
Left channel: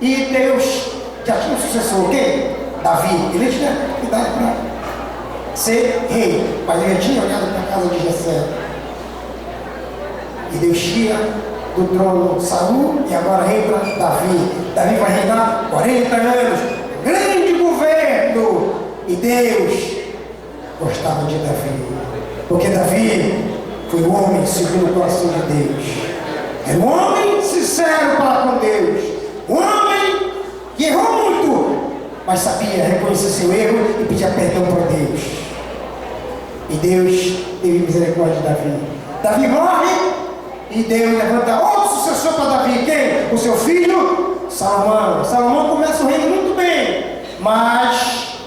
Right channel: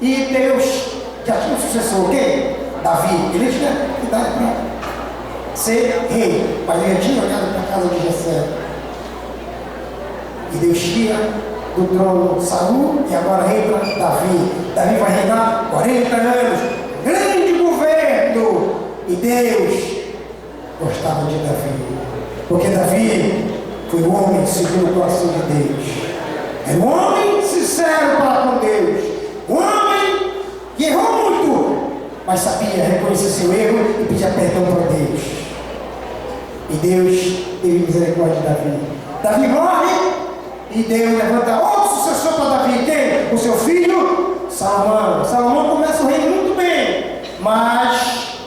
e Deus já tinha um sucessor, quem? Davi. Ele tinha idade para ser rei, mas ele tinha olhado para a casa de Jessé, e Deus tira do trono Saul, e agora entra Davi. Davi vai reinar 40 anos, grande governo, e Deus gostava de Davi, porque Davi foi um homem segundo o coração de Deus. Era um homem sincero para com Deus. Um homem que errou muito, mas sabia reconhecer seu erro e pedir perdão para Deus. E Deus teve misericórdia de Davi. Davi morre e Deus levanta outro sucessor para Davi. Quem? O seu filho Salomão. Salomão começa o reino muito bem, mas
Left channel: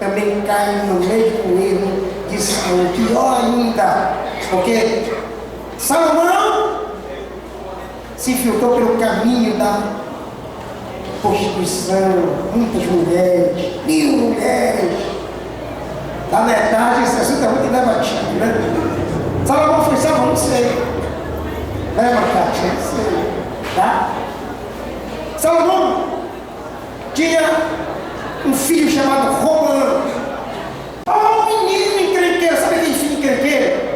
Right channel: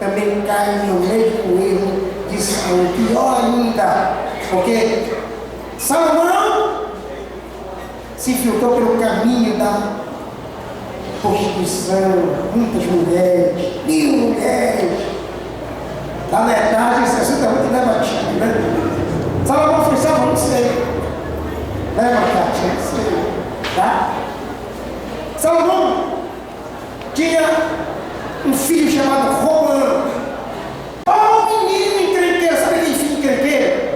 também cai no mesmo erro de Saul, pior ainda, porque Salomão se infiltrou pelo caminho da prostituição, muitas mulheres, 1000 mulheres. Na verdade, esse assunto é muito debatido, né? Salomão foi salvo, não sei. Né, Macate? Não sei. Tá? Salomão tinha um filho chamado Roboão. Oh, menino encrenqueiro, sabe aquele filho encrenqueiro?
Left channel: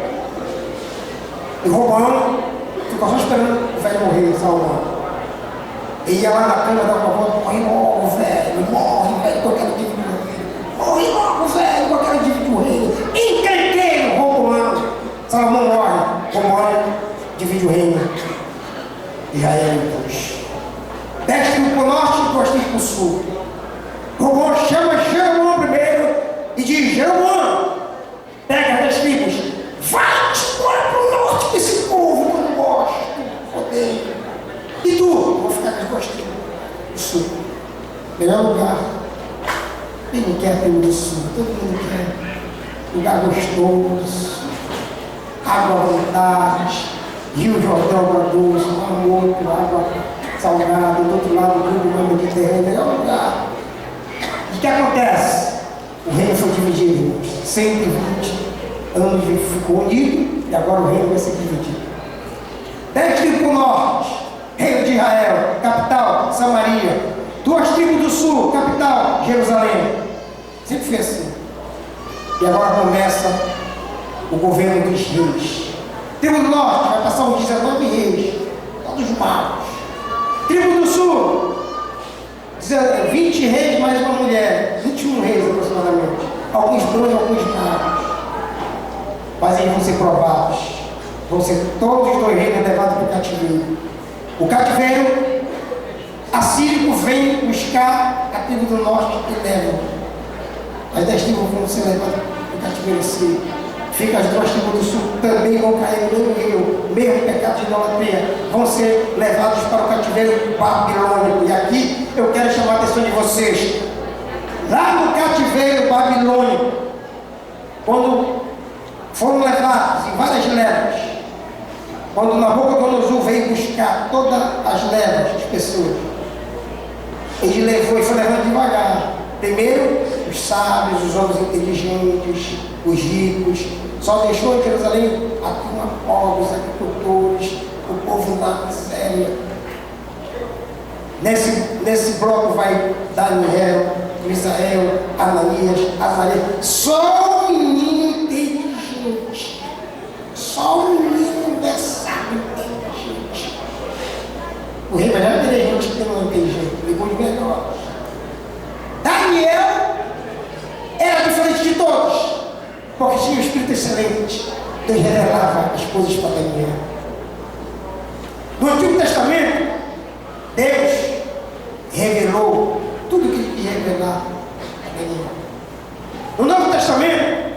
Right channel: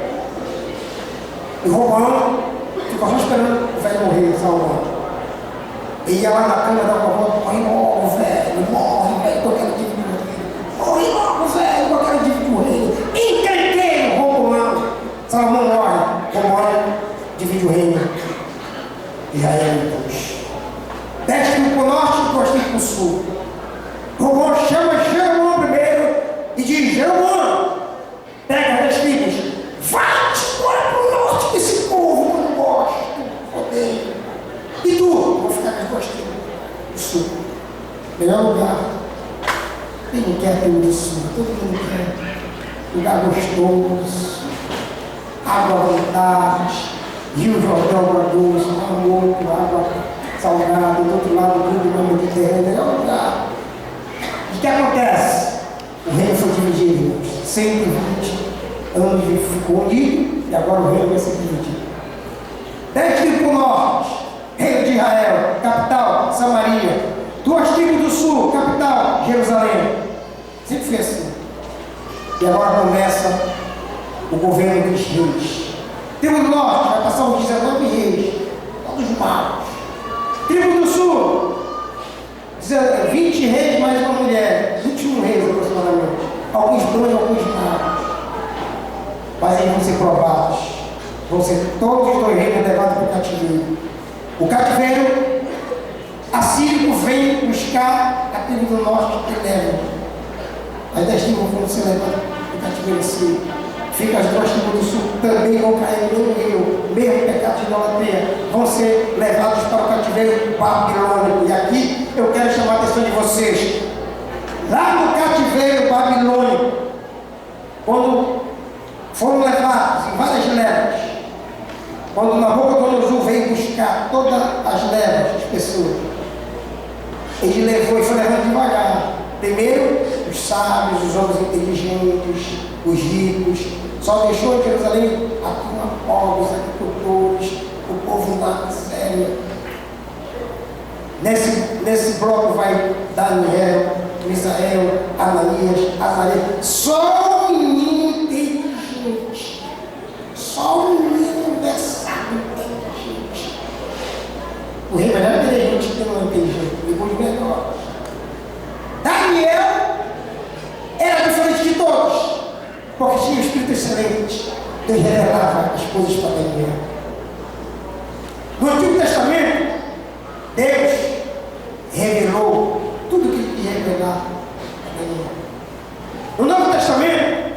E Roboão ficou só esperando o velho morrer, Salomão. E ia lá na cama, dava uma volta: morre, velho, que eu quero dividir o reino. Morre logo, velho, que eu quero dividir o reino. Encrenqueiro, Roboão. Salomão morre, Roboão divide o reino. Israel, então. 10 tribos para o norte e 2 tribos para o sul. Roboão chama Jeroboão primeiro e diz: Jeroboão, pega 10 tribos, vai-te para o norte desse povo que eu não gosto, odeio. E tu? Vou ficar com as 2 tribos do sul. Melhor lugar. Quem não quer tribo do sul? Todo mundo quer. Lugar gostoso, água à vontade, Rio Jordão Barroso, amor, água salgada, do outro lado do Rio Mediterrâneo, melhor lugar. E o que acontece? O reino foi dividido, irmãos. 120 anos ficou unido e agora o reino vai ser dividido. 10 tribos para o norte, reino de Israel, capital, Samaria. 2 tribos do sul, capital, Jerusalém. Sempre foi assim. E agora começa o governo dos reis. Tribo do norte vai passar os 19 reis, todos maus. Tribo do sul, 20 reis mais uma mulher, 21 reis aproximadamente. Alguns bons e alguns maus. Mas eles vão ser provados. Vão ser todos os 2 reis levados para o cativeiro. O cativeiro assírio vem buscar a tribo do norte e leva. As 10 tribos vão ser levadas para o cativeiro assírio. Fica as 2 tribos do sul, também vão cair no mesmo pecado de idolatria, vão ser levados para o cativeiro babilônico. E aqui eu quero chamar a atenção de vocês. Lá no cativeiro babilônico, quando foram levados em várias levas. Quando Nabucodonosor veio buscar todas as levas, as pessoas, ele levou e foi levando devagar. Primeiro, os sábios, os homens inteligentes, os ricos. Só deixou em Jerusalém aqui pobres, agricultores, o povo na miséria. Nesse bloco vai Daniel, Misael, Ananias, Azarias. Só um menino inteligente. Só um menino versado inteligente. O rei vai já inteligente que não é inteligente. Depois de melhor. Daniel era diferente de todos, porque tinha um espírito excelente. Deus revelava as coisas para Daniel. No Antigo Testamento, Deus revelou tudo que ele queria revelar para Daniel. No Novo Testamento,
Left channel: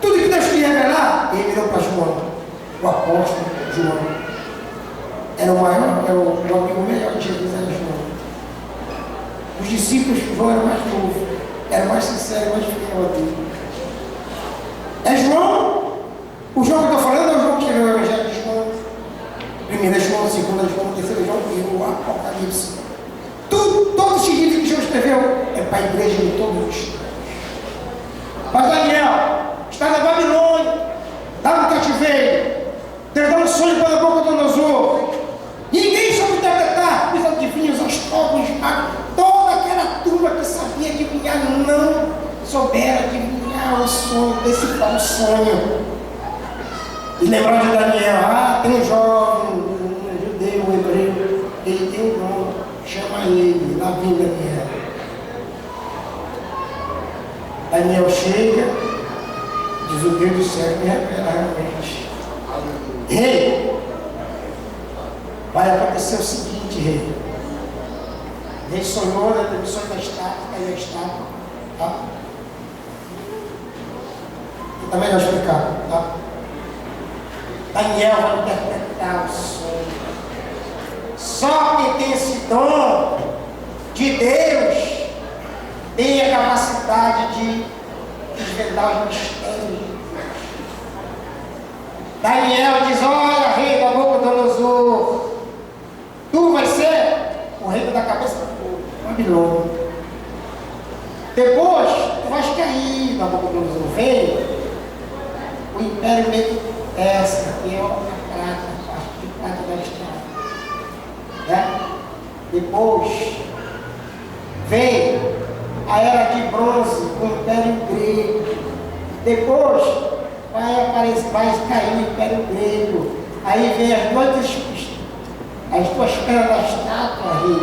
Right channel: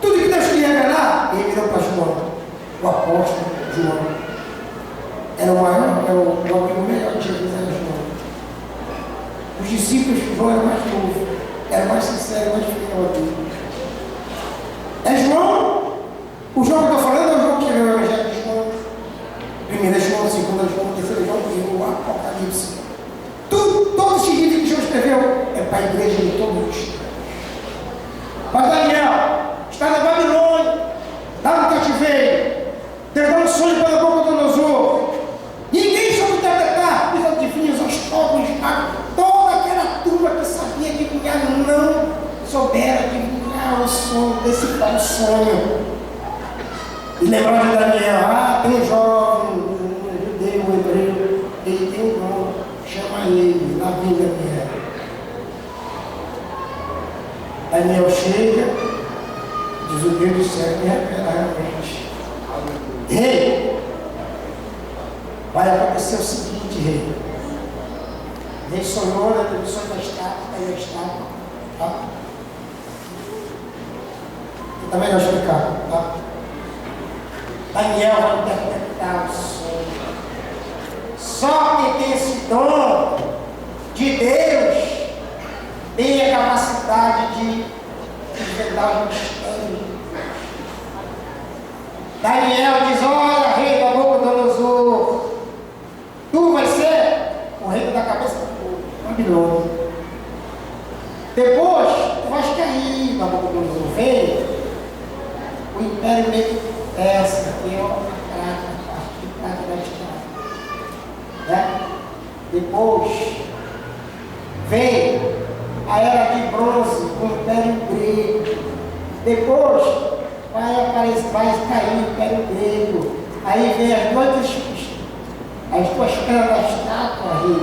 tudo que Deus queria revelar, ele revelou para João, o apóstolo João. Era o maior, era o amigo melhor de Jesus, era João. Os discípulos, João era mais novo, era mais sincero, mais fiel a Deus. É João, o João que eu estou falando é o João que escreveu o Evangelho de João. Primeiro é João, segundo é João, terceiro é João e o Apocalipse. Todos os livros que João escreveu é para a igreja de todos os tempos. Mas Daniel está na Babilônia, lá no cativeiro. Deus dá um sonho para Nabucodonosor. Ninguém soube interpretar, os adivinhos, os astrólogos, os magos, toda aquela turma que sabia adivinhar não souberam adivinhar o sonho, decifrar o sonho. E lembrar de Daniel, tem um jovem, um judeu, um hebreu, ele tem um nome, chama ele, lá vem Daniel. Daniel chega, diz o Deus do céu que revela realmente. Rei, vai acontecer o seguinte, rei. O rei sonhou na televisão da estátua, caiu a estátua, tá? E também vai explicar, tá? Daniel vai interpretar o sonho. Só quem tem esse dom de Deus tem a capacidade de desvendar os mistérios. Daniel diz: olha, rei Nabucodonosor, tu vai ser o rei da cabeça do povo, Babilônia. Depois, tu vais cair, Nabucodonosor, vem o império meio essa, que é a prata, a parte de prata da estrada. Né? Depois, vem a era de bronze, o império grego. Depois, vai cair o império grego. Aí vem as duas pedras da estátua, rei.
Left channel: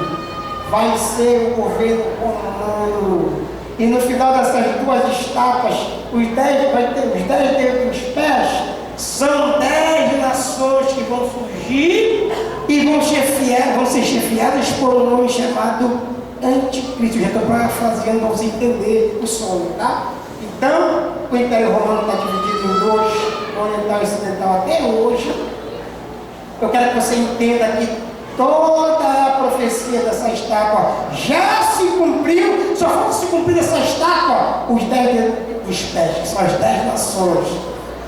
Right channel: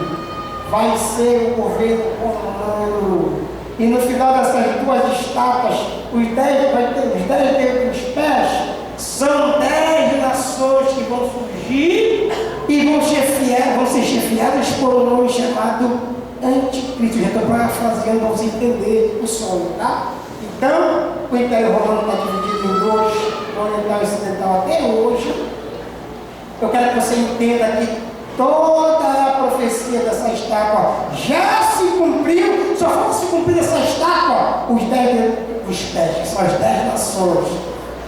Vai ser o governo romano. E no final dessas duas estátuas, os 10 dedos dos pés são 10 nações que vão surgir e vão ser chefiadas por um nome chamado Anticristo. Já estou parafraseando para você entender o sonho, tá? Então, o Império Romano está dividido em dois, oriental e ocidental até hoje. Eu quero que você entenda que toda a profecia dessa estátua já se cumpriu, só falta se cumprir essa estátua, os 10 dos pés, que são as 10 nações,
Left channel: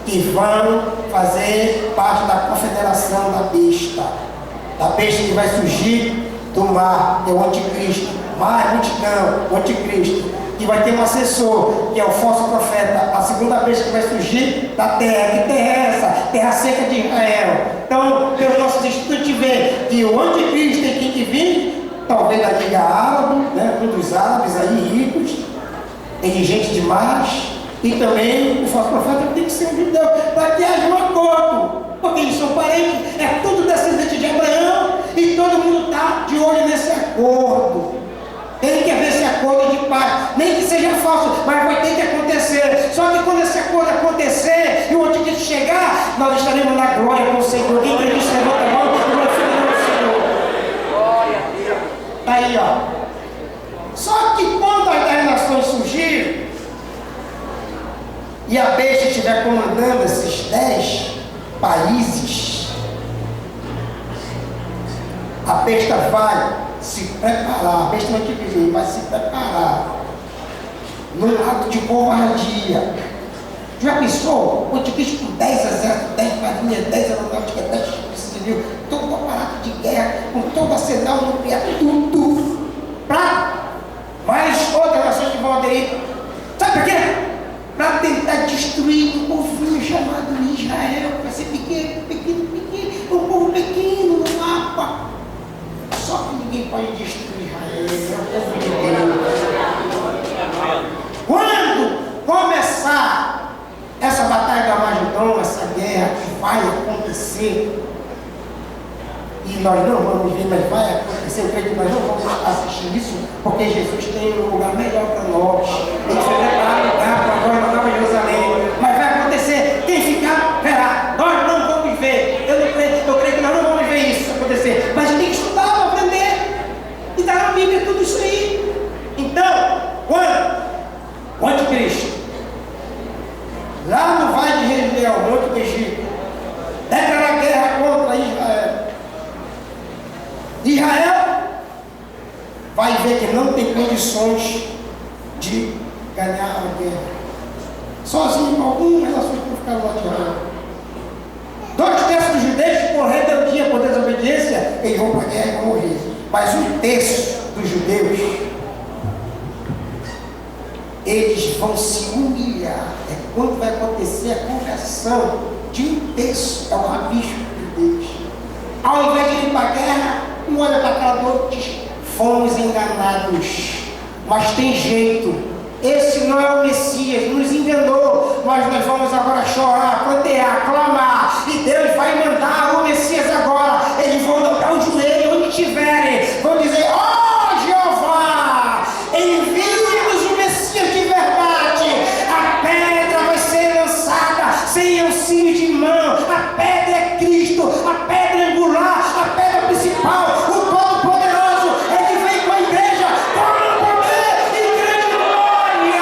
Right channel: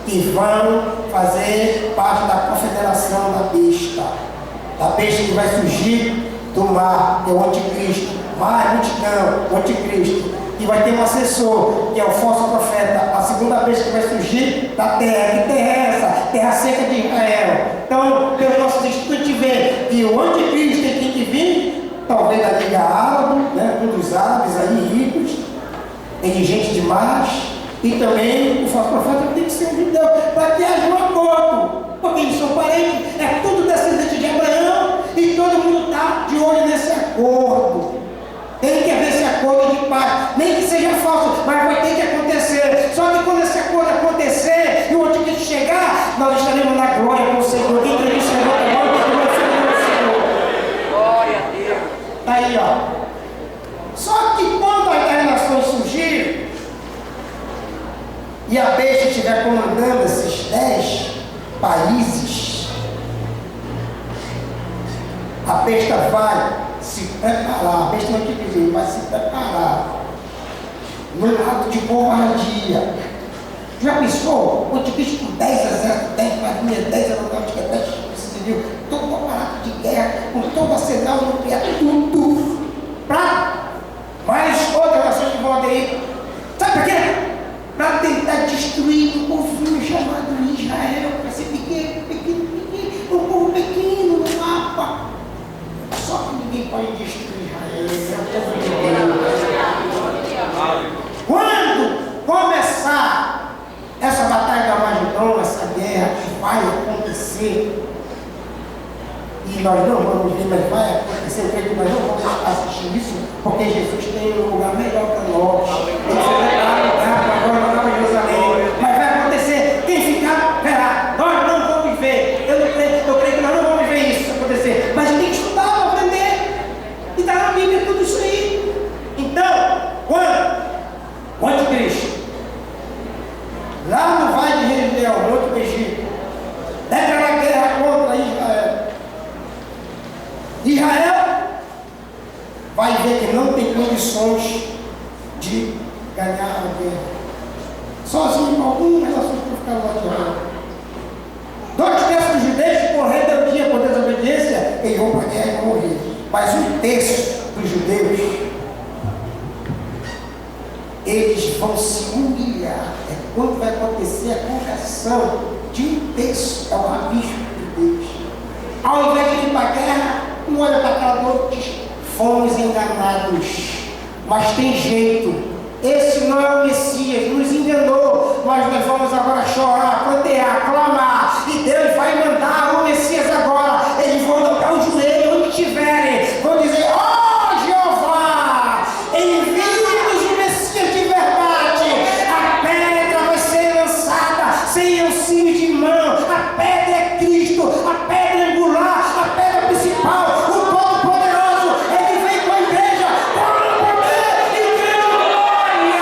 que vão fazer parte da confederação da besta que vai surgir do mar, que é o anticristo, mais multidão, o anticristo, que vai ter um assessor, que é o falso profeta, a segunda besta que vai surgir da terra. Que terra é essa? Terra seca de Israel. Então, pelo nosso estudo, a gente vê que o anticristo tem que vir, talvez da Liga Árabe, né, um dos árabes aí ricos, inteligente demais. E também o falso profeta tem que ser um judeu, para que haja um acordo, porque eles são parentes, é tudo descendente de Abraão, e todo mundo está de olho nesse acordo. Tem que haver esse acordo de paz, nem que seja falso, mas vai ter que acontecer. Só que quando esse acordo acontecer e o anticristo chegar, nós estaremos na glória com o Senhor. Quem acredita em levanta a mão, glorificando o Senhor. Glória a Deus. Está aí, ó. Só que quando as 10 nações surgirem, e a besta estiver comandando esses 10 países, a besta vai se preparar, a besta não tem que dizer, vai se preparar num ato de covardia, Já pensou? O anticristo com 10 exércitos, 10 marinhas, 10 aeronáuticas, 10 civil, todo o aparato de guerra, com todo o arsenal nuclear, tudo, para mais outras nações que vão aderir. Sabe por quê? Para tentar destruir um povinho chamado Israel, para ser pequeno, um povo pequeno no mapa. Só que ninguém pode destruir Israel, é o povo de Deus. Quando começar essa batalha da Magedon, essa guerra que vai acontecer, e nós não vamos ver, mas vai acontecer, eu creio que nós não vamos assistir isso, porque Jesus tem um lugar melhor para nós. Ele vai preparar um lugar para nós na Nova Jerusalém. Mas vai acontecer, quem ficar, verá. Nós não vamos ver. Eu creio que nós não vamos ver isso acontecer. Mas tem que estudar para aprender. E está na Bíblia tudo isso aí. Então, quando o anticristo, lá no Vale de Região, Monte do Egito, declarar guerra contra Israel. Israel vai ver que não tem condições de ganhar a guerra. Sozinho, com algumas nações que ficaram lá de Israel. 2/3 dos judeus que por rebeldia, por desobediência, eles vão para a guerra e vão morrer. Mas 1/3 dos judeus, eles vão se humilhar. É quando vai acontecer a conversão de 1/3, é o rabisco de Deus. Ao invés de ir para a guerra, um olha para a cara do outro e diz: fomos enganados, mas tem jeito, esse não é o Messias, nos enganou, mas nós vamos agora chorar, prantear, clamar, e Deus vai mandar o Messias agora. Eles vão dobrar o joelho onde estiverem, vão dizer: ó Jeová, envia-nos o Messias de verdade. A pedra vai ser lançada sem auxílio de mão, a pedra é Cristo, a pedra angular, a pedra principal, o Todo-Poderoso. Ele vem com a igreja com poder e grande glória.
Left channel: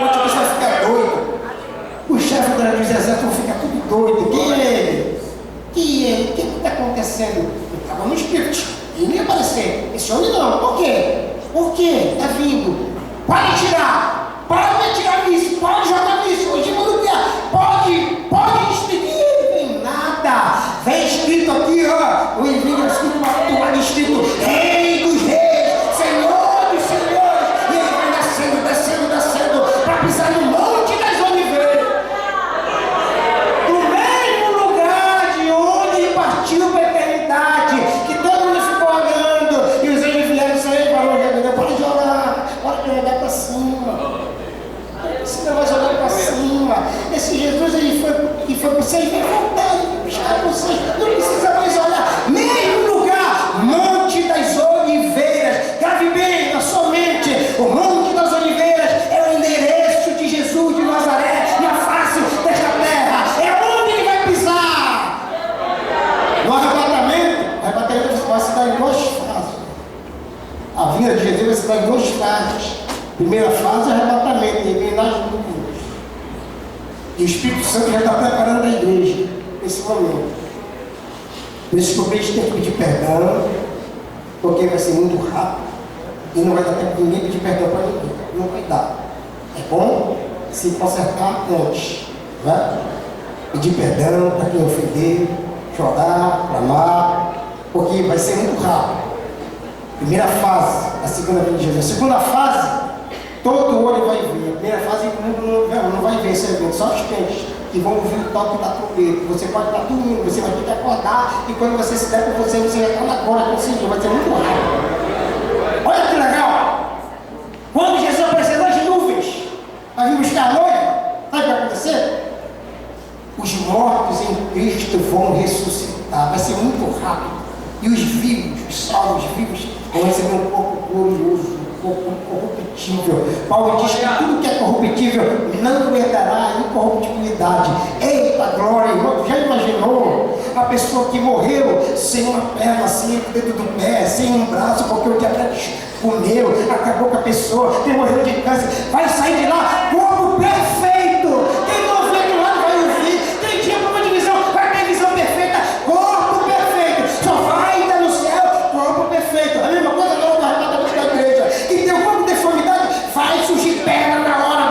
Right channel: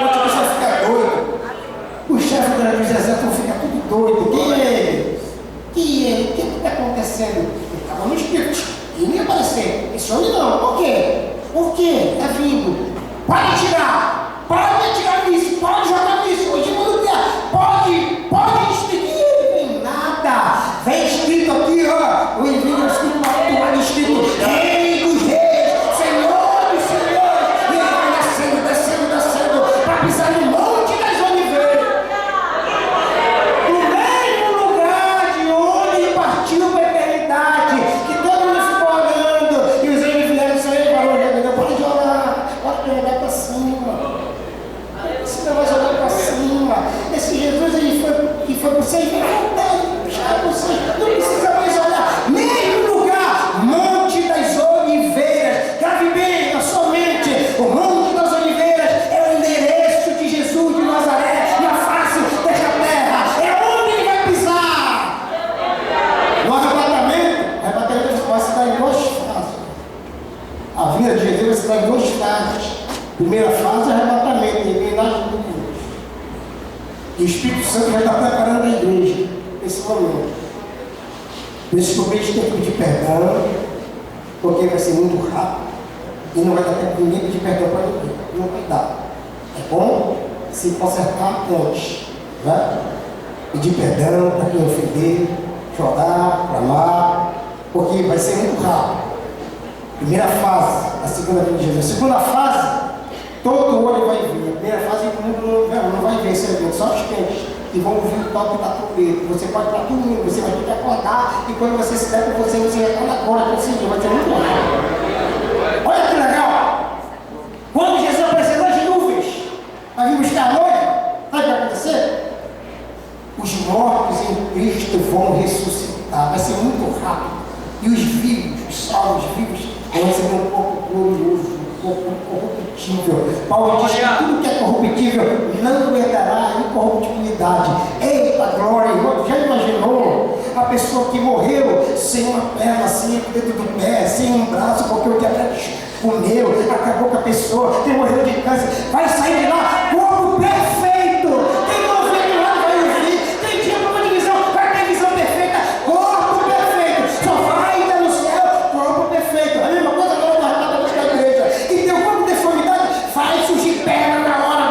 O anticristo vai ficar doido, o chefe dos exércitos fica tudo doido. Quem é ele? Quem é ele? O que está acontecendo? Ele estava no espírito, ele não ia aparecer. Esse homem não. Por quê? Por quê? Está vindo. Pode tirar, pode atirar nisso, pode jogar nisso, hoje não quer, pode despedir, vem nada. Vem escrito aqui, ó, o envio escrito uma toalha escrito Rei dos Reis, Senhor dos Senhores, e ele vai descendo, para pisar no Monte das Oliveiras, no mesmo lugar de onde ele partiu para a eternidade, que todo mundo ficou olhando, e os anjos vieram sair e falaram: pode olhar para cima. Você não vai jogar para cima. Esse Jesus ele foi para você e vai voltar e buscar você. Não precisa mais olhar. Mesmo lugar, Monte das Oliveiras. Grave bem na sua mente. O Monte das Oliveiras é o endereço de Jesus de Nazaré na face desta terra. É onde ele vai pisar. No arrebatamento vai se dar em 2 fases. A vinda de Jesus vai se dar em 2 fases. Primeira fase é arrebatamento, ele vem nas nuvens. E o Espírito Santo já está preparando a igreja nesse momento. Por isso que o crente tem que pedir perdão, porque vai ser muito rápido e não vai dar tempo de ninguém pedir perdão para ninguém. Não vai dar. É bom se consertar antes, né? Pedir perdão para quem ofender, chorar, clamar, porque vai ser muito rápido. Primeira fase, a segunda vinda de Jesus. A segunda fase, todo olho vai ver. A primeira fase o mundo não vai ver esse evento, só os crentes que vão ouvir o toque da trombeta. Você pode estar dormindo, você vai ter que acordar, e quando você se der com você já está na glória com o Senhor, vai ser muito rápido. Olha que legal! Quando Jesus aparecer nas nuvens, vai vir buscar a noiva, sabe o que vai acontecer? Os mortos em Cristo vão ressuscitar, vai ser muito rápido. E os vivos, os salvos vivos, vão receber um corpo glorioso, incorruptível. Paulo diz que tudo que é corruptível não herdará a incorruptibilidade. Eita glória, irmão, já imaginou a pessoa que morreu sem uma perna, sem o dedo do pé, sem um braço, porque o diabetes comeu, acabou com a pessoa, tem morreu de câncer, vai sair de lá, corpo perfeito. Quem não vê do lado vai ouvir, quem tinha problema de visão, vai ter visão perfeita, corpo perfeito, só vai estar no céu, corpo perfeito. A mesma coisa que eu vou arrebatar da igreja. E teu corpo de deformidade vai surgir perna na hora.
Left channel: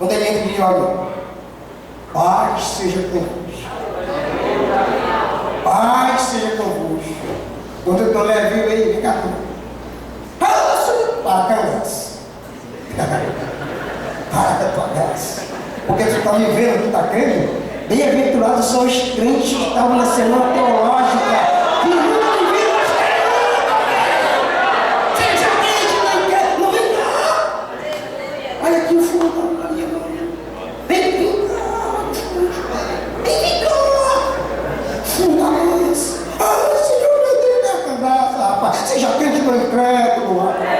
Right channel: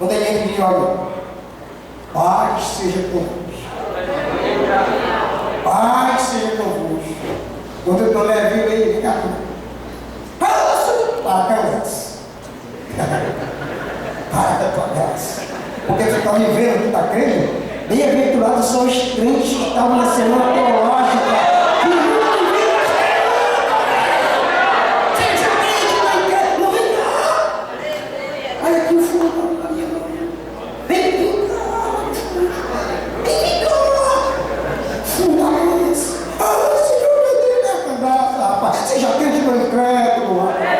Quando ele entra e diz, olha, paz seja convosco. Paz seja convosco. Quando eu estou leve, ele vem cá. Para a graça. Para a tua graça. Porque você está me vendo, tu está crendo? Bem-aventurados são os crentes que estavam na semana teológica. Que nunca viram seja crente, não vem cá. Olha aqui o fundo da minha mão. Vem cá. Vem cá. Fundamentos. Senhor, meu Deus, da graça, rapaz. Seja crente no incrédulo, rapaz.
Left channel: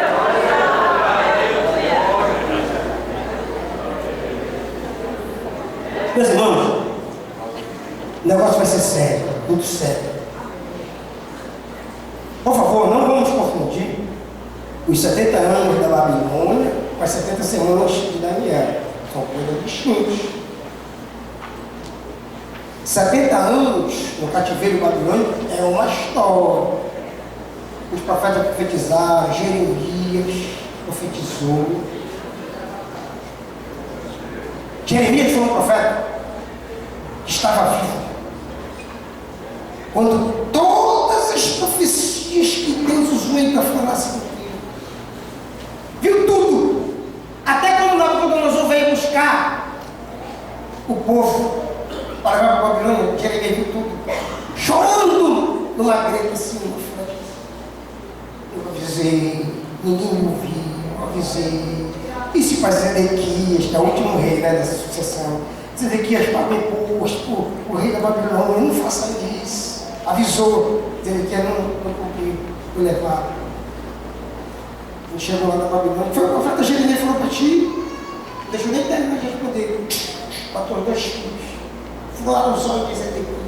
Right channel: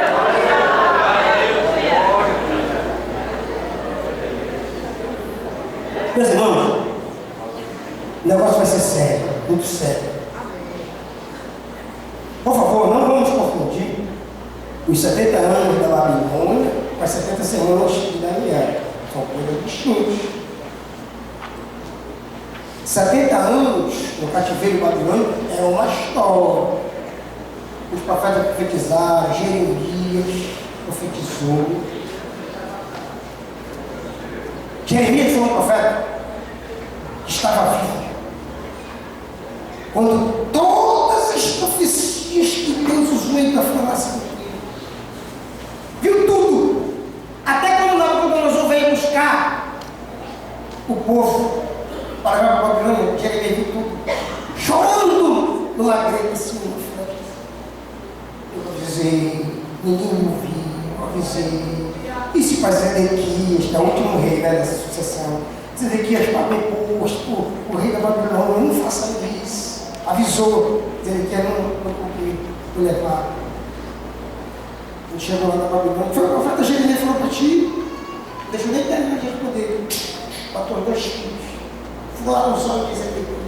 Meus irmãos, o negócio vai ser sério, muito sério. Por favor, não vamos confundir os 70 anos da Babilônia com as 70 semanas de Daniel. São coisas distintas. 70 anos no cativeiro babilônico é uma história. Os profetas profetizaram, Jeremias profetizou. Jeremias foi um profeta que estava vivo quando todas as profecias que Deus usou ele para falar se cumpriram. Viu tudo. Até quando Nabucodonosor veio buscar o povo para levar para a Babilônia, Jeremias viu tudo. Chorando numa greta assim, eu avisei, ninguém me ouviu, eu avisei. E se faz Zedequias, que é o último rei, né, dessa sucessão, Zedequias pagou o rei da Babilônia, não faça isso. Avisou, Zedequias não cumpriu, foi levado. Ele chegou lá na Babilônia, foi o profeta Jeremias falou para ti, deixa eu nem terminar de responder, matou 2 filhos, furaram os olhos de Zedequias.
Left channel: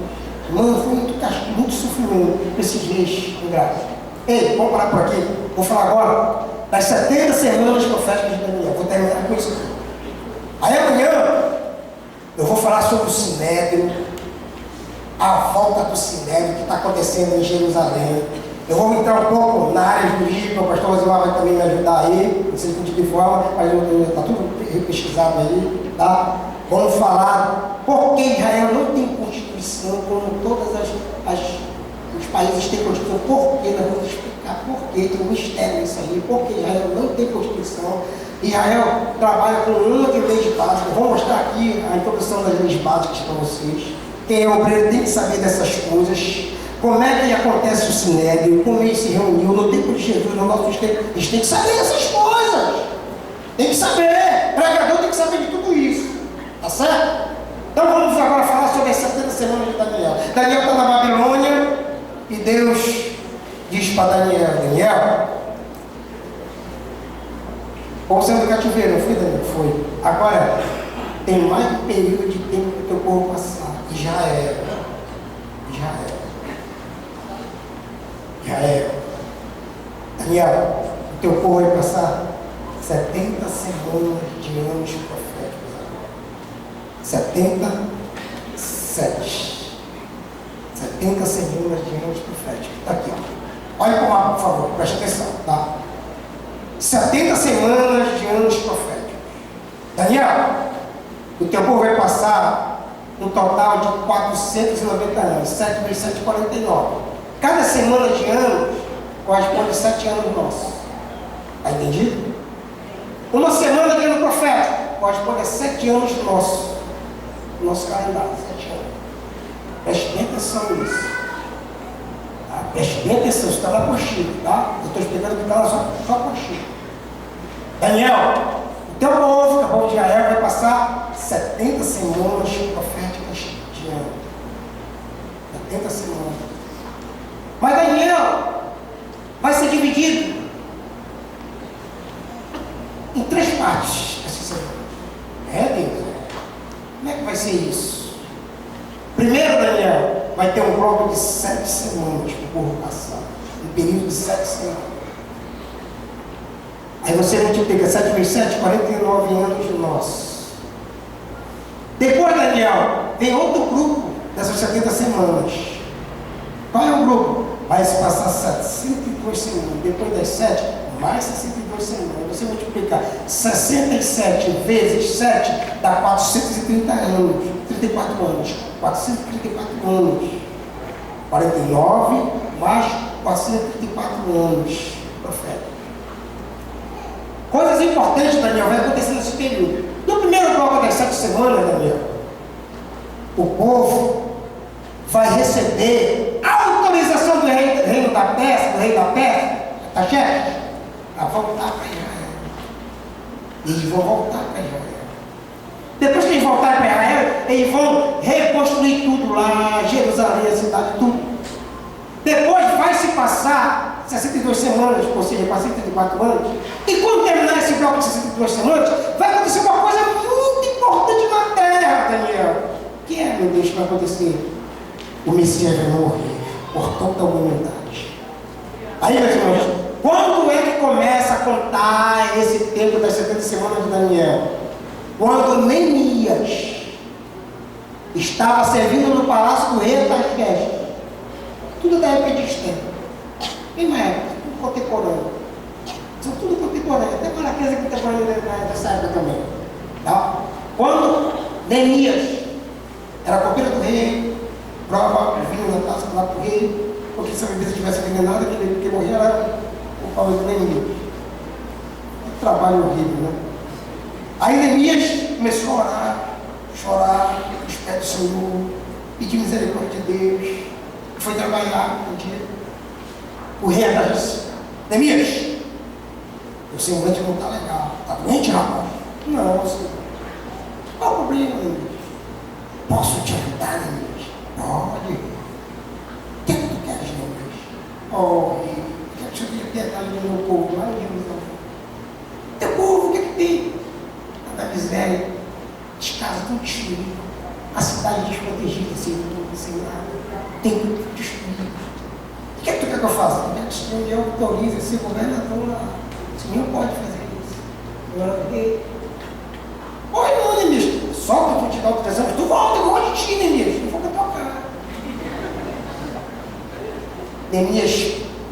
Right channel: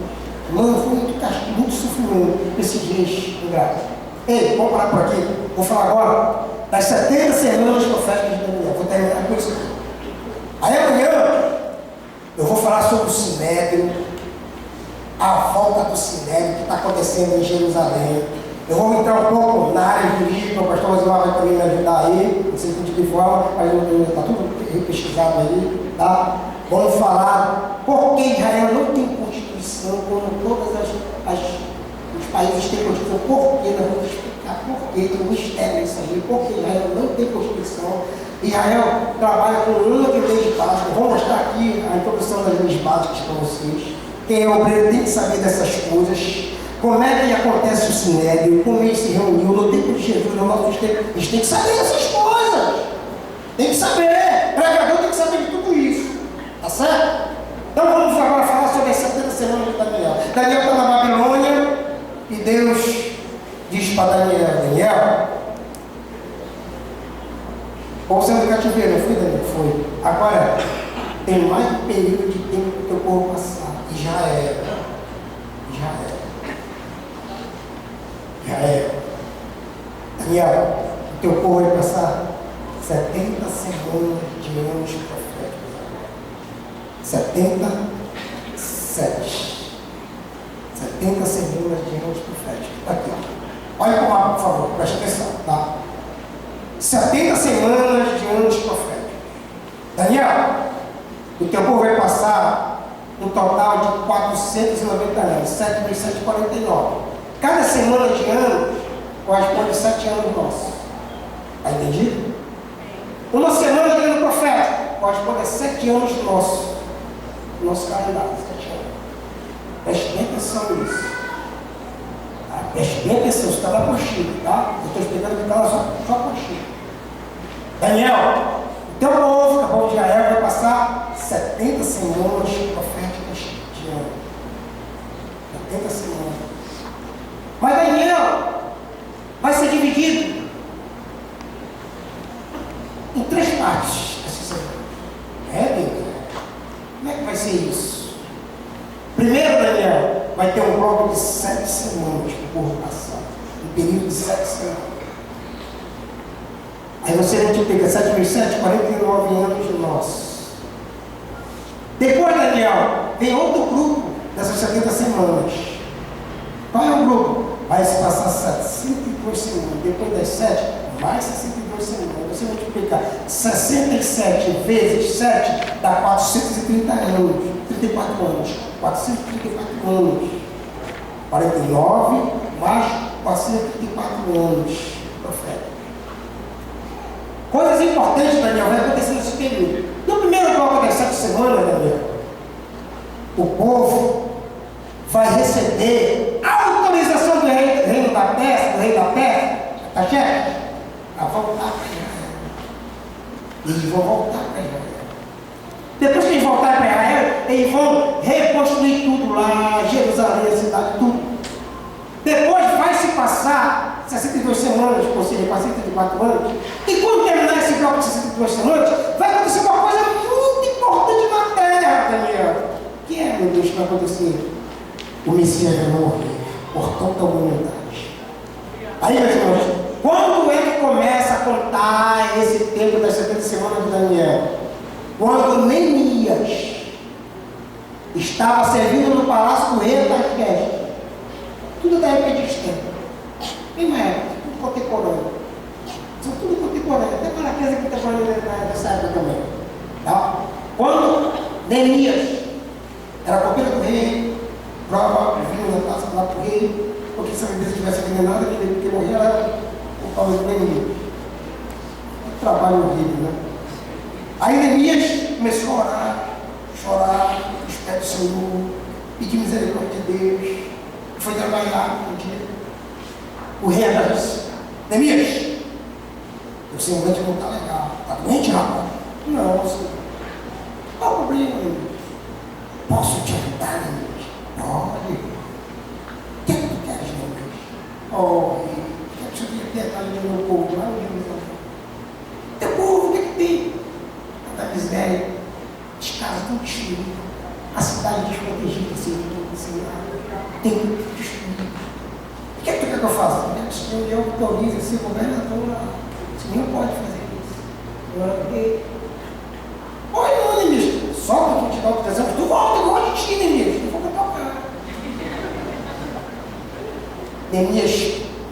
Mano, foi muito castigo, muito sofrimento para esses reis ingratos. Ei, vamos parar por aqui, vou falar agora das 70 semanas proféticas de Daniel. Vou terminar com isso. Aí amanhã eu vou falar sobre o Sinédrio, a volta do Sinédrio que está acontecendo em Jerusalém. Eu vou entrar um pouco na área jurídica, o pastor Rosimar vai também me ajudar aí, não sei de que forma, mas está tudo pesquisado aí, tá? Vamos falar por que Israel não tem Constituição, como todos os países têm Constituição, por que nós vamos explicar. Porque tem um mistério nisso aí, porque Israel não tem Constituição. Israel trabalha com uma de leis básicas. Vou mostrar aqui a introdução das leis básicas para vocês. Quem é obreiro tem que saber dessas coisas. Como é que acontece o Sinédrio, como ele se reuniu no tempo de Jesus, no nosso tempo. Eles têm que saber dessas coisas. Tem que saber. O pregador tem que saber de tudo isso. Tá certo? Então vamos agora falar sobre as 70 semanas de Daniel. Daniel está na Babilônia e Deus diz para Daniel, Daniel, como sendo cativeiro, não foi, Daniel? Foi. Agora, tem mais um período de tempo que o teu povo passar. Israel. Daniel, o teu povo vai passar 70 semanas de anos proféticos. 70 semanas de anos proféticos. Está aqui, ó. Olha para o mapa, por favor, preste atenção, tá? 70 semanas de anos proféticos. Daniel, o teu povo vai passar um total de 490 anos, 7 vezes 7, 49. Cada semana de anos corresponde a 7 anos nossos. Está entendido? Uma semana de ano profético corresponde a 7 anos nossos. Nosso calendário, 7 anos. Preste bem atenção nisso. Preste bem atenção, isso está na apostila, tá? Eu estou explicando que está lá só a apostila. Daniel, o teu povo de Israel, vai passar 70 semanas proféticas de ano. 70 semanas. Mas Daniel vai ser dividido em 3 partes essa semana. Deus. Como é que vai ser isso? Primeiro, Daniel, vai ter um bloco de 7 semanas para o povo passar. Um período de 7 semanas. Aí você multiplica 7 vezes 7, 49 anos nossos. Depois, Daniel, vem outro grupo dessas 70 semanas. Qual é o grupo? Vai se passar 702 semanas. Depois das 7, Mais 62 semanas. Você multiplica 67 vezes 7 dá 430 anos. 34 anos. 434 anos. 49 mais 434 anos. Profeta. Coisas importantes, Daniel, vai acontecer nesse período. No primeiro bloco das 7 semanas, Daniel, o povo vai receber a autorização do reino da Pérsia, tá certo? A voltar para Israel. Eles vão voltar para Israel. Depois que eles voltarem para Israel, eles vão reconstruir tudo lá, Jerusalém, a cidade, tudo. Depois vai se passar 62 semanas, ou seja, 434 anos. E quando terminar esse bloco de 62 semanas, vai acontecer uma coisa muito importante na terra, Daniel. O que é, meu Deus, que vai acontecer? O Messias vai morrer por toda a humanidade. Aí, meus irmãos, quando é que começa a contar esse tempo das 70 semanas de Daniel? Quando Neemias estava servindo no palácio do rei Artaxerxes. Tudo da época de Esther. Mesma época, tudo contemporâneo. São tudo contemporâneo. Até Malaquias é contemporâneo dessa época também. Tá? Quando Neemias era copeiro do rei, prova vinho na taça lá para o rei, porque se a bebida tivesse envenenada, que morria era por causa do Neemias. Que trabalho horrível, né? Aí Neemias começou a orar, chorar, esperar do Senhor, pedir misericórdia de Deus. Foi trabalhar um dia. O rei disse: Neemias, o semblante não está legal. Está doente, rapaz? Não, senhor. Qual o problema, Neemias? Posso te ajudar, Neemias? Pode. O que é que tu queres, Neemias? Oh, rei, quero que o senhor tenha piedade do meu povo lá em Jerusalém. Teu povo, o que é que tem? Tanta miséria, as casas estão destruídas, a cidade desprotegida, sem nada. Tem tudo destruído. O que é que tu quer que eu faça? Eu quero que o Senhor me autorize a ser governador lá. O Senhor pode fazer isso. Oi, não, Neemias. Só que eu te dou autorização, tu volta, eu gosto de ti, Neemias. Não vou tocar. Neemias,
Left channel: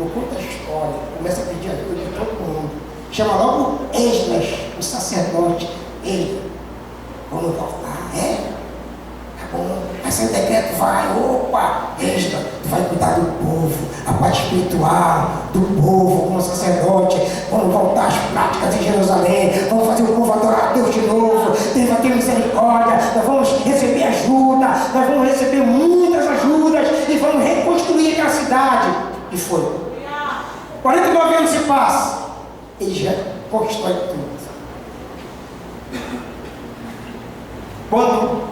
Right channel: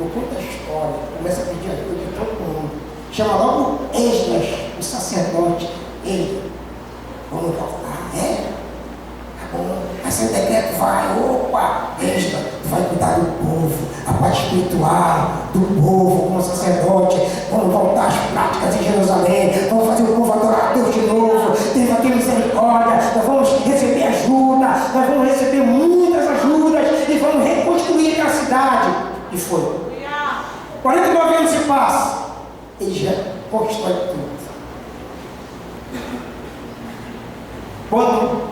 não conta a história, começa a pedir ajuda de todo mundo. Chama logo Esdras, o sacerdote. Ei, vamos voltar, é? Vai ser o decreto, vai, opa, Esdras, tu vai cuidar do povo, a parte espiritual do povo, como sacerdote, vamos voltar às práticas em Jerusalém, vamos fazer o povo adorar a Deus de novo, Deus vai ter misericórdia, nós vamos receber ajuda, nós vamos receber muitas ajudas e vamos reconstruir aquela cidade. E foi. 49 anos se passam, ele já conquistou tudo. Quando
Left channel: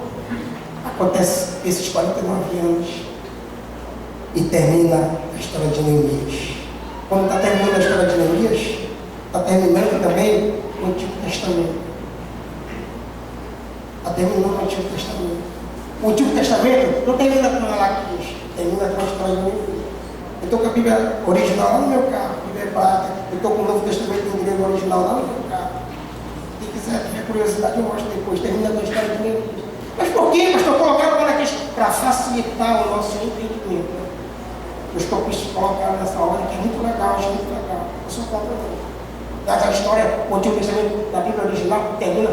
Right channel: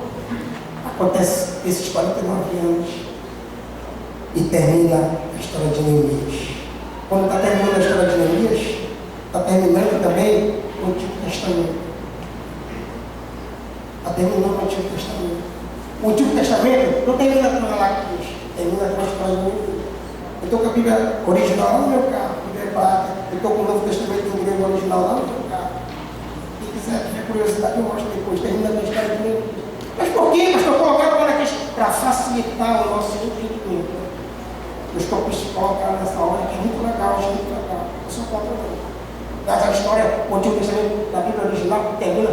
acontece esses 49 anos e termina a história de Neemias. Quando está terminando a história de Neemias, está terminando também o Antigo Testamento. Está terminando o Antigo Testamento. O Antigo Testamento não termina com Malaquias, termina com a história de Neemias. Eu estou com a Bíblia original lá no meu carro, a Bíblia hebraica. Eu estou com o Novo Testamento em grego original lá no meu carro. Quem quiser tiver curiosidade, eu mostro depois. Termina com a história de Neemias. Mas por quê, pastor? Colocaram para facilitar o nosso entendimento. Os copistas colocaram nessa hora que é muito legal, acho muito legal. Eu sou contra isso. Mas a história, o Antigo Testamento da Bíblia original termina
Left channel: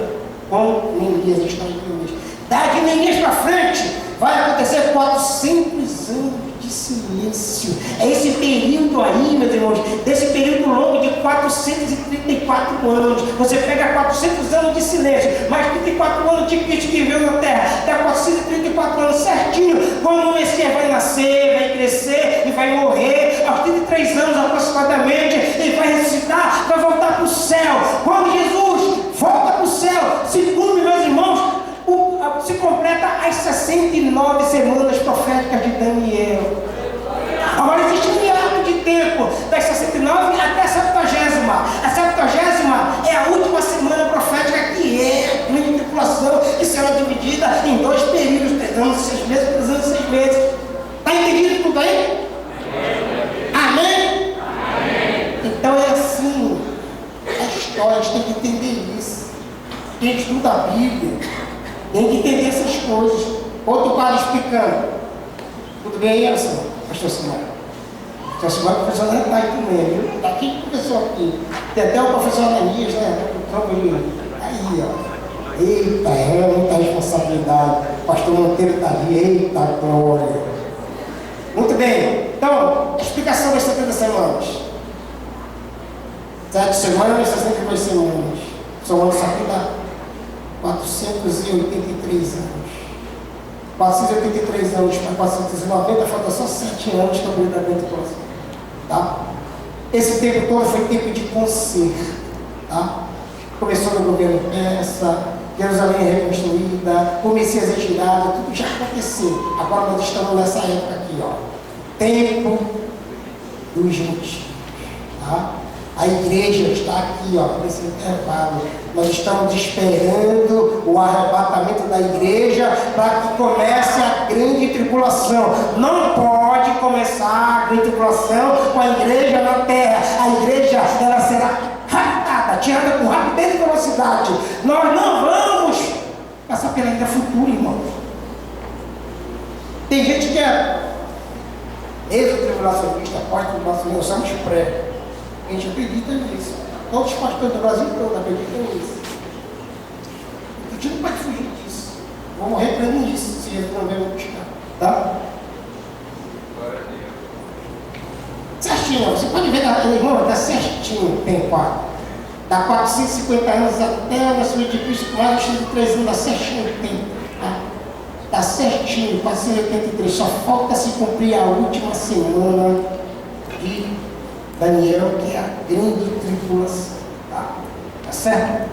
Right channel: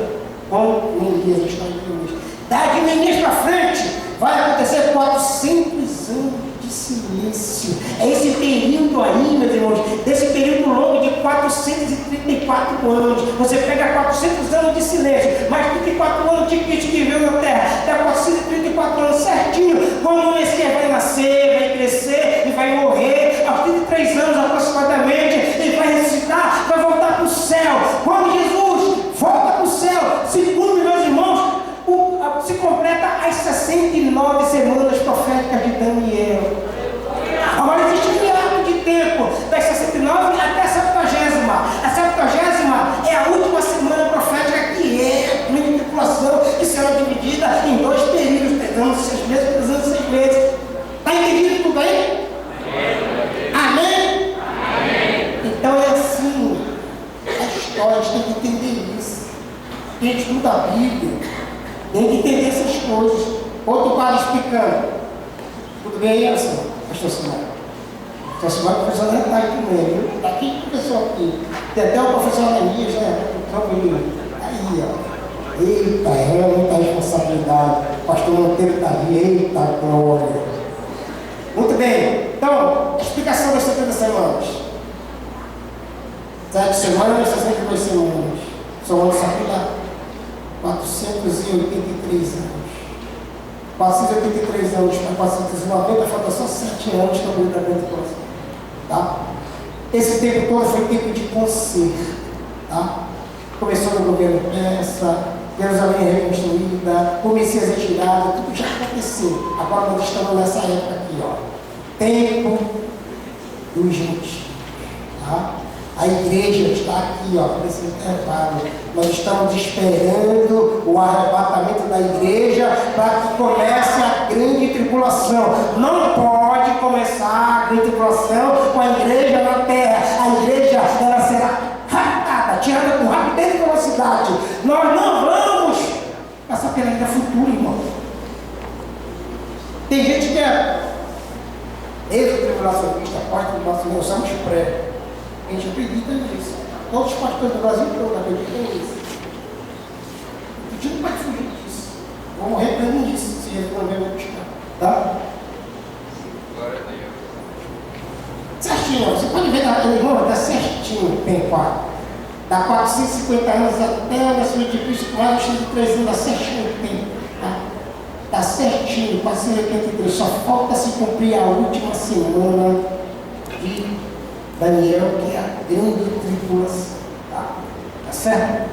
com Neemias, a história de Neemias. Daqui Neemias para frente, vai acontecer 400 anos de silêncio. É esse período aí, meus irmãos, desse período longo de 434 anos. Você pega 400 anos de silêncio, mais 34 anos de Cristo que viveu na terra, dá 434 anos certinho, quando o Messias vai nascer, vai crescer e vai morrer, aos 33 anos aproximadamente, ele vai ressuscitar, vai voltar para o céu. Quando Jesus volta para o céu, segundo meus irmãos, se completa as 69 semanas proféticas de Daniel. Agora existe um hiato de tempo, das 69 até a 70ª. A 70ª é a última semana profética, que é a grande tribulação, que será dividida em 2 períodos, 3 anos e 6 meses, 3 anos e 6 meses. Está entendido tudo aí? Amém? Amém? Então é assim, a história, a gente tem que entender isso. A gente estuda a Bíblia, tem que entender essas coisas. Outro quadro explicando. Tudo bem aí, Anderson? Pastor Simão? Festival do professor Neto está aí também, viu? Está aqui com o professor aqui. Tem até o professor Ananias, né? Aí, ó. Eita, é muita responsabilidade. O pastor Monteiro está ali, eita glória. Muito bem, então, a explicação das 70 semanas. 7 semanas, 62 semanas. Somando isso aqui dá 483 anos. 483 anos para 490, falta só 7 anos para o completamento do próximo. Tá? Esse tempo todo foi tempo de conserto. Tá? Começou no governo persa, Jerusalém reconstruída, o Messias retirado, tudo já aconteceu. Agora nós estamos nessa época aqui, ó. Tempo dos gentios. Tá? A igreja está aqui, ó, nesse intervalo. Nós estamos esperando o arrebatamento da igreja para que comece a grande tribulação. Não pode começar a grande tribulação com a igreja na terra. A igreja, ela será raptada, tirada com rapidez e velocidade. Nós não vamos passar pela vida futura, irmão. Tem gente que é ex-tribulacionista, pós-tribulacionista, nós somos pré. A gente acredita nisso. Todos os pastores do Brasil todo acreditam nisso. A gente não pode fugir disso. Vou morrer preso disso, se ele não vier me buscar. Tá? Certinho, você pode ver, irmão, está certinho, tem 4. Dá 450 anos até o nascimento de Cristo, mais de 3 anos, dá certinho o tempo. Tá? Dá certinho, 483. Só falta se cumprir a última semana de Daniel, que é a grande tribulação. Tá certo?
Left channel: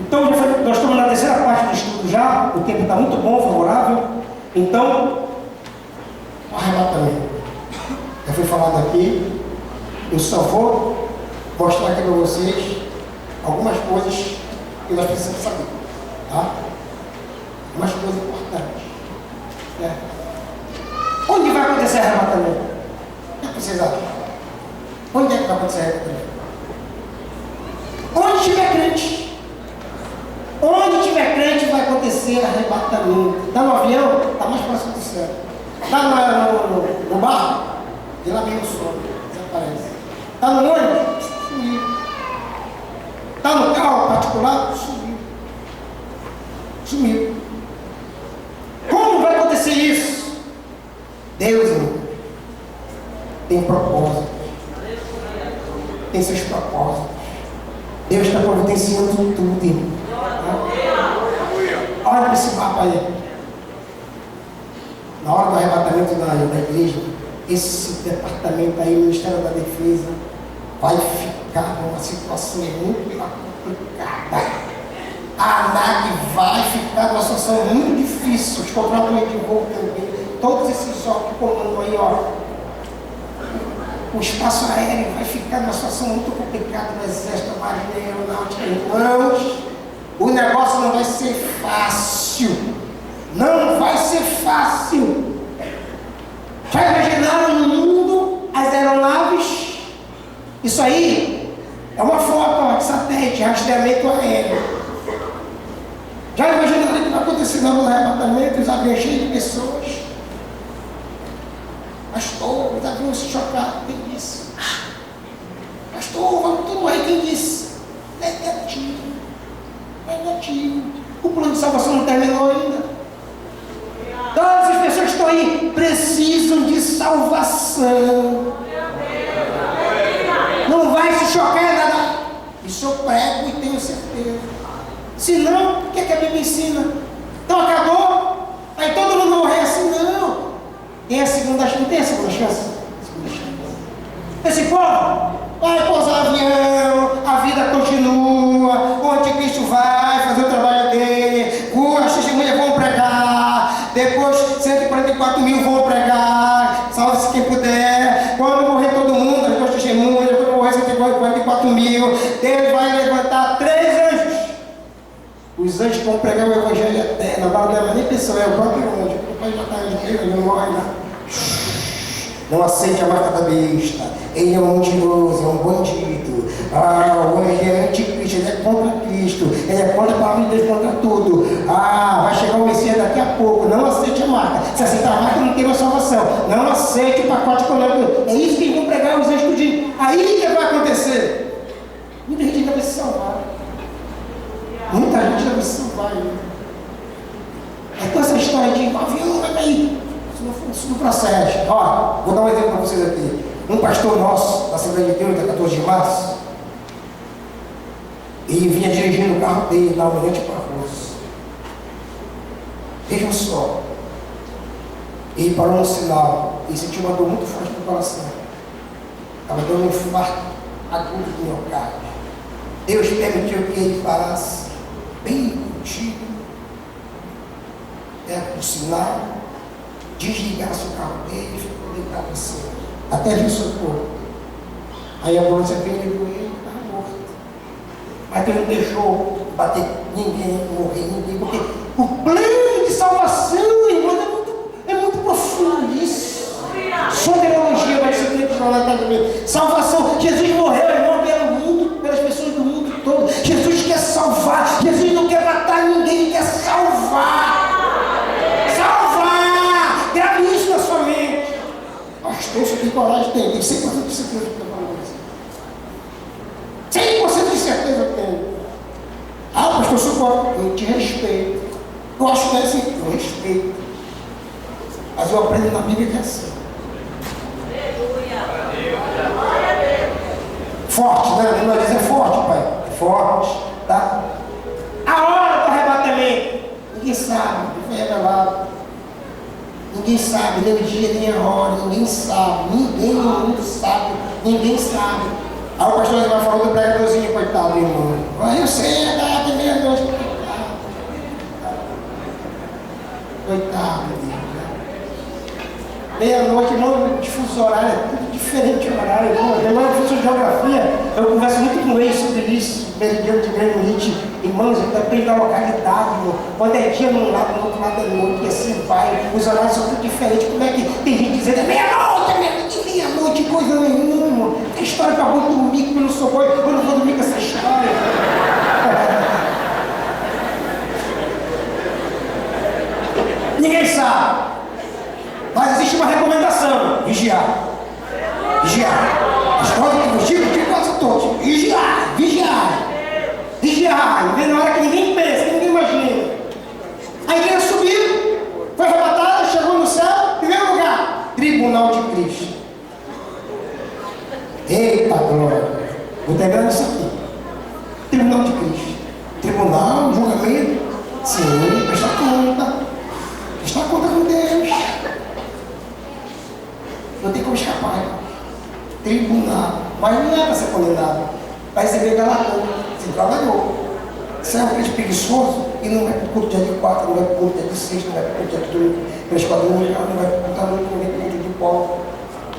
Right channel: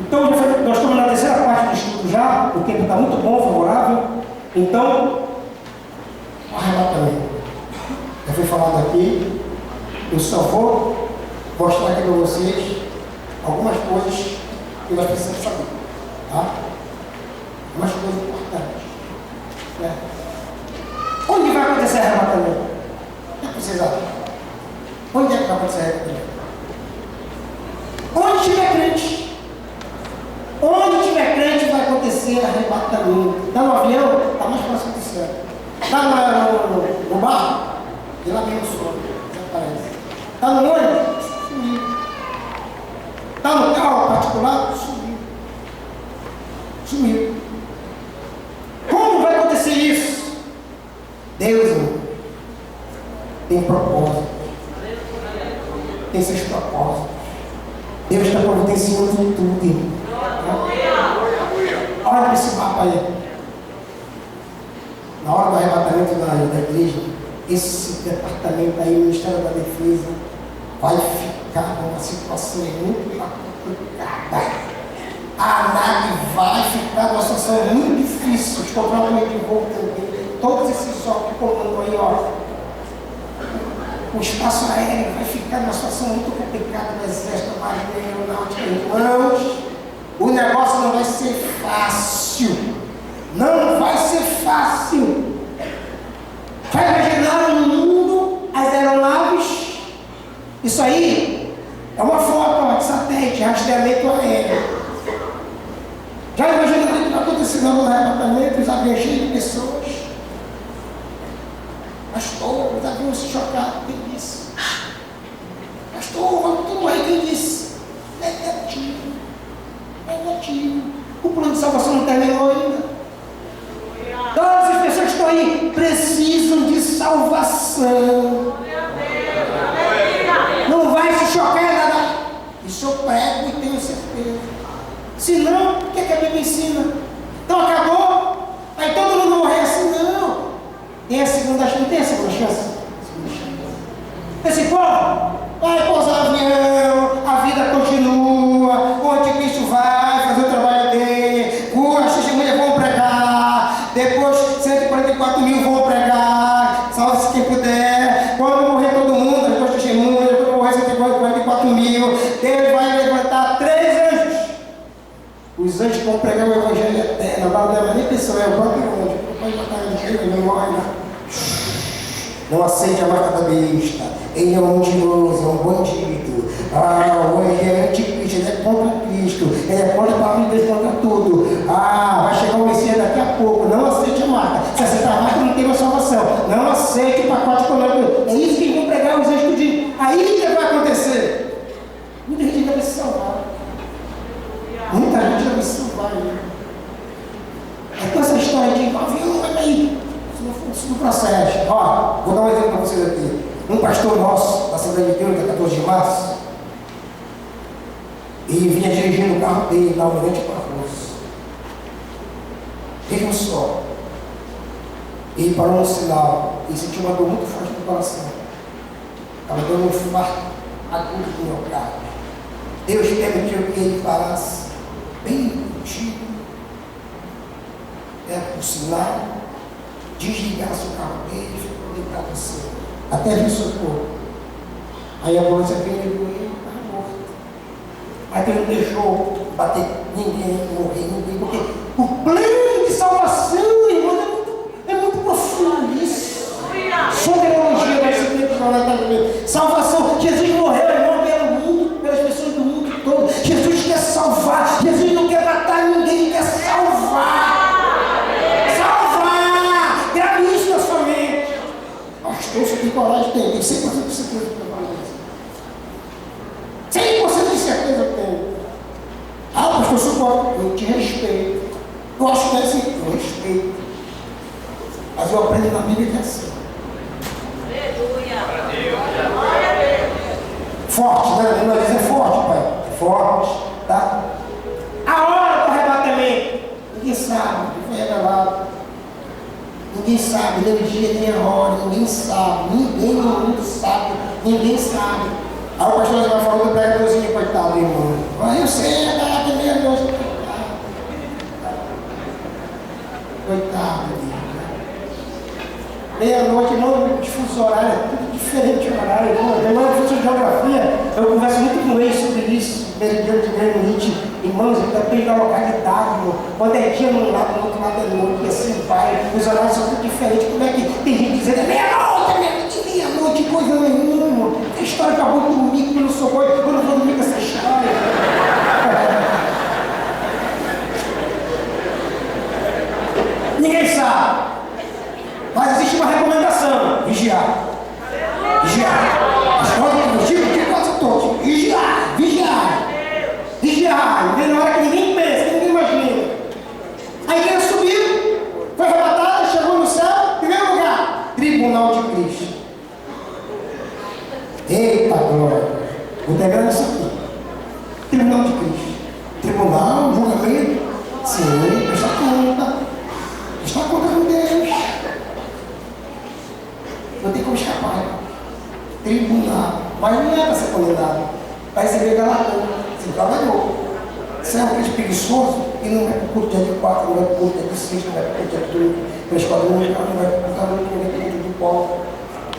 Então, nós estamos na terceira parte do estudo já, o tempo está muito bom, favorável. Então, o arrebatamento. Já foi falado aqui, eu só vou mostrar aqui para vocês algumas coisas que nós precisamos saber. Tá? Algumas coisas importantes. Certo? Onde vai acontecer arrebatamento? O que vocês acham? Onde é que vai acontecer arrebatamento? Onde tiver crente. Onde tiver crente vai acontecer arrebatamento. Está no avião? Está mais próximo do céu. Está no barco? De lá vem o sono, desaparece. Está no ônibus? Sumiu. Está no carro particular? Sumiu. Sumiu. Como vai acontecer isso? Deus, irmão, tem propósitos. Tem seus propósitos. Deus está providenciando tudo, irmão. Olha para esse mapa aí. Na hora do arrebatamento da igreja, esse departamento aí, o Ministério da Defesa, vai ficar numa situação muito complicada. A ANAC vai ficar numa situação muito difícil. Os controladores de voo também. Todos esses órgãos que comandam aí, ó. O espaço aéreo vai ficar numa situação muito complicada do Exército, da Marinha, Aeronáutica. Irmãos, o negócio não vai ser fácil. Não vai ser fácil. Já imaginaram no mundo as aeronaves? Isso aí é uma foto de satélite, rastreamento aéreo. Já imaginaram o que vai acontecer no arrebatamento, os aviões cheios de pessoas? Pastor, os aviões se chocaram, quem disse? Pastor, vamos tudo morrer, quem disse? Negativo. Negativo. O plano de salvação não terminou ainda. Todas as pessoas que estão aí precisam de salvação. Não vai se chocar nada. Isso eu prego e tenho certeza. Se não, o que é que a Bíblia ensina? Então acabou? Aí todo mundo morrer assim? Não. Tem a segunda chance. Tem a segunda chance? Esse povo vai pousar avião, a vida continua, o anticristo vai fazer o trabalho dele, as testemunhas vão pregar, depois 144 mil vão pregar, salve-se quem puder. Quando morrer todo mundo, as duas testemunhas, quando morrer 144 mil, Deus vai levantar 3 anjos. Os anjos vão pregar o evangelho eterno. Agora não é nem pessoa, é o próprio anjo. Não pode matar anjo, ele não morre, não. Não aceite a marca da besta. Ele é um mentiroso, é um bandido. O anjo é anticristo, ele é contra Cristo. Ele é contra a palavra de Deus, contra tudo. Vai chegar o Messias daqui a pouco. Não aceite a marca. Se aceitar a marca, não tem mais salvação. céu. Não aceite o pacote econômico. É isso que vão pregar os anjos tudinho. Aí que vai acontecer. Muita gente ainda vai se salvar. Muita gente ainda vai se salvar ainda. Então essa história de avião, aí, isso não procede. Ó, vou dar um exemplo para vocês aqui. Um pastor nosso, da Assembleia de Deus, da 14 de março, e vinha dirigindo o carro dele da Almirante Barroso. Vejam só. Ele parou no sinal e sentiu uma dor muito forte no coração. Estava dando um infarto agudo do miocárdio. Deus permitiu que ele parasse bem contigo, perto do sinal, desligasse o carro dele e ficou deitado assim, até vir socorro. Aí a ambulância veio e levou ele, estava morto. Mas Deus não deixou bater ninguém, morrer ninguém, porque o plano de salvação, irmão, é muito profundo isso. Soteriologia vai ser feita na eternidade. Salvação. Jesus morreu, irmão, pelo mundo, pelas pessoas do mundo todo. Jesus quer salvar. Jesus não quer matar ninguém, ele quer salvar. Salvar! Grave isso na sua mente. Pastor, você tem coragem? Tem 100% de certeza que eu falo isso. 100% de certeza que tem. Ah, pastor, eu te respeito. Eu acho que é assim, eu respeito. Mas eu aprendo na Bíblia que é assim. Forte, né? Nós dizemos forte, pai. Forte, tá? A hora do arrebatamento. Ninguém sabe, foi revelado. Ninguém sabe, nem o dia, nem a hora. Ninguém sabe. Ninguém no mundo sabe. Ninguém sabe. Aí o pastor vai falando do pregadorzinho, coitado, irmão. Aí eu sei, é daqui meia-noite. Coitado. Meia-noite, não, difuso horário, é tudo diferente o horário. Eu professor de geografia, eu converso muito com eles sobre isso, meridiano de Greenwich, irmãos, eu depende da localidade, irmão. Quando é dia num lado, no outro lado é noite, e assim vai, os horários são tudo diferentes. Como é que tem gente dizendo, é meia-noite, coisa nenhuma, irmão. Que história que eu vou dormir, que eu não sou bom, eu não vou dormir com essa história. Ninguém sabe. Mas existe uma recomendação: vigiar. Vigiar. As coisas que eu digo quase todos. Vigiar. Vigiar. E na hora que ninguém pensa, que ninguém imagina. A igreja subiu, foi arrebatada, chegou no céu, primeiro lugar, tribunal de Cristo. Eita glória. Vou terminar isso aqui. Tribunal de Cristo. Tribunal, julgamento. Sim, presta conta. Presta conta com Deus. Não tem como escapar. Tribunal. Mas não é para ser condenado. Vai receber galardão. Você trabalhou. Você é um crente preguiçoso e não vai para o culto dia de 4, não vai para o culto dia de 6, não vai para o culto dia de 8, para a escola dominical, não vai para o culto à noite, não vai para o culto de Paulo.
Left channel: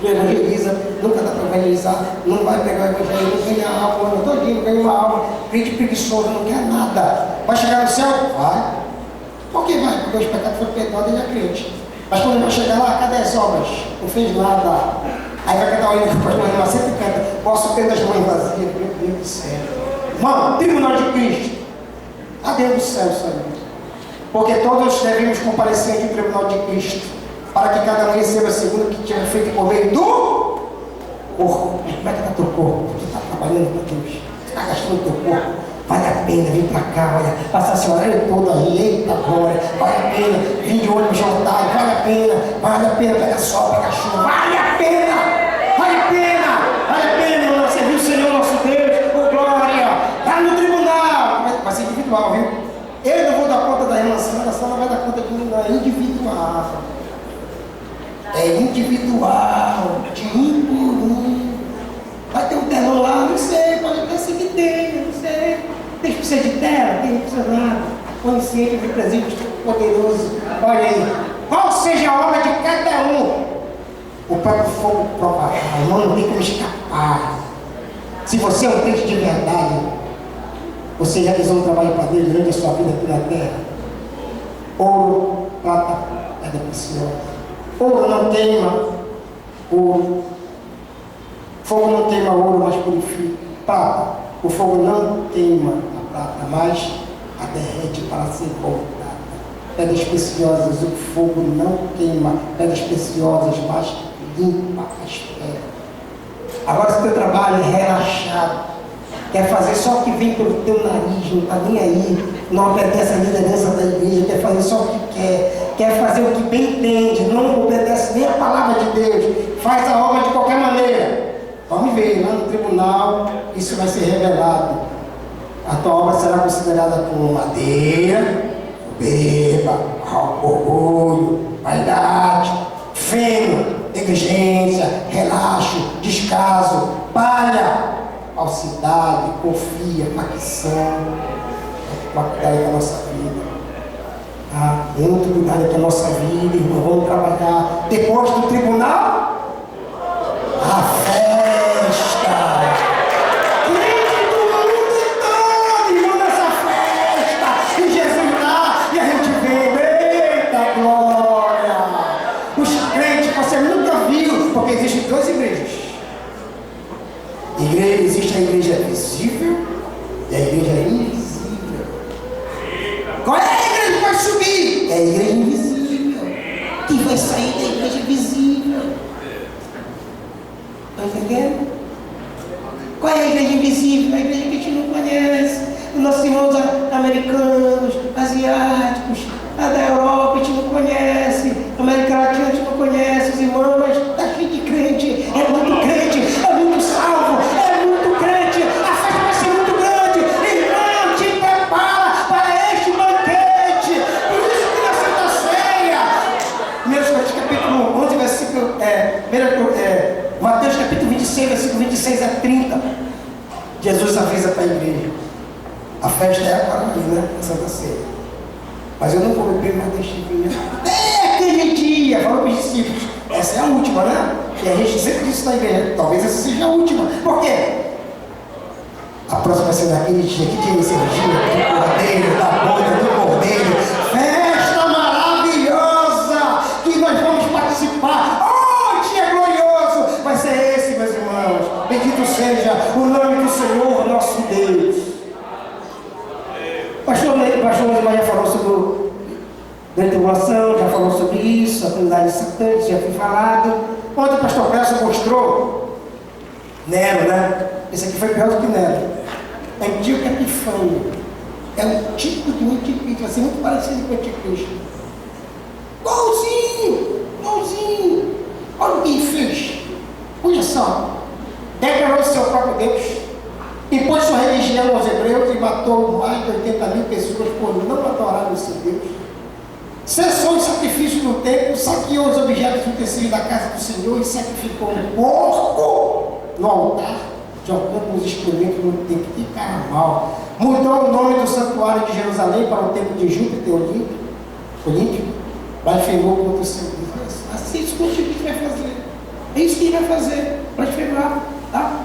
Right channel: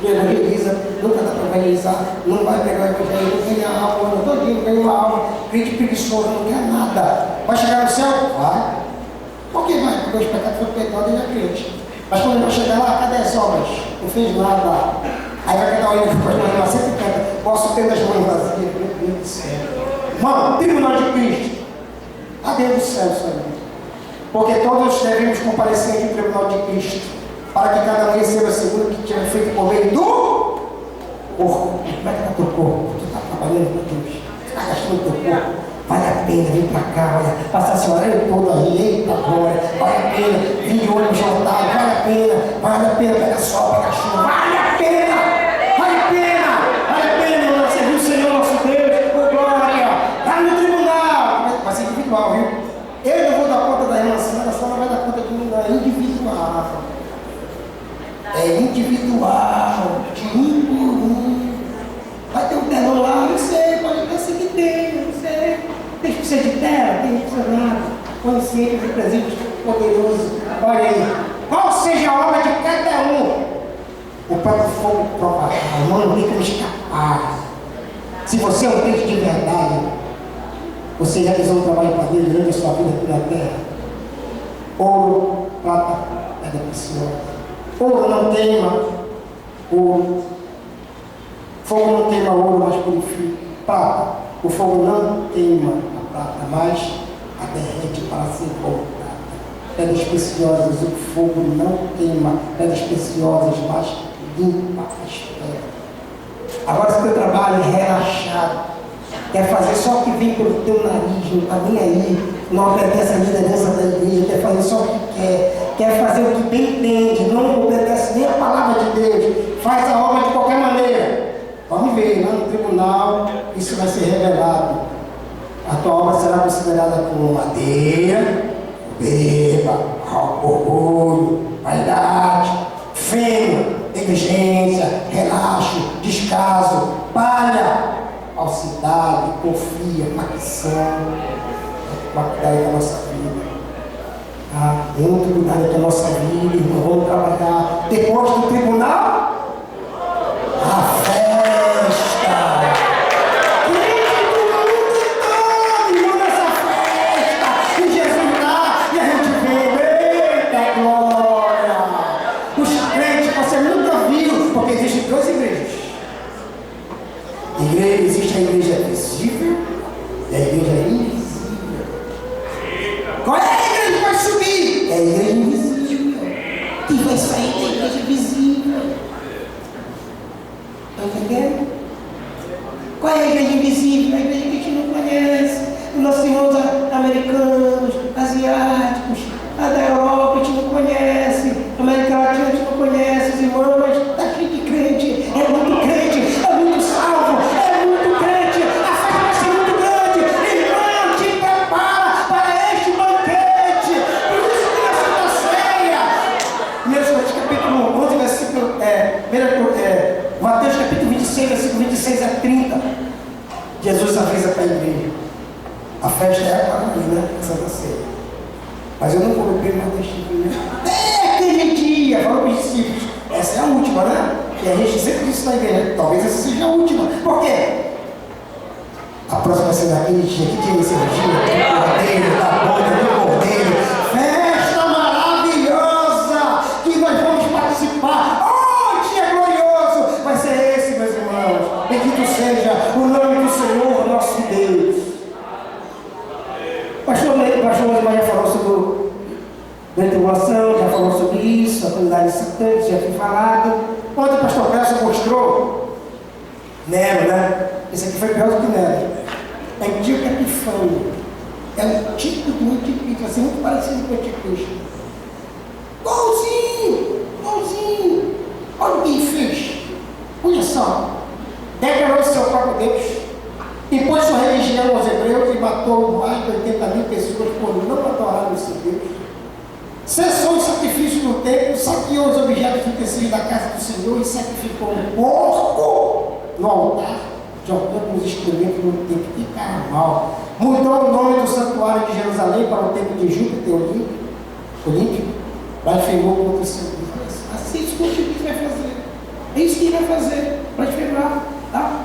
Não evangeliza, nunca dá para evangelizar, não vai pegar o evangelho, não ganha alma, o ano todinho, ganha uma alma. Crente preguiçoso, não quer nada. Vai chegar no céu? Vai. Por que vai? Porque os pecados foram perdoados e ele é crente. Mas quando ele vai chegar lá, cadê as obras? Não fez nada. Aí vai cantar o hino que o pastor Renan sempre canta. Posso ter das mãos vazias, meu Deus do céu. Irmão, tribunal de Cristo. A Deus do céu, Senhor. Porque todos devemos comparecer ante o tribunal de Cristo, para que cada um receba segundo o que tiver feito por meio do corpo. Como é que está teu corpo? Tu está trabalhando com Deus. Tu está gastando teu corpo. Vale a pena vir para cá, olha, passar esse horário todo aí, eita glória, vale a pena vir de ônibus jantar, vale a pena pegar sol, pegar chuva, vale a pena, irmão, servir o Senhor nosso Deus, por glória, lá no tribunal, vai ser individual, viu? Eu não vou dar conta da irmã, a senhora não vai dar conta de mim, não, é individual. É individual, de um por um. Vai ter um terno lá, não sei, pode ser que tem, não sei. Tem que precisar de terra, tem que precisar nada. Consciente do presente poderoso. Olha aí. Qual seja a obra de cada um? O próprio fogo provará. Não tem como escapar. Se você é um crente de verdade, você realizou um trabalho para Deus durante a sua vida aqui na terra. Ouro, prata, pedra preciosa. Ouro não queima. Ouro. Fogo não queima ouro, mas purifica. Prata. O fogo não queima a prata, mas a derrete para ser voltada. pedras preciosas, o fogo não queima, pedras preciosas, mas limpa as pedras. Agora, se o teu trabalho é relaxado, quer fazer só o que vem pelo teu nariz, não está nem aí, não obedece a liderança da igreja, quer fazer só o que quer fazer o que bem entende, não obedece nem a palavra de Deus, faz a obra de qualquer maneira. Vamos ver, lá no tribunal, isso vai ser revelado. A tua obra será considerada como madeira, beba, orgulho, vaidade, fêmea, negligência, relaxo, descaso, palha, falsidade, confia, facção. Vamos cuidar da nossa vida. Vamos cuidar da nossa vida, irmão. Vamos trabalhar. Depois do tribunal, a festa. Crente do mundo todo, irmão, nessa festa. E Jesus lá, e a gente vê, eita glória. Os crentes que você nunca viu, porque existem duas igrejas. Existe a igreja visível e a igreja invisível. Qual é a igreja que vai subir? É a igreja invisível, que vai sair da igreja visível. Estão entendendo? Qual é a igreja invisível? A igreja que a gente não conhece. Os nossos irmãos americanos, asiáticos, a da Europa a gente não conhece, a América Latina a gente não conhece, os irmãos, mas está cheio de crente, é muito salvo, é muito crente, a festa vai ser muito grande. Irmão, te prepara para este banquete. Por isso que na Santa Ceia, 1 Coríntios capítulo 11, versículo, Mateus capítulo 26, versículo 26 a 30, Jesus avisa para a igreja: a festa é agora ali, né? A Santa Ceia. Mas eu não vou beber mais deste vinho. É aquele dia, falou para os discípulos, essa é a última, né? E a gente sempre disse na igreja, talvez essa seja a última. Por quê? A próxima vai ser naquele dia. Que dia é esse dia? Do cordeiro, da boda, do cordeiro. Festa maravilhosa que nós vamos participar. Oh, dia glorioso! Vai ser esse, meus irmãos. Bendito seja o nome do Senhor, nosso Deus. Pastor Maria falou sobre a tribulação, já falou sobre isso, a comunidade satânica, já foi falado. Ontem o pastor Clécio mostrou Nero, né? Esse aqui foi pior do que Nero. Antíoco Epifânio. É um tipo do anticristo, vai ser muito parecido com o anticristo. Igualzinho. Olha o que ele fez. Olha só. Declarou seu próprio Deus. Impôs sua religião aos hebreus e matou mais de 80.000 pessoas por não adorarem o seu Deus. Cessou os sacrifícios no templo, saqueou os objetos utensílios da casa do Senhor e sacrificou um porco no altar, jogando os excrementos no templo. Que cara mal. Mudou o nome do santuário de Jerusalém para o templo de Júpiter Olímpico. Blasfemou contra o Senhor. Assim, isso que o anticristo vai fazer. É isso que ele vai fazer. Blasfemar. Tá?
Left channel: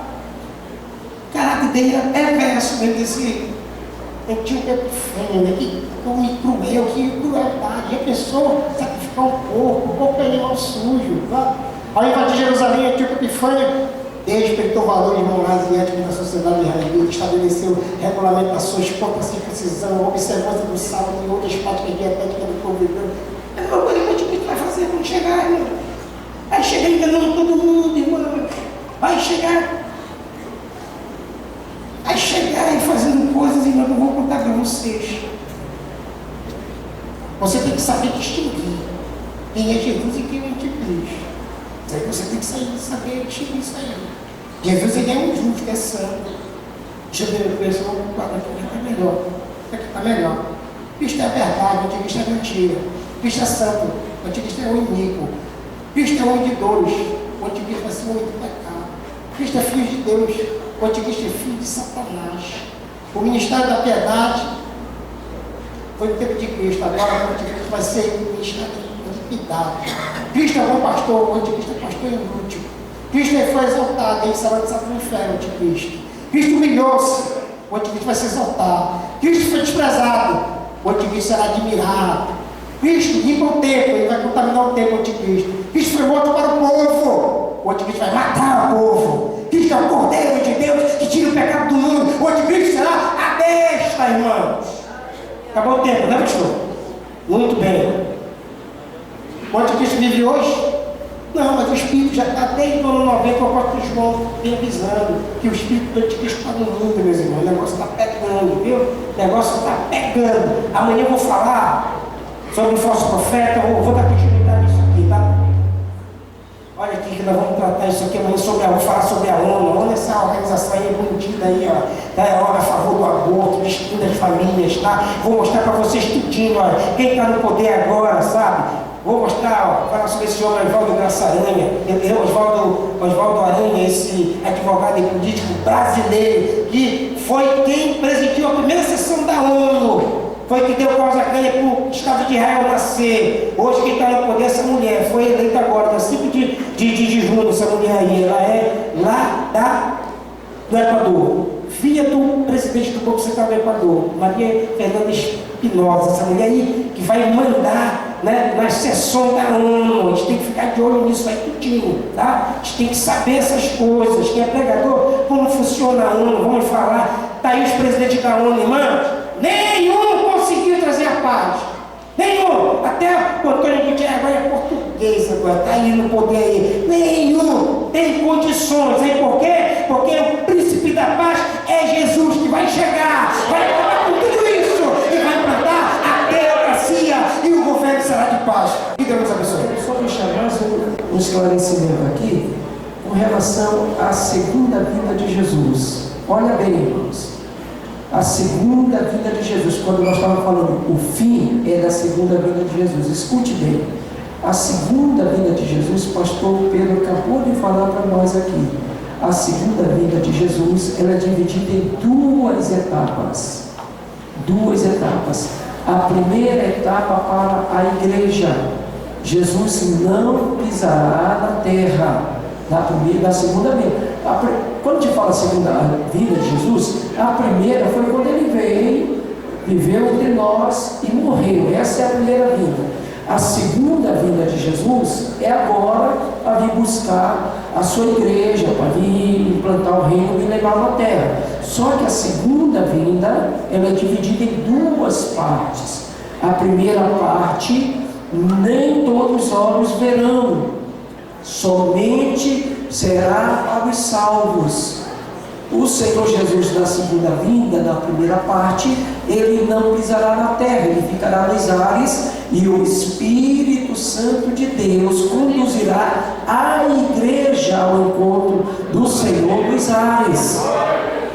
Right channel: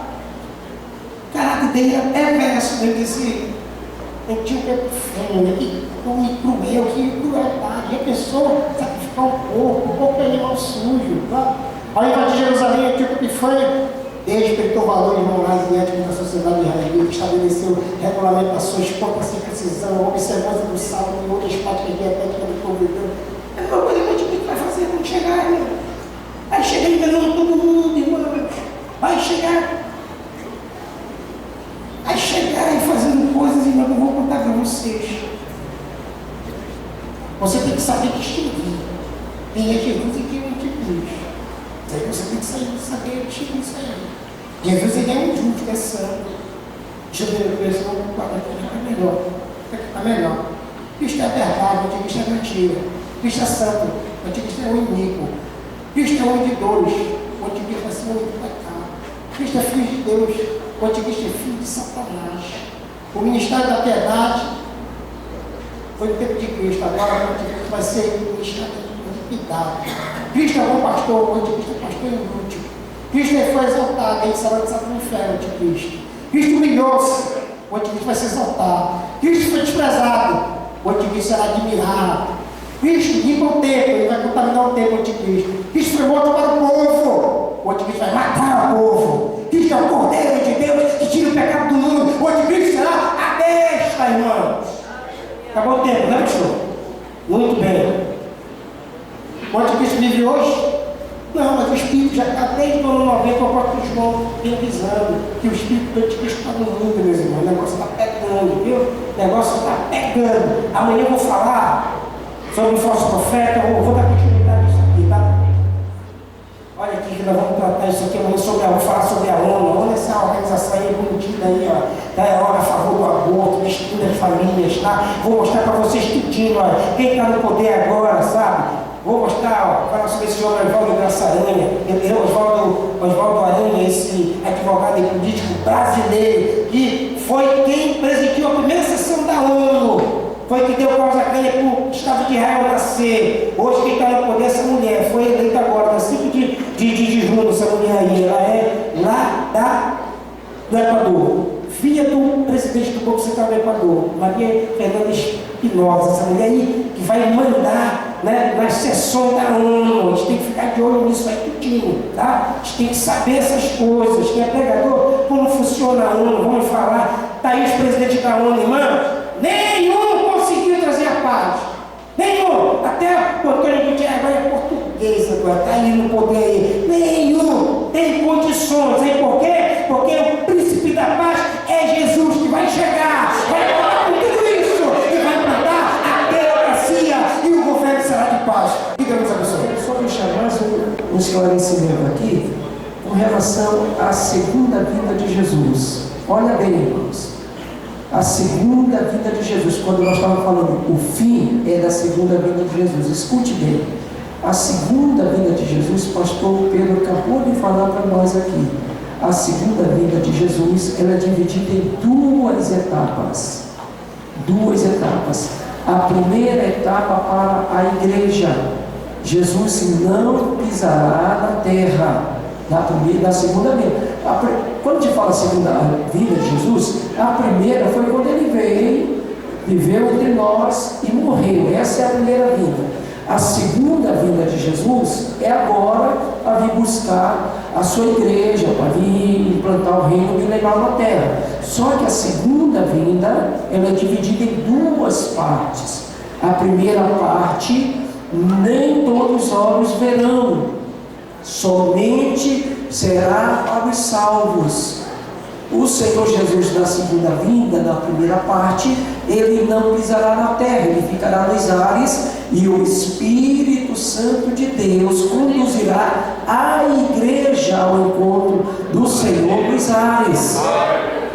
O caráter dele é perverso, desse Antíoco Epifânio, que come cruel, que crueldade. A pessoa sacrificar um porco é animal sujo. Tá? Ao invadir Jerusalém, Antíoco Epifânio respeitou valores morais e éticos da sociedade israelita, estabeleceu regulamentações contra a circuncisão, observância do sábado e outras práticas dietéticas do povo hebreu. É a mesma coisa que o Antíoco vai fazer quando chegar, irmão. Vai chegar enganando todo mundo, irmão. Vai chegar e fazendo coisas, irmão, que eu vou contar para vocês. Você tem que saber distinguir quem é Jesus e quem é o anticristo. Aí você tem que saber distinguir isso aí. Jesus, ele é um justo, é santo. Deixa eu ver, eu vou guardar aqui, está melhor. Está melhor. Cristo é a verdade, o anticristo é mentira. Cristo é santo, o anticristo é o iníquo. Cristo é o homem de dores, o anticristo vai ser o homem do pecado. Cristo é filho de Deus, o anticristo é filho de Satanás. O ministério da piedade foi no tempo de Cristo, agora o anticristo vai ser o ministério da iniquidade. Cristo é o bom pastor, o anticristo é pastor inútil. Cristo foi exaltado, ele será lançado no inferno, o anticristo. Cristo humilhou-se, o anticristo vai se exaltar. Cristo foi desprezado, o anticristo será admirado. Cristo limpa o templo, ele vai contaminar o templo, o anticristo. Cristo foi morto para o povo, o anticristo vai matar o povo. Cristo é o Cordeiro de Deus que tira o pecado do mundo, o anticristo será a besta, irmãos. Acabou o tempo, né, pastor? Muito bem. O anticristo vive hoje? Não, mas o Espírito já está desde o ano 90, o apóstolo João vem avisando que o Espírito do anticristo está no mundo, meus irmãos. O negócio está pegando, viu? O negócio está pegando. Amanhã eu vou falar sobre o falso profeta, eu vou dar continuidade nisso aqui, tá? Olha aqui que nós vamos tratar isso aqui amanhã vou falar sobre a ONU. A ONU é essa organização aí bonitinha aí, ó. Tá, é hora a favor do aborto, destruindo as famílias, tá? Vou mostrar para vocês tudinho, olha. Quem está no poder agora, sabe? Vou mostrar, falar sobre esse homem Oswaldo Graça Aranha, Oswaldo Aranha, esse advogado e político brasileiro, que foi quem presidiu a primeira sessão da ONU, foi que deu causa ganha para o Estado de Israel nascer. Hoje quem está no poder é essa mulher, foi eleita agora, no 5 de junho, essa mulher aí, ela é lá do Equador, filha do presidente do Banco Central do Equador, Maria Fernanda Espinosa, essa mulher aí que vai mandar, né, na sessão da ONU. A gente tem que ficar de olho nisso aí tudinho, tá? A gente tem que saber essas coisas. Quem é pregador, como funciona a ONU, vamos falar. Está aí os presidentes da ONU, irmãos, nenhum conseguiu trazer a paz. Nenhum. Até o Antônio Gutierrez agora é português, agora está aí no poder aí. Nenhum tem condições. Aí por quê? Porque o príncipe da paz é Jesus, que vai chegar, vai acabar com tudo isso e vai implantar a democracia e o governo será de paz. Que Deus nos abençoe. Só deixar mais um esclarecimento aqui com relação à segunda vinda de Jesus. Olha bem, irmãos. A segunda vinda de Jesus, quando nós estávamos falando, o fim é da segunda vinda de Jesus. Escute bem. A segunda vinda de Jesus, pastor Pedro acabou de falar para nós aqui. A segunda vinda de Jesus, ela é dividida em duas etapas. Duas etapas. A primeira etapa para a igreja. Jesus não pisará na terra na segunda vinda. Quando a gente fala segunda vinda de Jesus, a primeira foi quando ele veio, viveu entre nós e morreu. Essa é a primeira vinda. A segunda vinda de Jesus é agora para vir buscar a sua igreja, para vir implantar o reino milenar na terra. Só que a segunda vinda, ela é dividida em duas partes. A primeira parte, nem todos os olhos verão, somente será para os salvos. O Senhor Jesus, na segunda vinda, na primeira parte, ele não pisará na terra, ele ficará nos ares, e o Espírito Santo de Deus conduzirá a igreja ao encontro do Senhor nos ares.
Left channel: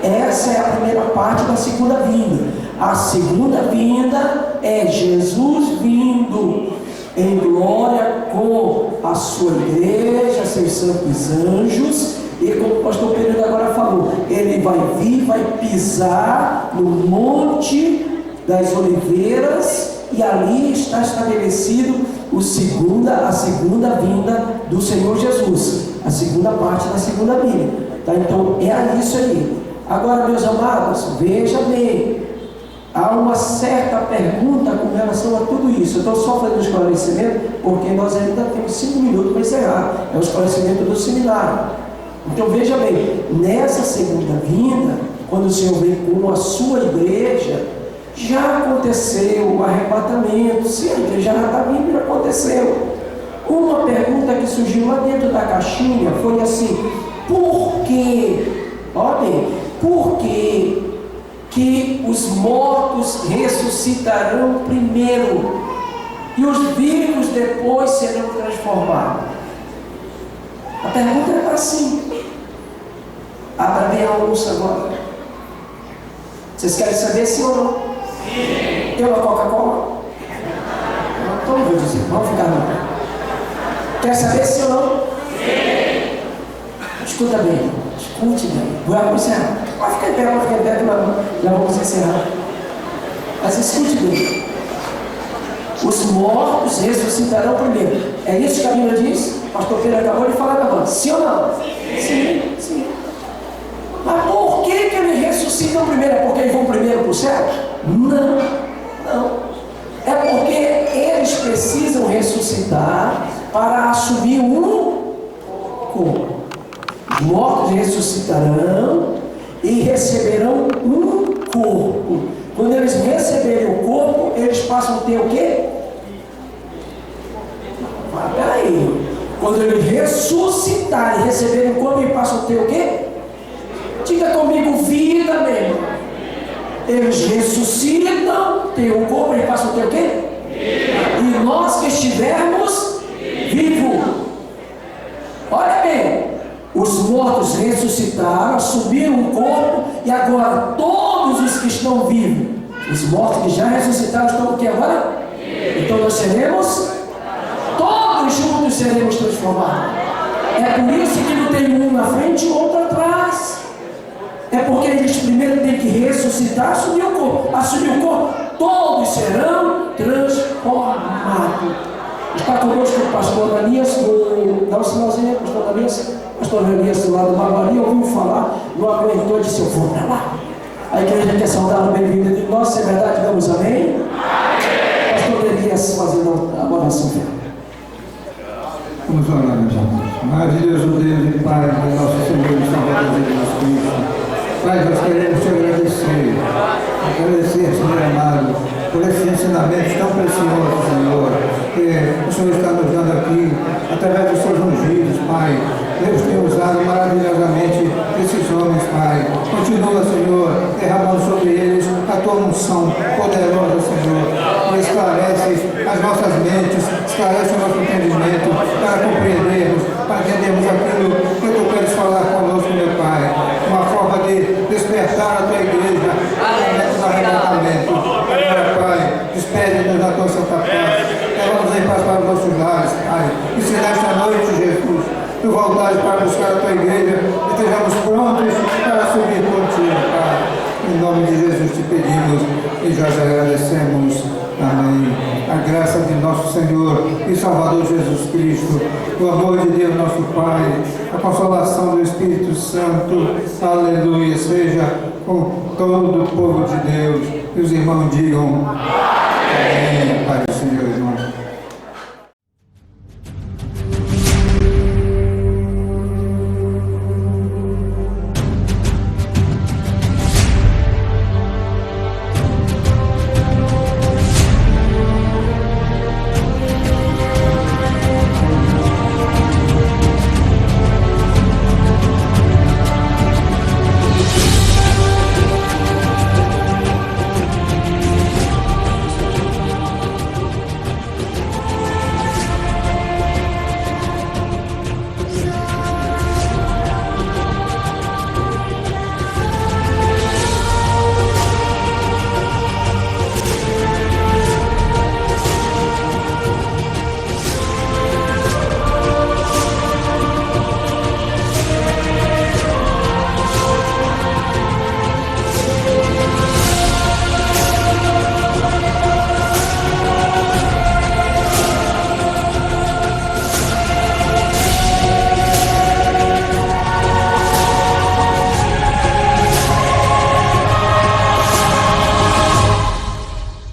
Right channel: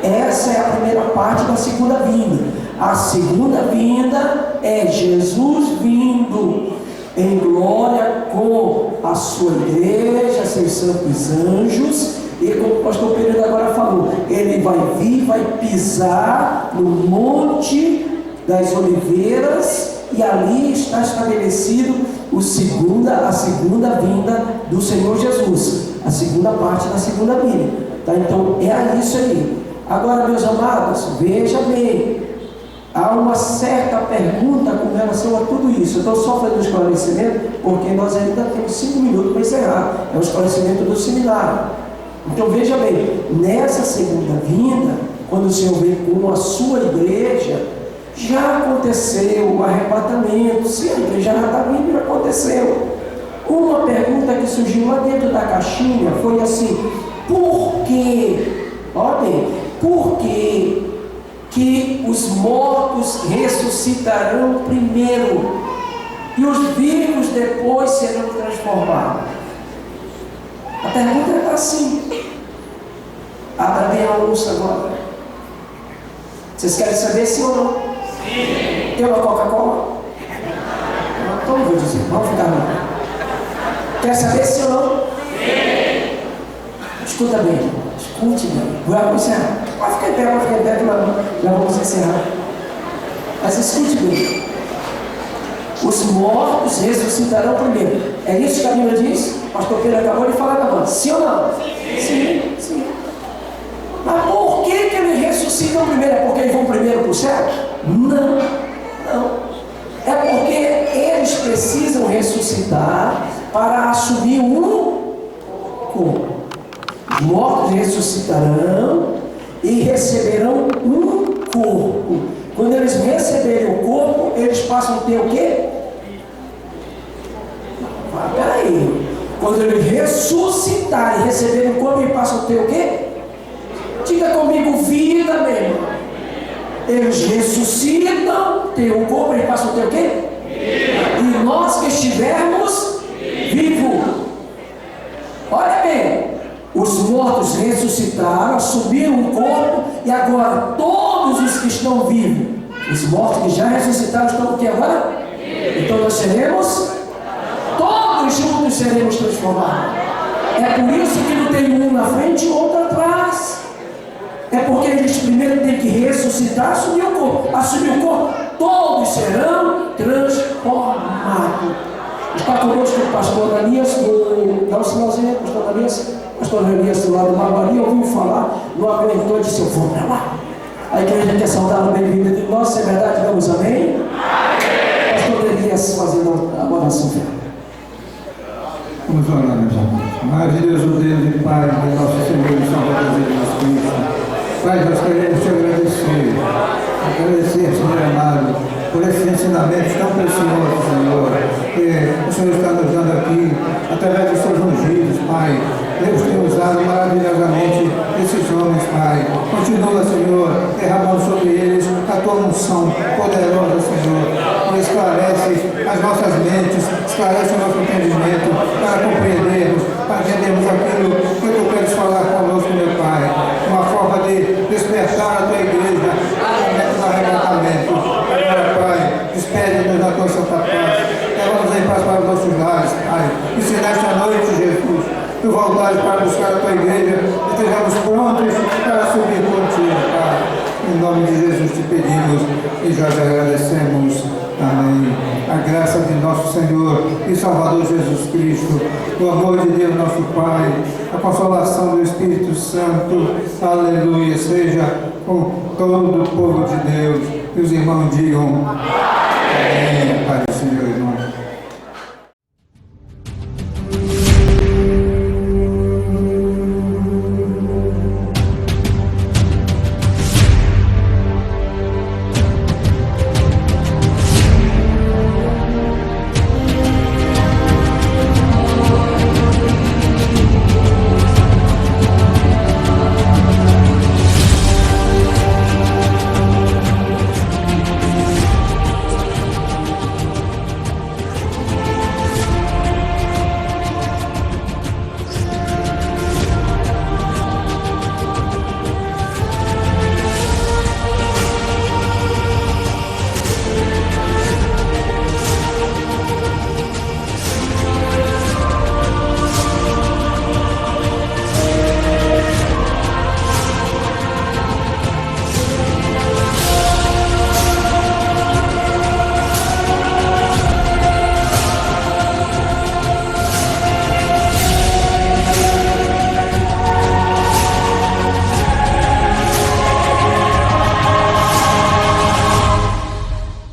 Essa é a primeira parte da segunda vinda. A segunda vinda é Jesus vindo em glória com a sua igreja, seus santos anjos, e como o pastor Pedro agora falou, ele vai vir, vai pisar no Monte das Oliveiras, e ali está estabelecido a segunda vinda do Senhor Jesus, a segunda parte da segunda vinda, tá? Então é isso aí. Agora, meus amados, veja bem, há uma certa pergunta com relação a tudo isso. Eu estou só fazendo um esclarecimento, porque nós ainda temos 5 minutos para encerrar. É o esclarecimento do seminário. Então veja bem, nessa segunda vinda, quando o Senhor vem com a sua igreja, já aconteceu o arrebatamento. Se a igreja já está vindo, já aconteceu. Uma pergunta que surgiu lá dentro da caixinha foi assim: por quê? Olha bem, por quê que os mortos ressuscitarão primeiro e os vivos depois serão transformados? A pergunta é assim. Abra bem a ouça agora. Vocês querem saber sim ou não? Sim. Tem uma Coca-Cola? Então eu vou dizer, vamos ficar não. Quer saber sim ou não? Sim. Escuta bem, escute bem. Vamos encerrar. Pode ficar em pé, que já vamos encerrar. Mas escute bem. Os mortos ressuscitarão primeiro. É isso que a Bíblia diz? O pastor Pedro acabou de falar agora. Sim ou não? Sim. Sim. Mas por que eles ressuscitam primeiro? É porque eles vão primeiro para o céu? Não. É porque eles precisam ressuscitar para assumir um corpo. Os mortos ressuscitarão e receberão um corpo. Quando eles receberem o corpo, eles passam a ter o quê? Quando Ele ressuscitar e receber um corpo, Ele passa a ter o quê? Diga comigo, vida mesmo. Eles ressuscitam, tem um corpo, Ele passa a ter o quê? E nós que estivermos vivos. Olha bem, os mortos ressuscitaram, assumiram o corpo, e agora todos os que estão vivos, os mortos que já ressuscitaram, estão o que agora? Então nós seremos, todos juntos seremos transformados. É por isso que não tem um na frente e outro atrás. É porque eles primeiro têm que ressuscitar, assumir o corpo. Assumir o corpo, todos serão transformados. Está conosco o pastor Danias, dá um sinalzinho, pastor Danias. Pastor Danias do lado da Maria ouviu falar, não aguentou e disse: eu vou para lá. A igreja quer saudá-lo, bem-vindo de nós, se é verdade, digamos amém. Pastor Danias fazendo a oração final. Vamos orar, meus irmãos. Maravilhoso Deus e Pai do nosso Senhor e Salvador Jesus Cristo. Pai, nós queremos te agradecer, Senhor amado, por esses ensinamentos tão preciosos, Senhor, que o Senhor está nos dando aqui, através dos seus ungidos, Pai. Deus tem usado maravilhosamente esses homens, Pai. Continua, Senhor, derramando sobre eles a tua unção poderosa, Senhor, e esclarece as nossas mentes, esclarece o nosso entendimento, para compreendermos, para entendermos aquilo que tu queres falar conosco, meu Pai. Uma forma de despertar a tua igreja no momento do arrebatamento. Agora, Pai, despede-nos da tua santa paz. Leva-nos em paz para os nossos lares, Pai. E se nesta noite, Jesus, tu voltares para buscar a tua igreja, estejamos prontos para subir contigo, Pai. Em nome de Jesus te pedimos e já te agradecemos. Amém. A graça de nosso Senhor e Salvador Jesus Cristo, o amor de Deus nosso Pai, a consolação do Espírito Santo, aleluia, seja com todo o povo de Deus. E os irmãos digam amém.